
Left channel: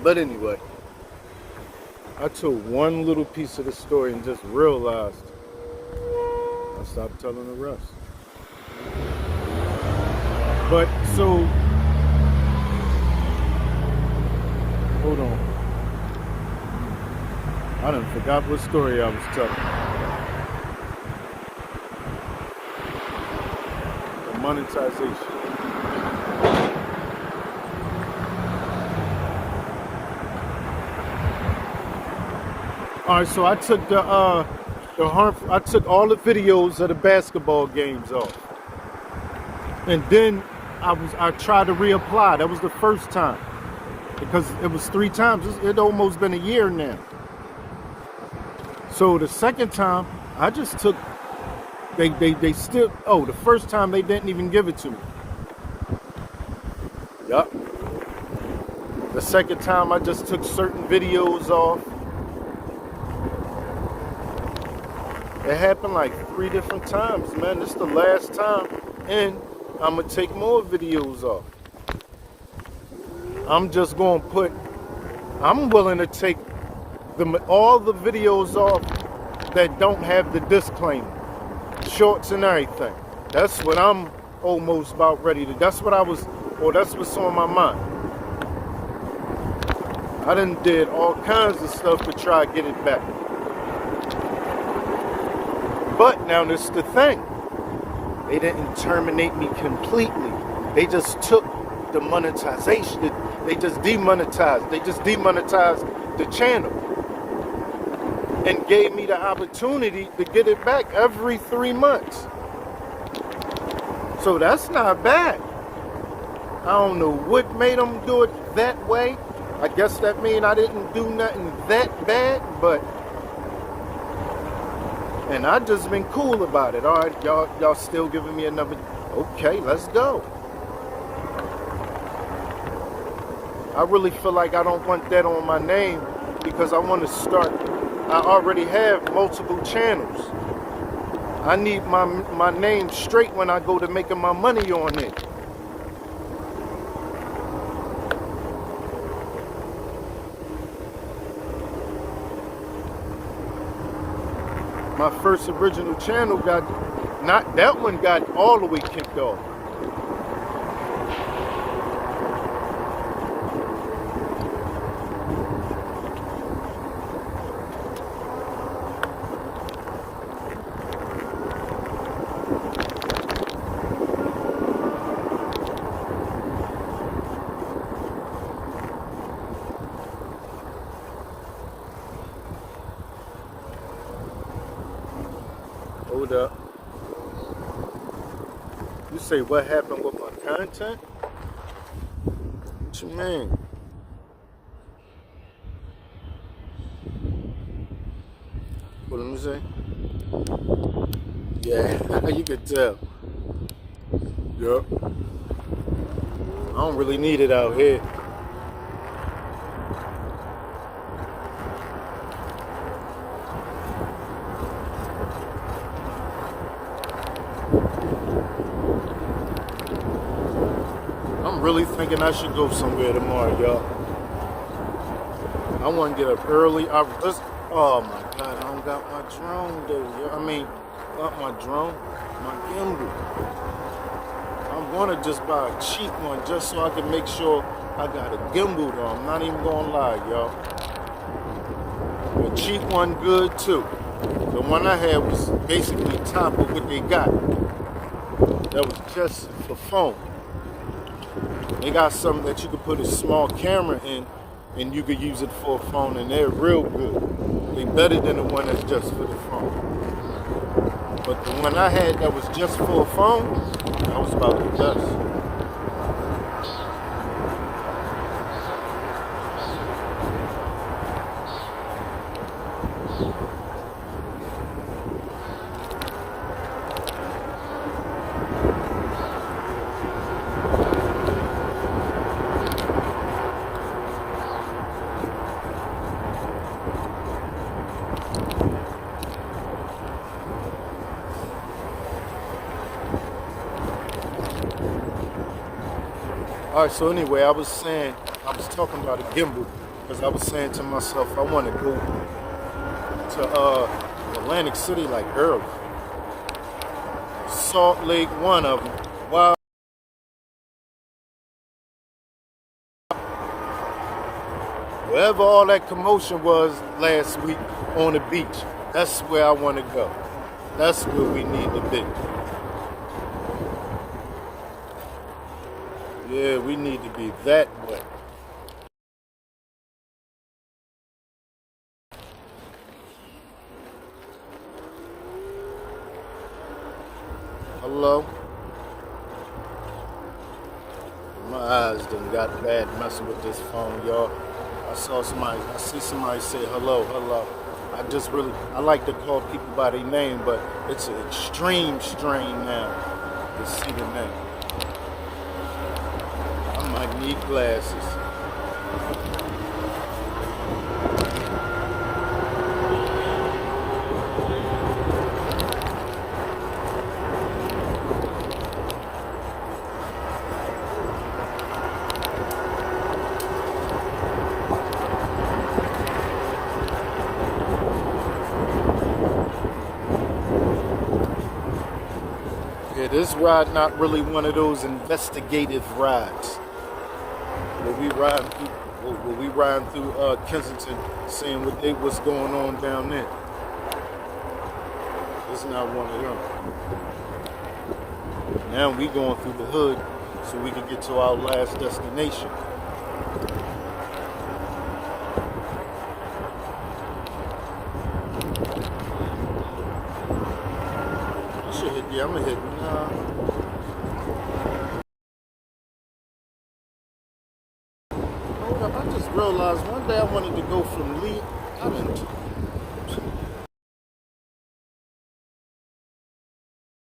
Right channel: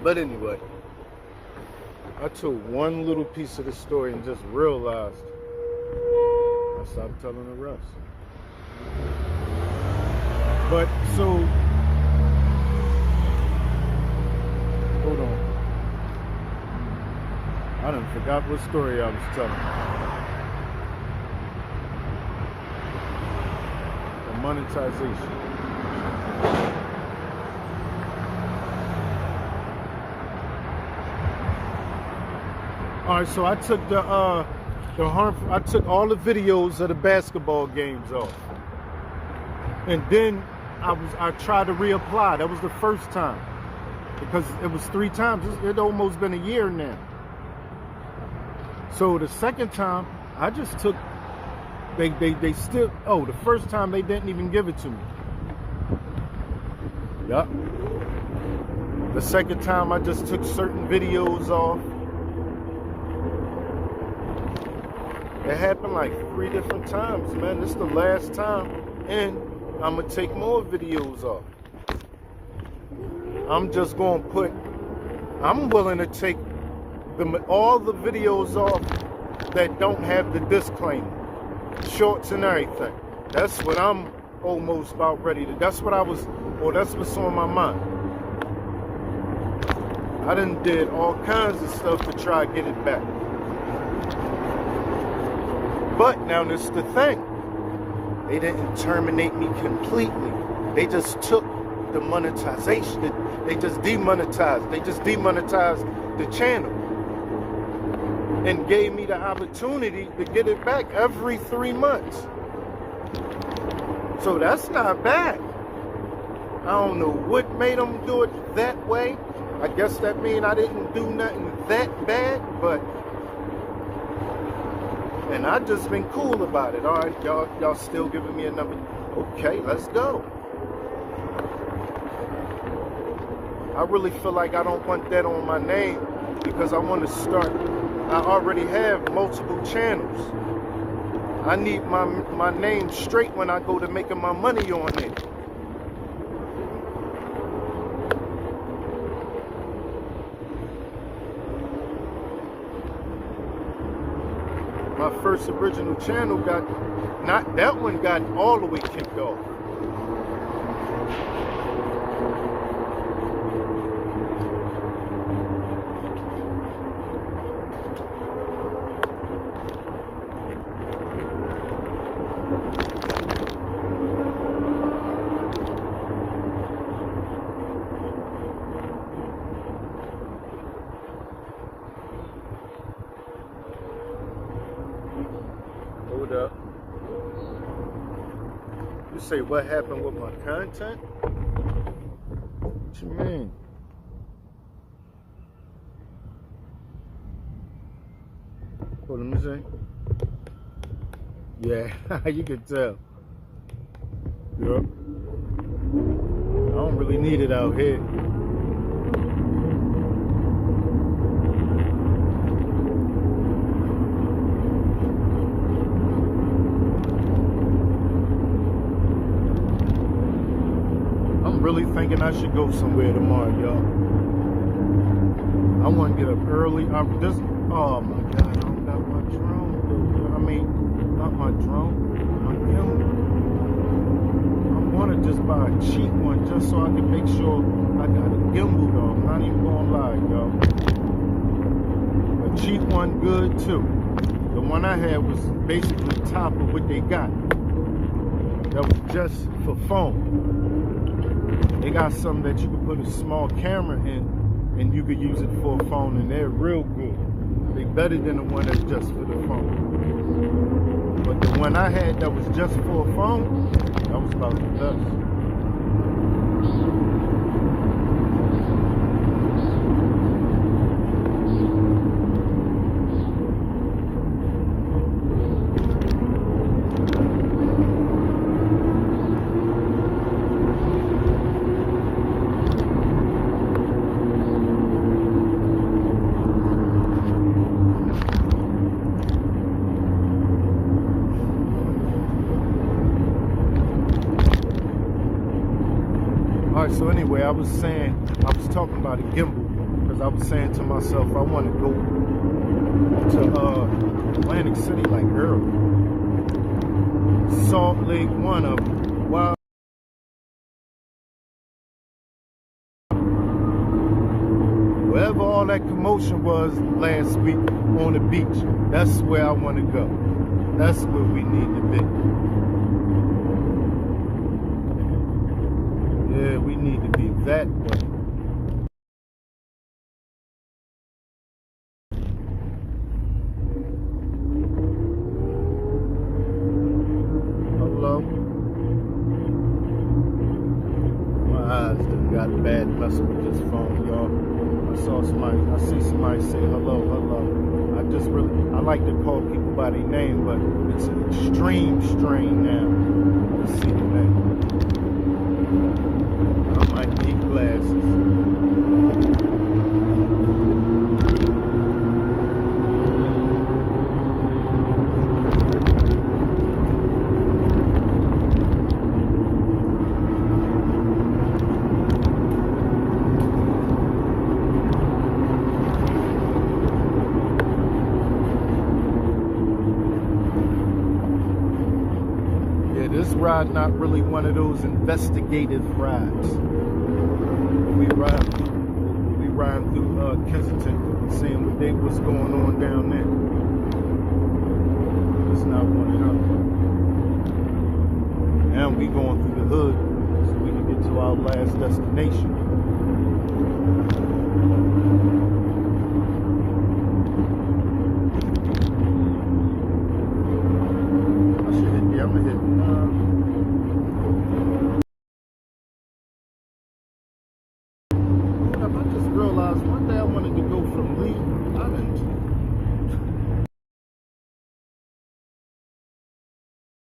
But anyway, I told one little piece of the story and just realized I stopped telling the rest. But so, hold on. I done forgot what story I was telling. The monetization. All right, so I took I took all the videos of the basketball games off, and then I tried to reapply. That was the first time, because it was 3 times. It almost been a year now. So the second time, I just took, they still, the first time they didn't even give it to me. Yup. The second time, I just took certain videos off. It happened like 3 different times, man. This is the last time, and I'm gonna take more videos off. I'm just gonna I'm willing to take all the videos off that don't have the disclaimer, shorts and everything. That's what I'm almost about ready to. That's what's on my mind. I done did all kinds of stuff to try to get it back. But now this is the thing. They didn't terminate me completely. They just took the monetization. They just demonetized. They just demonetized the channel and gave me the opportunity to get it back every 3 months. So that's not bad. I don't know what made them do it that way. I guess that means I didn't do nothing that bad, and I just been cool about it. All right, y'all still giving me another Okay, let's go. I really feel like I don't want that on my name because I want to start. I already have multiple channels. I need my name straight when I go to making my money on it. My first original channel not that one got all the way kicked off. Hold up. You say what happened with my content? What you mean? Well, let me see. Yeah, you could tell. Yup. I don't really need it out here. I'm really thinking I should go somewhere tomorrow, y'all. I want to get up early. Oh my God, I don't got my drone, though. I mean, not my drone, my gimbal. I want to just buy a cheap one just so I can make sure I got a gimbal, though. I'm not even going to lie, y'all. A cheap one, good too. The one I had was basically top of what they got. That was just for phone. They got something that you could put a small camera in and you could use it for a phone, and they're real good. They better than the one that's just for the phone. But the one I had that was just for a phone, that was about the best. All right, so anyway, I was talking about a gimbal because I was saying to myself, I want to go to Atlantic City like early. Salt Lake, one of them. Wow. Wherever all that commotion was last week on the beach, that's where I want to go. That's where we need to be. Yeah, we need to be that way. Hello? My eyes done got bad messing with this phone, y'all. I see somebody say hello. I like to call people by their name, but it's an extreme strain now to see the name. I might need glasses. Yeah, this ride not really one of those investigative rides. We riding through Kensington, seeing what's going on down there. It's not one of them. Now we going through the hood so we can get to our last destination. I'm gonna hit. Hold up! I just realized one day I wanted to go from Lee Island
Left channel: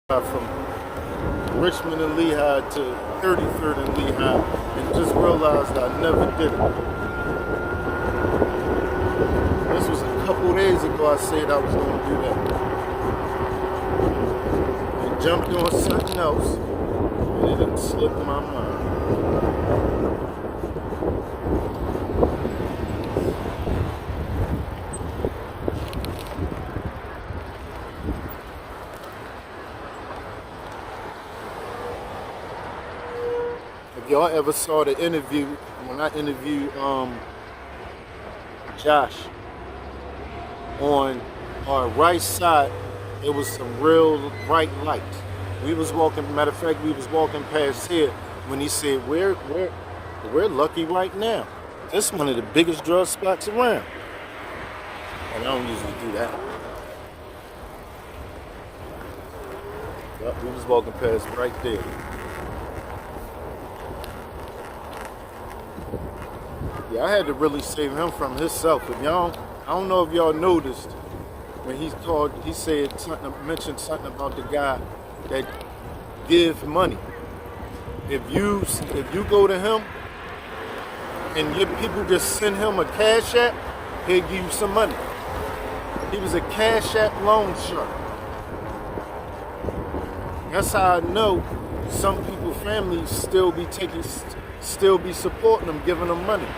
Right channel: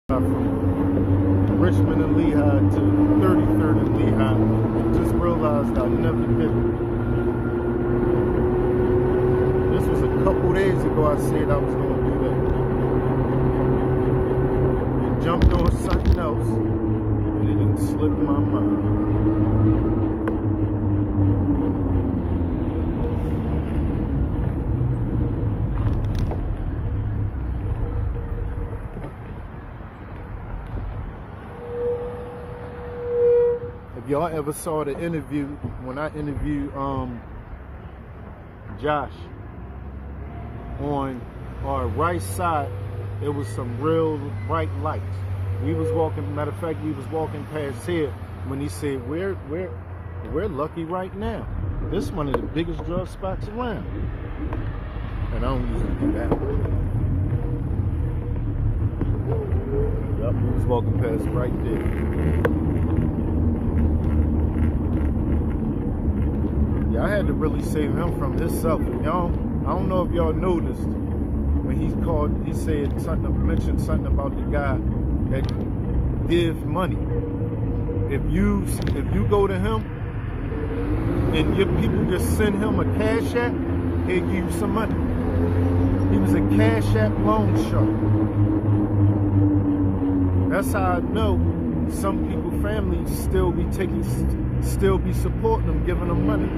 from Richmond and Lehigh to 33rd and Lehigh and just realized I never did it. This was a couple days ago I said I was going to do that. And jumped on something else and it done slipped my mind. If y'all ever saw the interview, when I interviewed Josh, on our right side, it was some real bright lights. We was walking, matter of fact, we was walking past here when he said, we're lucky right now. This is one of the biggest drug spots around. And I don't usually do that. Yup, we was walking past right there. Yeah, I had to really save him from himself. If y'all, I don't know if y'all noticed when he said something, mentioned something about the guy that give money. If you go to him and your people just send him a cash app, he'll give you some money. He was a cash app loan shark. That's how I know some people, families still be supporting them, giving them money.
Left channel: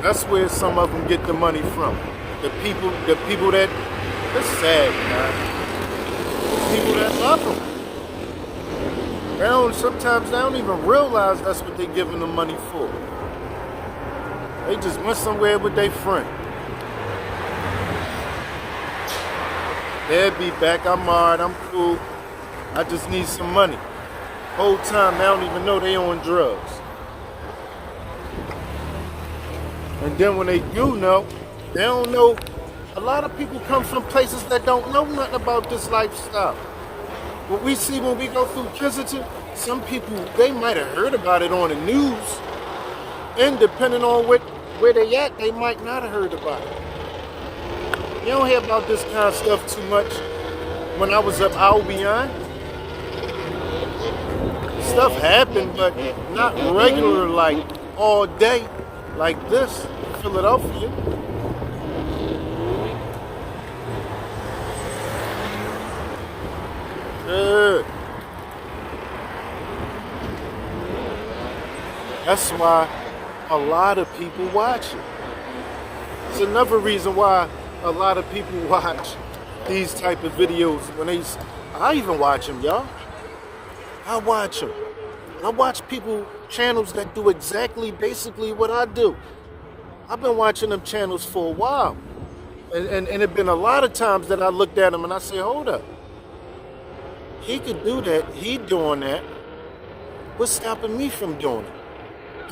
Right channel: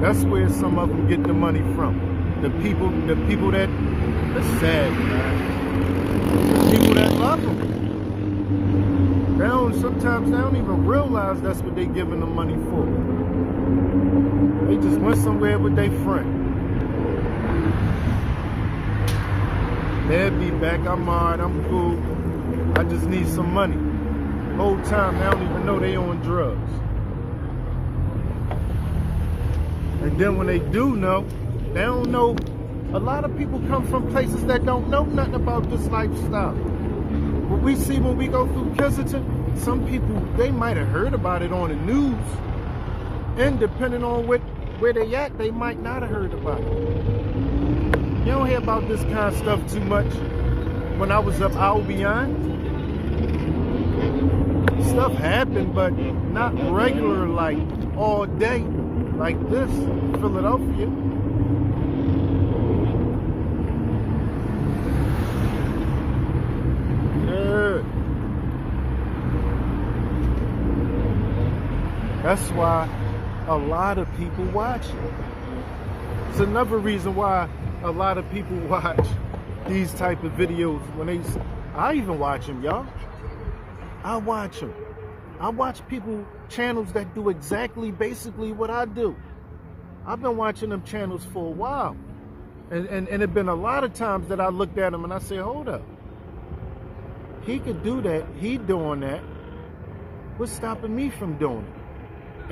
That's where some of them get the money from. The people that, that's sad, man. The people that love them. Sometimes they don't even realize that's what they're giving them money for. They just went somewhere with their friend. They'll be back, I'm alright, I'm cool. I just need some money. Whole time they don't even know they on drugs. And then when they do know, they don't know. A lot of people come from places that don't know nothing about this lifestyle. What we see when we go through Kensington, some people, they might have heard about it on the news. And depending on where they at, they might not have heard about it. You don't hear about this kind of stuff too much. When I was up Albion, stuff happened, but not regular, like all day, like this, Philadelphia. Good. That's why a lot of people watch it. It's another reason why a lot of people watch these type of videos. I even watch them, y'all. I watch them. I watch channels that do exactly, basically what I do. I've been watching them channels for a while. And it been a lot of times that I looked at them and I say, hold up. He could do that. He doing that. What's stopping me from doing it?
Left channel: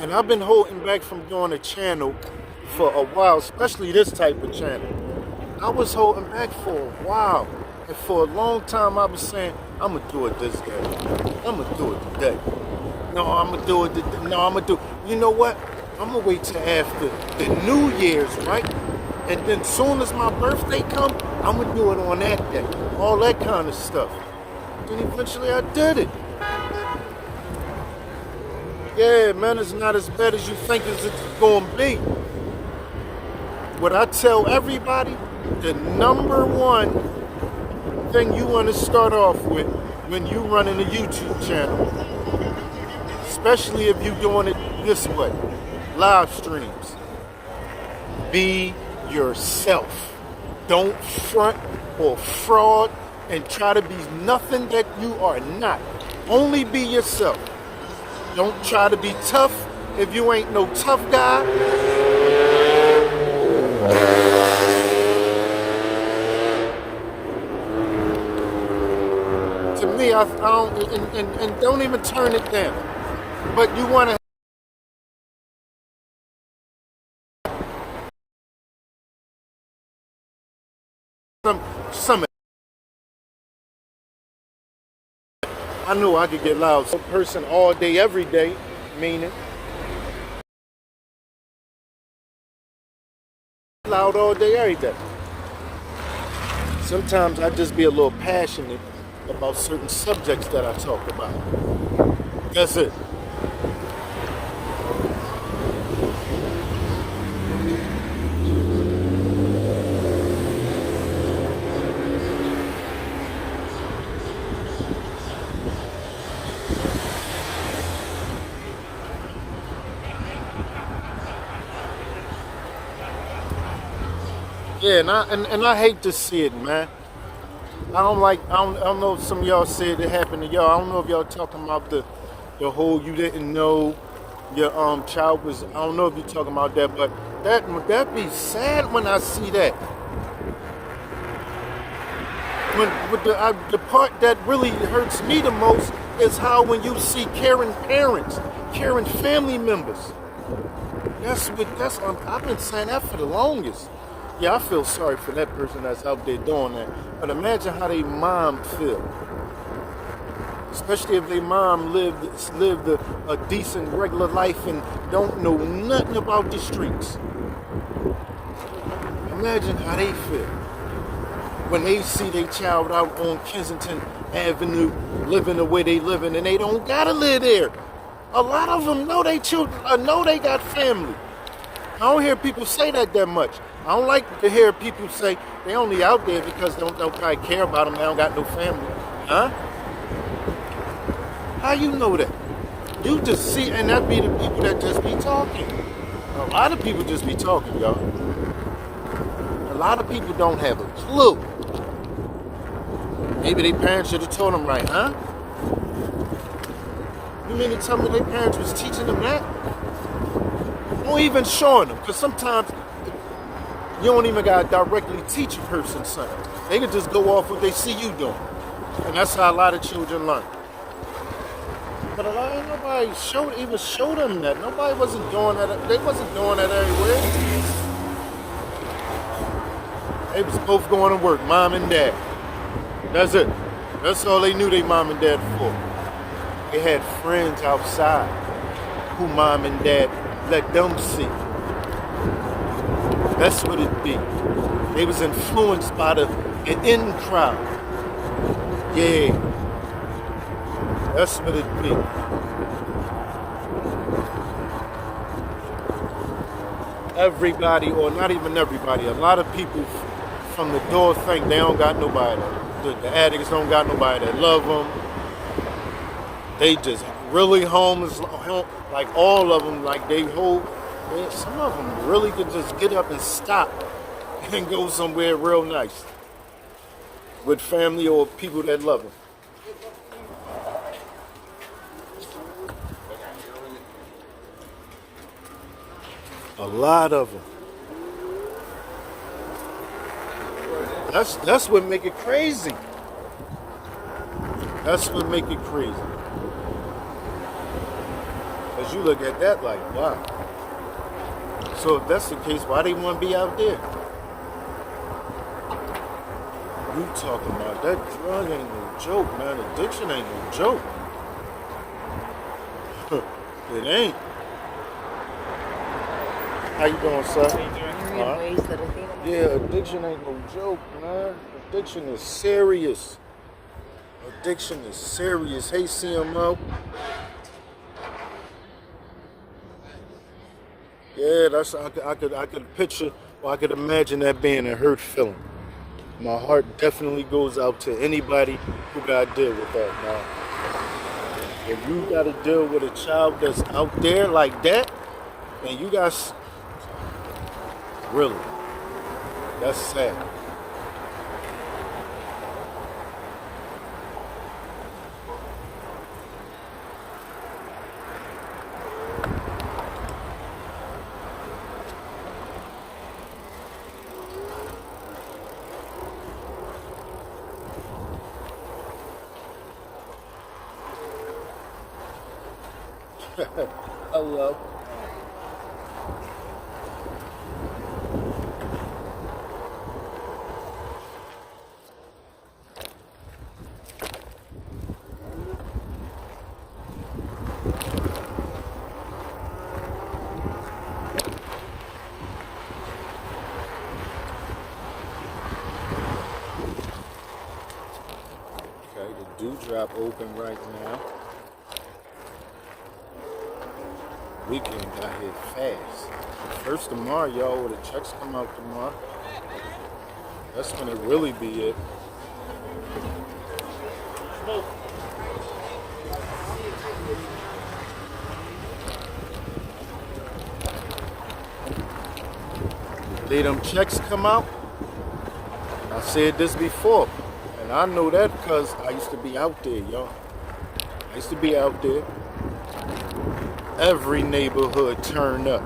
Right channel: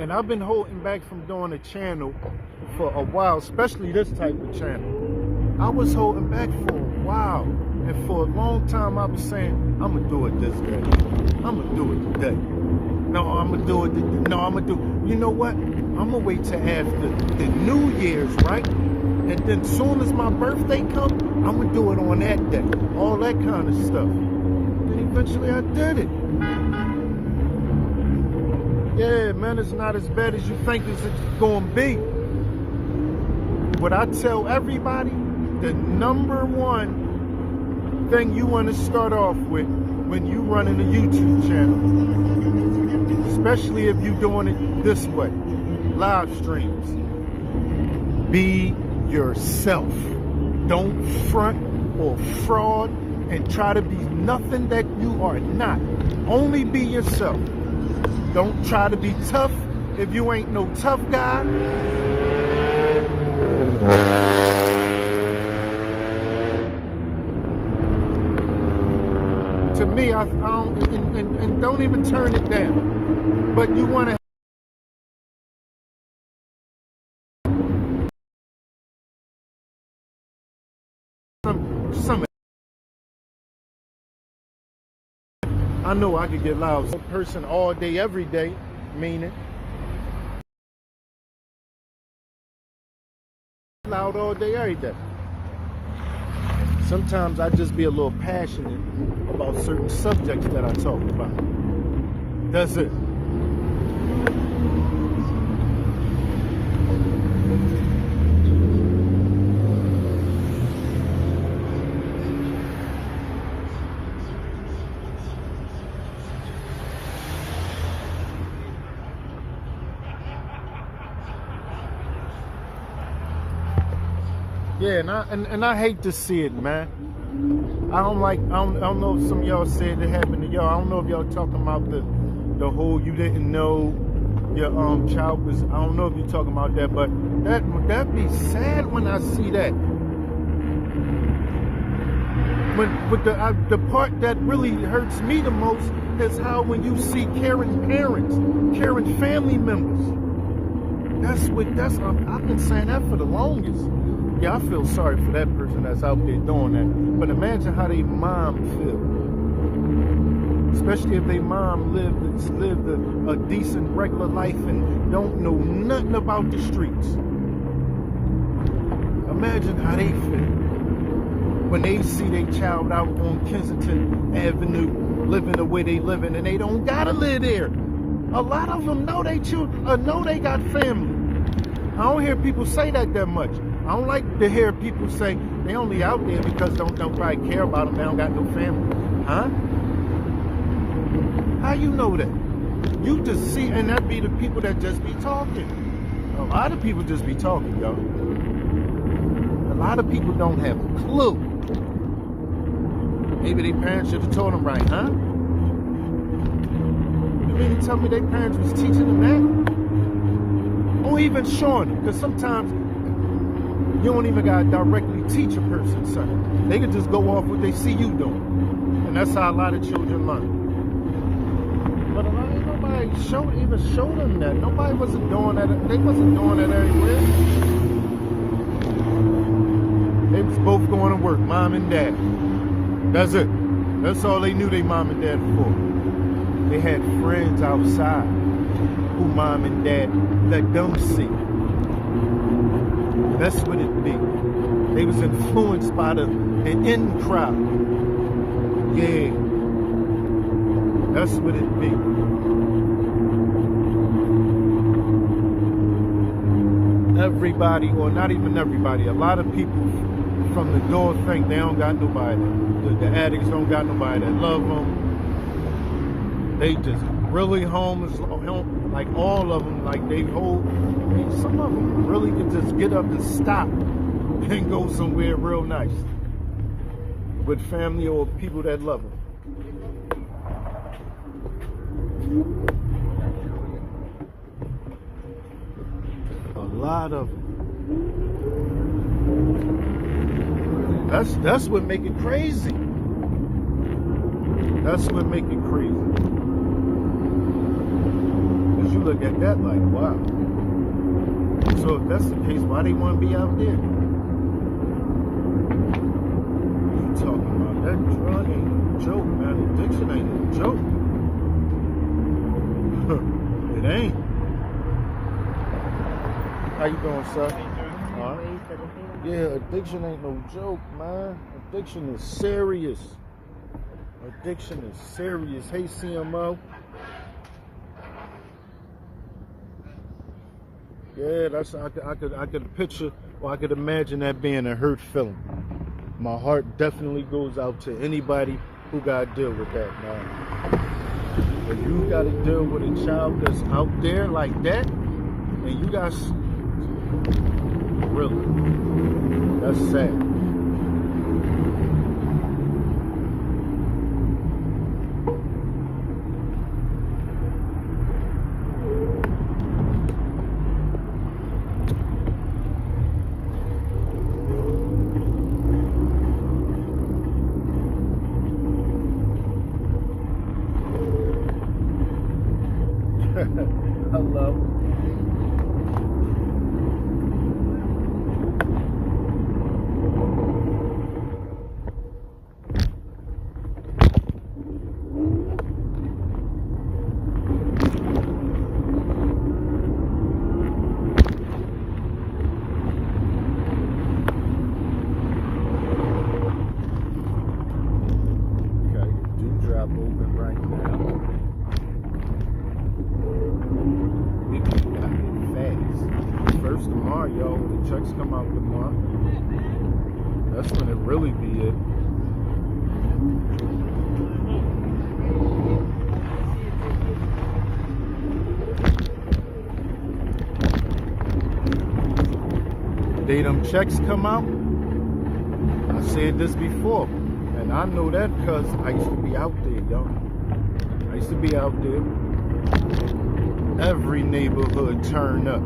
And I've been holding back from doing a channel for a while, especially this type of channel. I was holding back for a while. And for a long time, I was saying, I'm going to do it this day. I'm going to do it today. No, I'm going to do it. No, I'm going to do it. You know what? I'm going to wait till after the New Year's, right? And then soon as my birthday comes, I'm going to do it on that day. All that kind of stuff. Then eventually I did it. Yeah, man, it's not as bad as you think it's going to be. What I tell everybody, the number one thing you want to start off with when you running a YouTube channel, especially if you're doing it this way, live streams, be yourself. Don't front or fraud and try to be nothing that you are not. Only be yourself. Don't try to be tough if you ain't no tough guy. To me, I don't, and don't even turn it down. But you want to some. I know I could get loud. A person all day, every day, meaning loud all day, every day. Sometimes I just be a little passionate about certain subjects that I talk about. That's it. Yeah, and I hate to see it, man. I don't know if some of y'all said it happened to y'all. I don't know if y'all talking about the whole you didn't know your child was. I don't know if you're talking about that, but that be sad when I see that. When with the part that really hurts me the most is how when you see caring parents, caring family members. I've been saying that for the longest. Yeah, I feel sorry for that person that's out there doing that. But imagine how their mom feel. Especially if their mom lived a decent, regular life and don't know nothing about the streets. Imagine how they feel when they see their child out on Kensington Avenue living the way they living and they don't gotta live there. A lot of them know they children, know they got family. I don't hear people say that much. I don't like to hear people say they only out there because don't probably care about them. They don't got no family. Huh? How you know that? You just see, and that be the people that just be talking. A lot of people just be talking, y'all. A lot of people don't have a clue. Maybe their parents should have told them right, huh? You mean to tell me their parents was teaching them that? Or even showing them, because sometimes you don't even gotta directly teach a person something. They can just go off what they see you doing. And that's how a lot of children learn. But nobody even showed them that. Nobody wasn't doing that. They wasn't doing that everywhere. They was both going to work, mom and dad. That's it. That's all they knew they mom and dad for. They had friends outside who mom and dad let them see. That's what it be. They was influenced by an in crowd. Yeah. That's what it be. Everybody, or not even everybody, a lot of people from the door think they don't got nobody. The addicts don't got nobody that love them. They just really homeless, like all of them, like some of them really can just get up and stop and go somewhere real nice with family or people that love them. A lot of them. That's what make it crazy. That's what make it crazy. Because you look at that like, wow. So if that's the case, why they want to be out there? You talking about that drug ain't no joke, man. Addiction ain't no joke. It ain't. How you doing, sir? Yeah, addiction ain't no joke, man. Addiction is serious. Addiction is serious. Hey, CMO. Yeah, I could picture, or I could imagine that being a hurt feeling. My heart definitely goes out to anybody who got to deal with that, man. If you got to deal with a child that's out there like that, and you guys, really, that's sad. Hello. Okay. Dewdrop open right now. Weekend got here fast. First tomorrow, y'all, when the checks come out tomorrow, that's when it really be it. Day them checks come out, I said this before, and I know that because I used to be out there, y'all. I used to be out there. Every neighborhood turn up.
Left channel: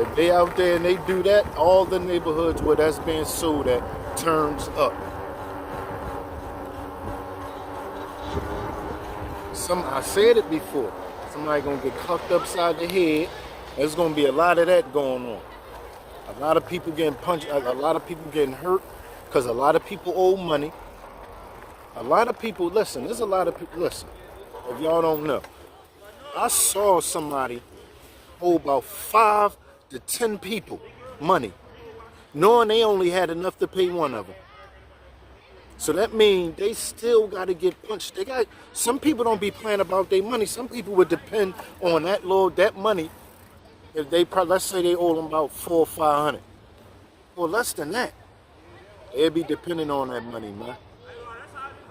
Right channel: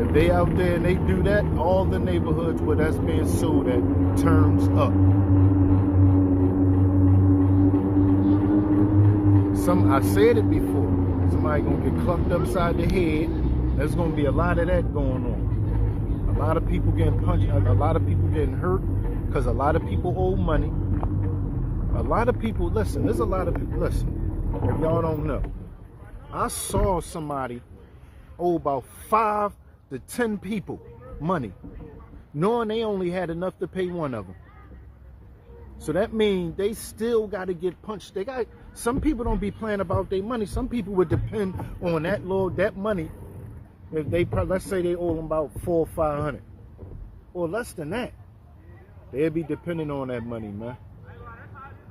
If they out there and they do that, all the neighborhoods where that's being sold at turns up. I said it before. Somebody gonna get clucked upside the head. There's gonna be a lot of that going on. A lot of people getting punched. A lot of people getting hurt because a lot of people owe money. A lot of people, listen, there's a lot of people, listen, if y'all don't know, I saw somebody owe about 5 to 10 people money, knowing they only had enough to pay one of them. So that means they still got to get punched. Some people don't be playing about their money. Some people would depend on that money. If they, let's say they owe them about 400 or 500, or less than that, they'd be depending on that money, man.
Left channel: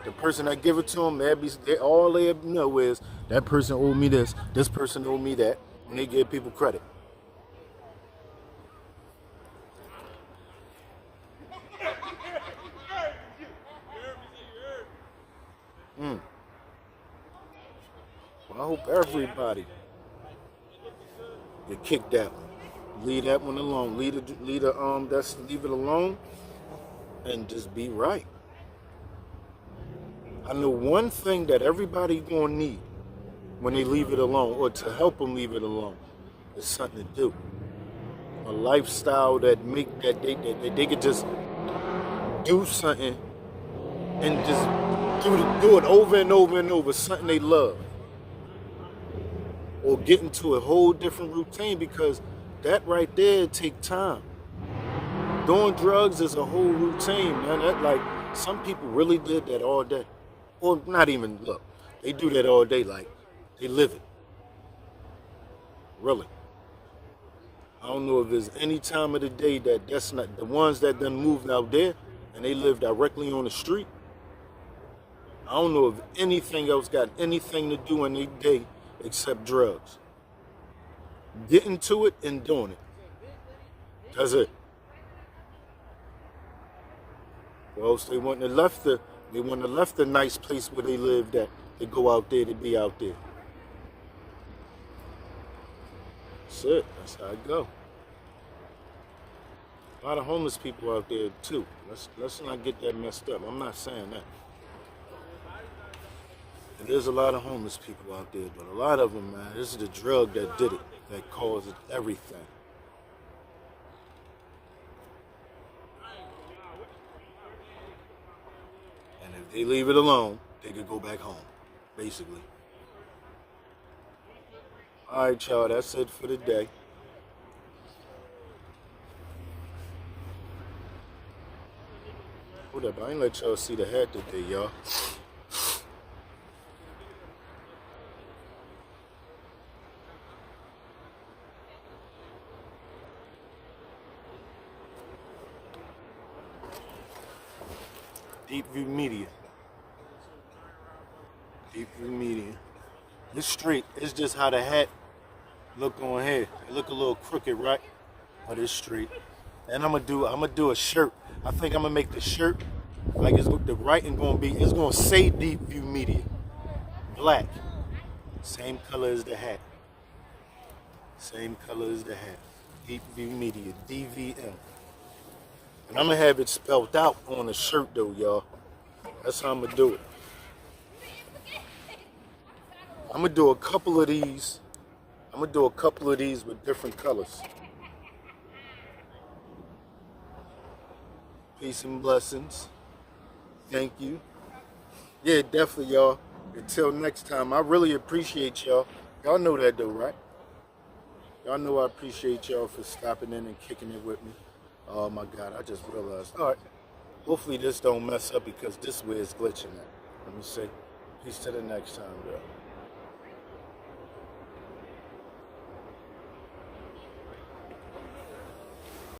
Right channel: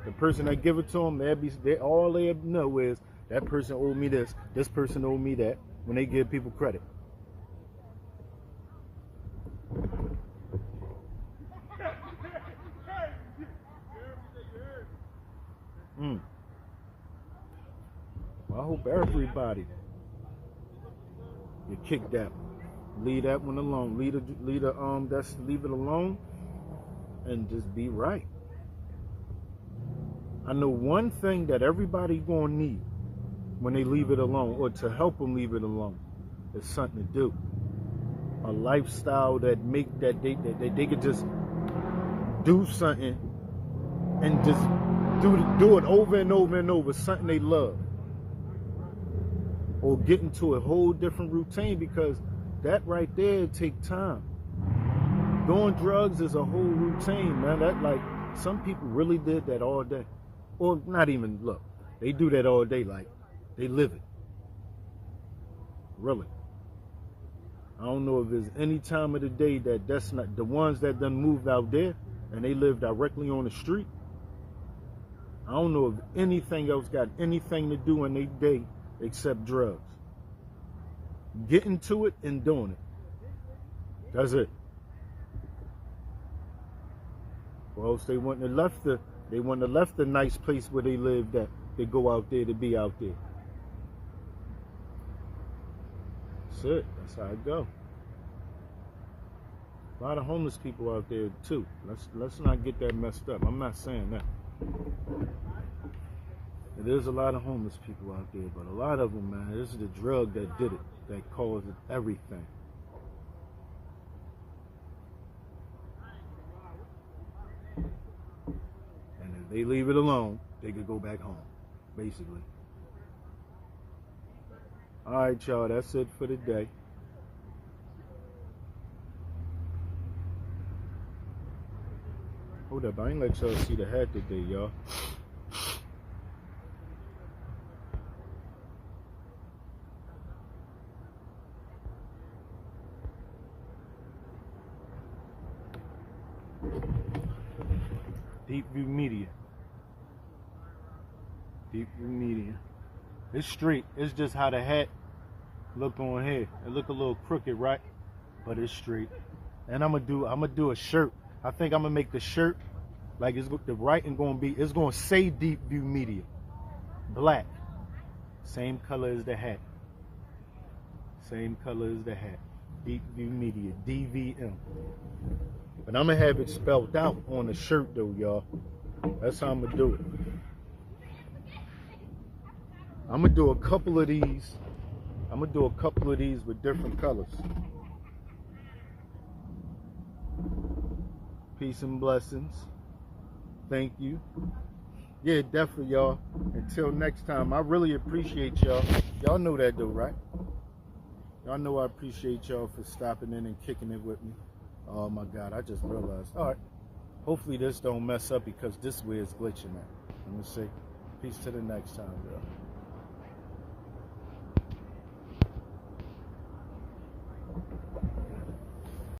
The person that give it to them, all they know is that person owed me this person owed me that. When they give people credit. Well, I hope everybody get kicked out. Leave that one alone. Leave it alone, and just be right. I know one thing that everybody gonna need when they leave it alone, or to help them leave it alone, is something to do. A lifestyle that they could just do something and just do it over and over and over, something they love. Or get into a whole different routine, because that right there take time. Doing drugs is a whole routine, man. That, like, some people really did that all day. Or not even, look, they do that all day, like they live it. Really. I don't know if there's any time of the day that's not the ones that done moved out there and they live directly on the street. I don't know if anything else got anything to do in their day except drugs. Getting to it and doing it. That's it. Well, they wouldn't have left the nice place where they lived at. They go out there to be out there. That's it. That's how it go. A lot of homeless people out there too. Let's not get that messed up. I'm not saying that. There's a lot of homeless people out there, but a lot of them, man, this is the drug that did it, that caused everything. And if they leave it alone, they could go back home, basically. All right, y'all, that's it for the day. Hold up, I ain't let y'all see the hat today, y'all. Deepview Media. Deepview Media. It's straight. It's just how the hat look on here. It look a little crooked, right? But it's straight. And I'm gonna do a shirt. I think I'm gonna make the shirt like the writing it's gonna say Deepview Media. Black. Same color as the hat. Same color as the hat. Deepview Media. DVM. And I'm gonna have it spelled out on the shirt though, y'all. That's how I'm gonna do it. I'm gonna do a couple of these. I'm gonna do a couple of these with different colors. Peace and blessings. Thank you. Yeah, definitely, y'all. Until next time, I really appreciate y'all. Y'all know that though, right? Y'all know I appreciate y'all for stopping in and kicking it with me. Oh my God, I just realized. All right. Hopefully this don't mess up because this way is glitching at. Let me say, peace to the next time, girl.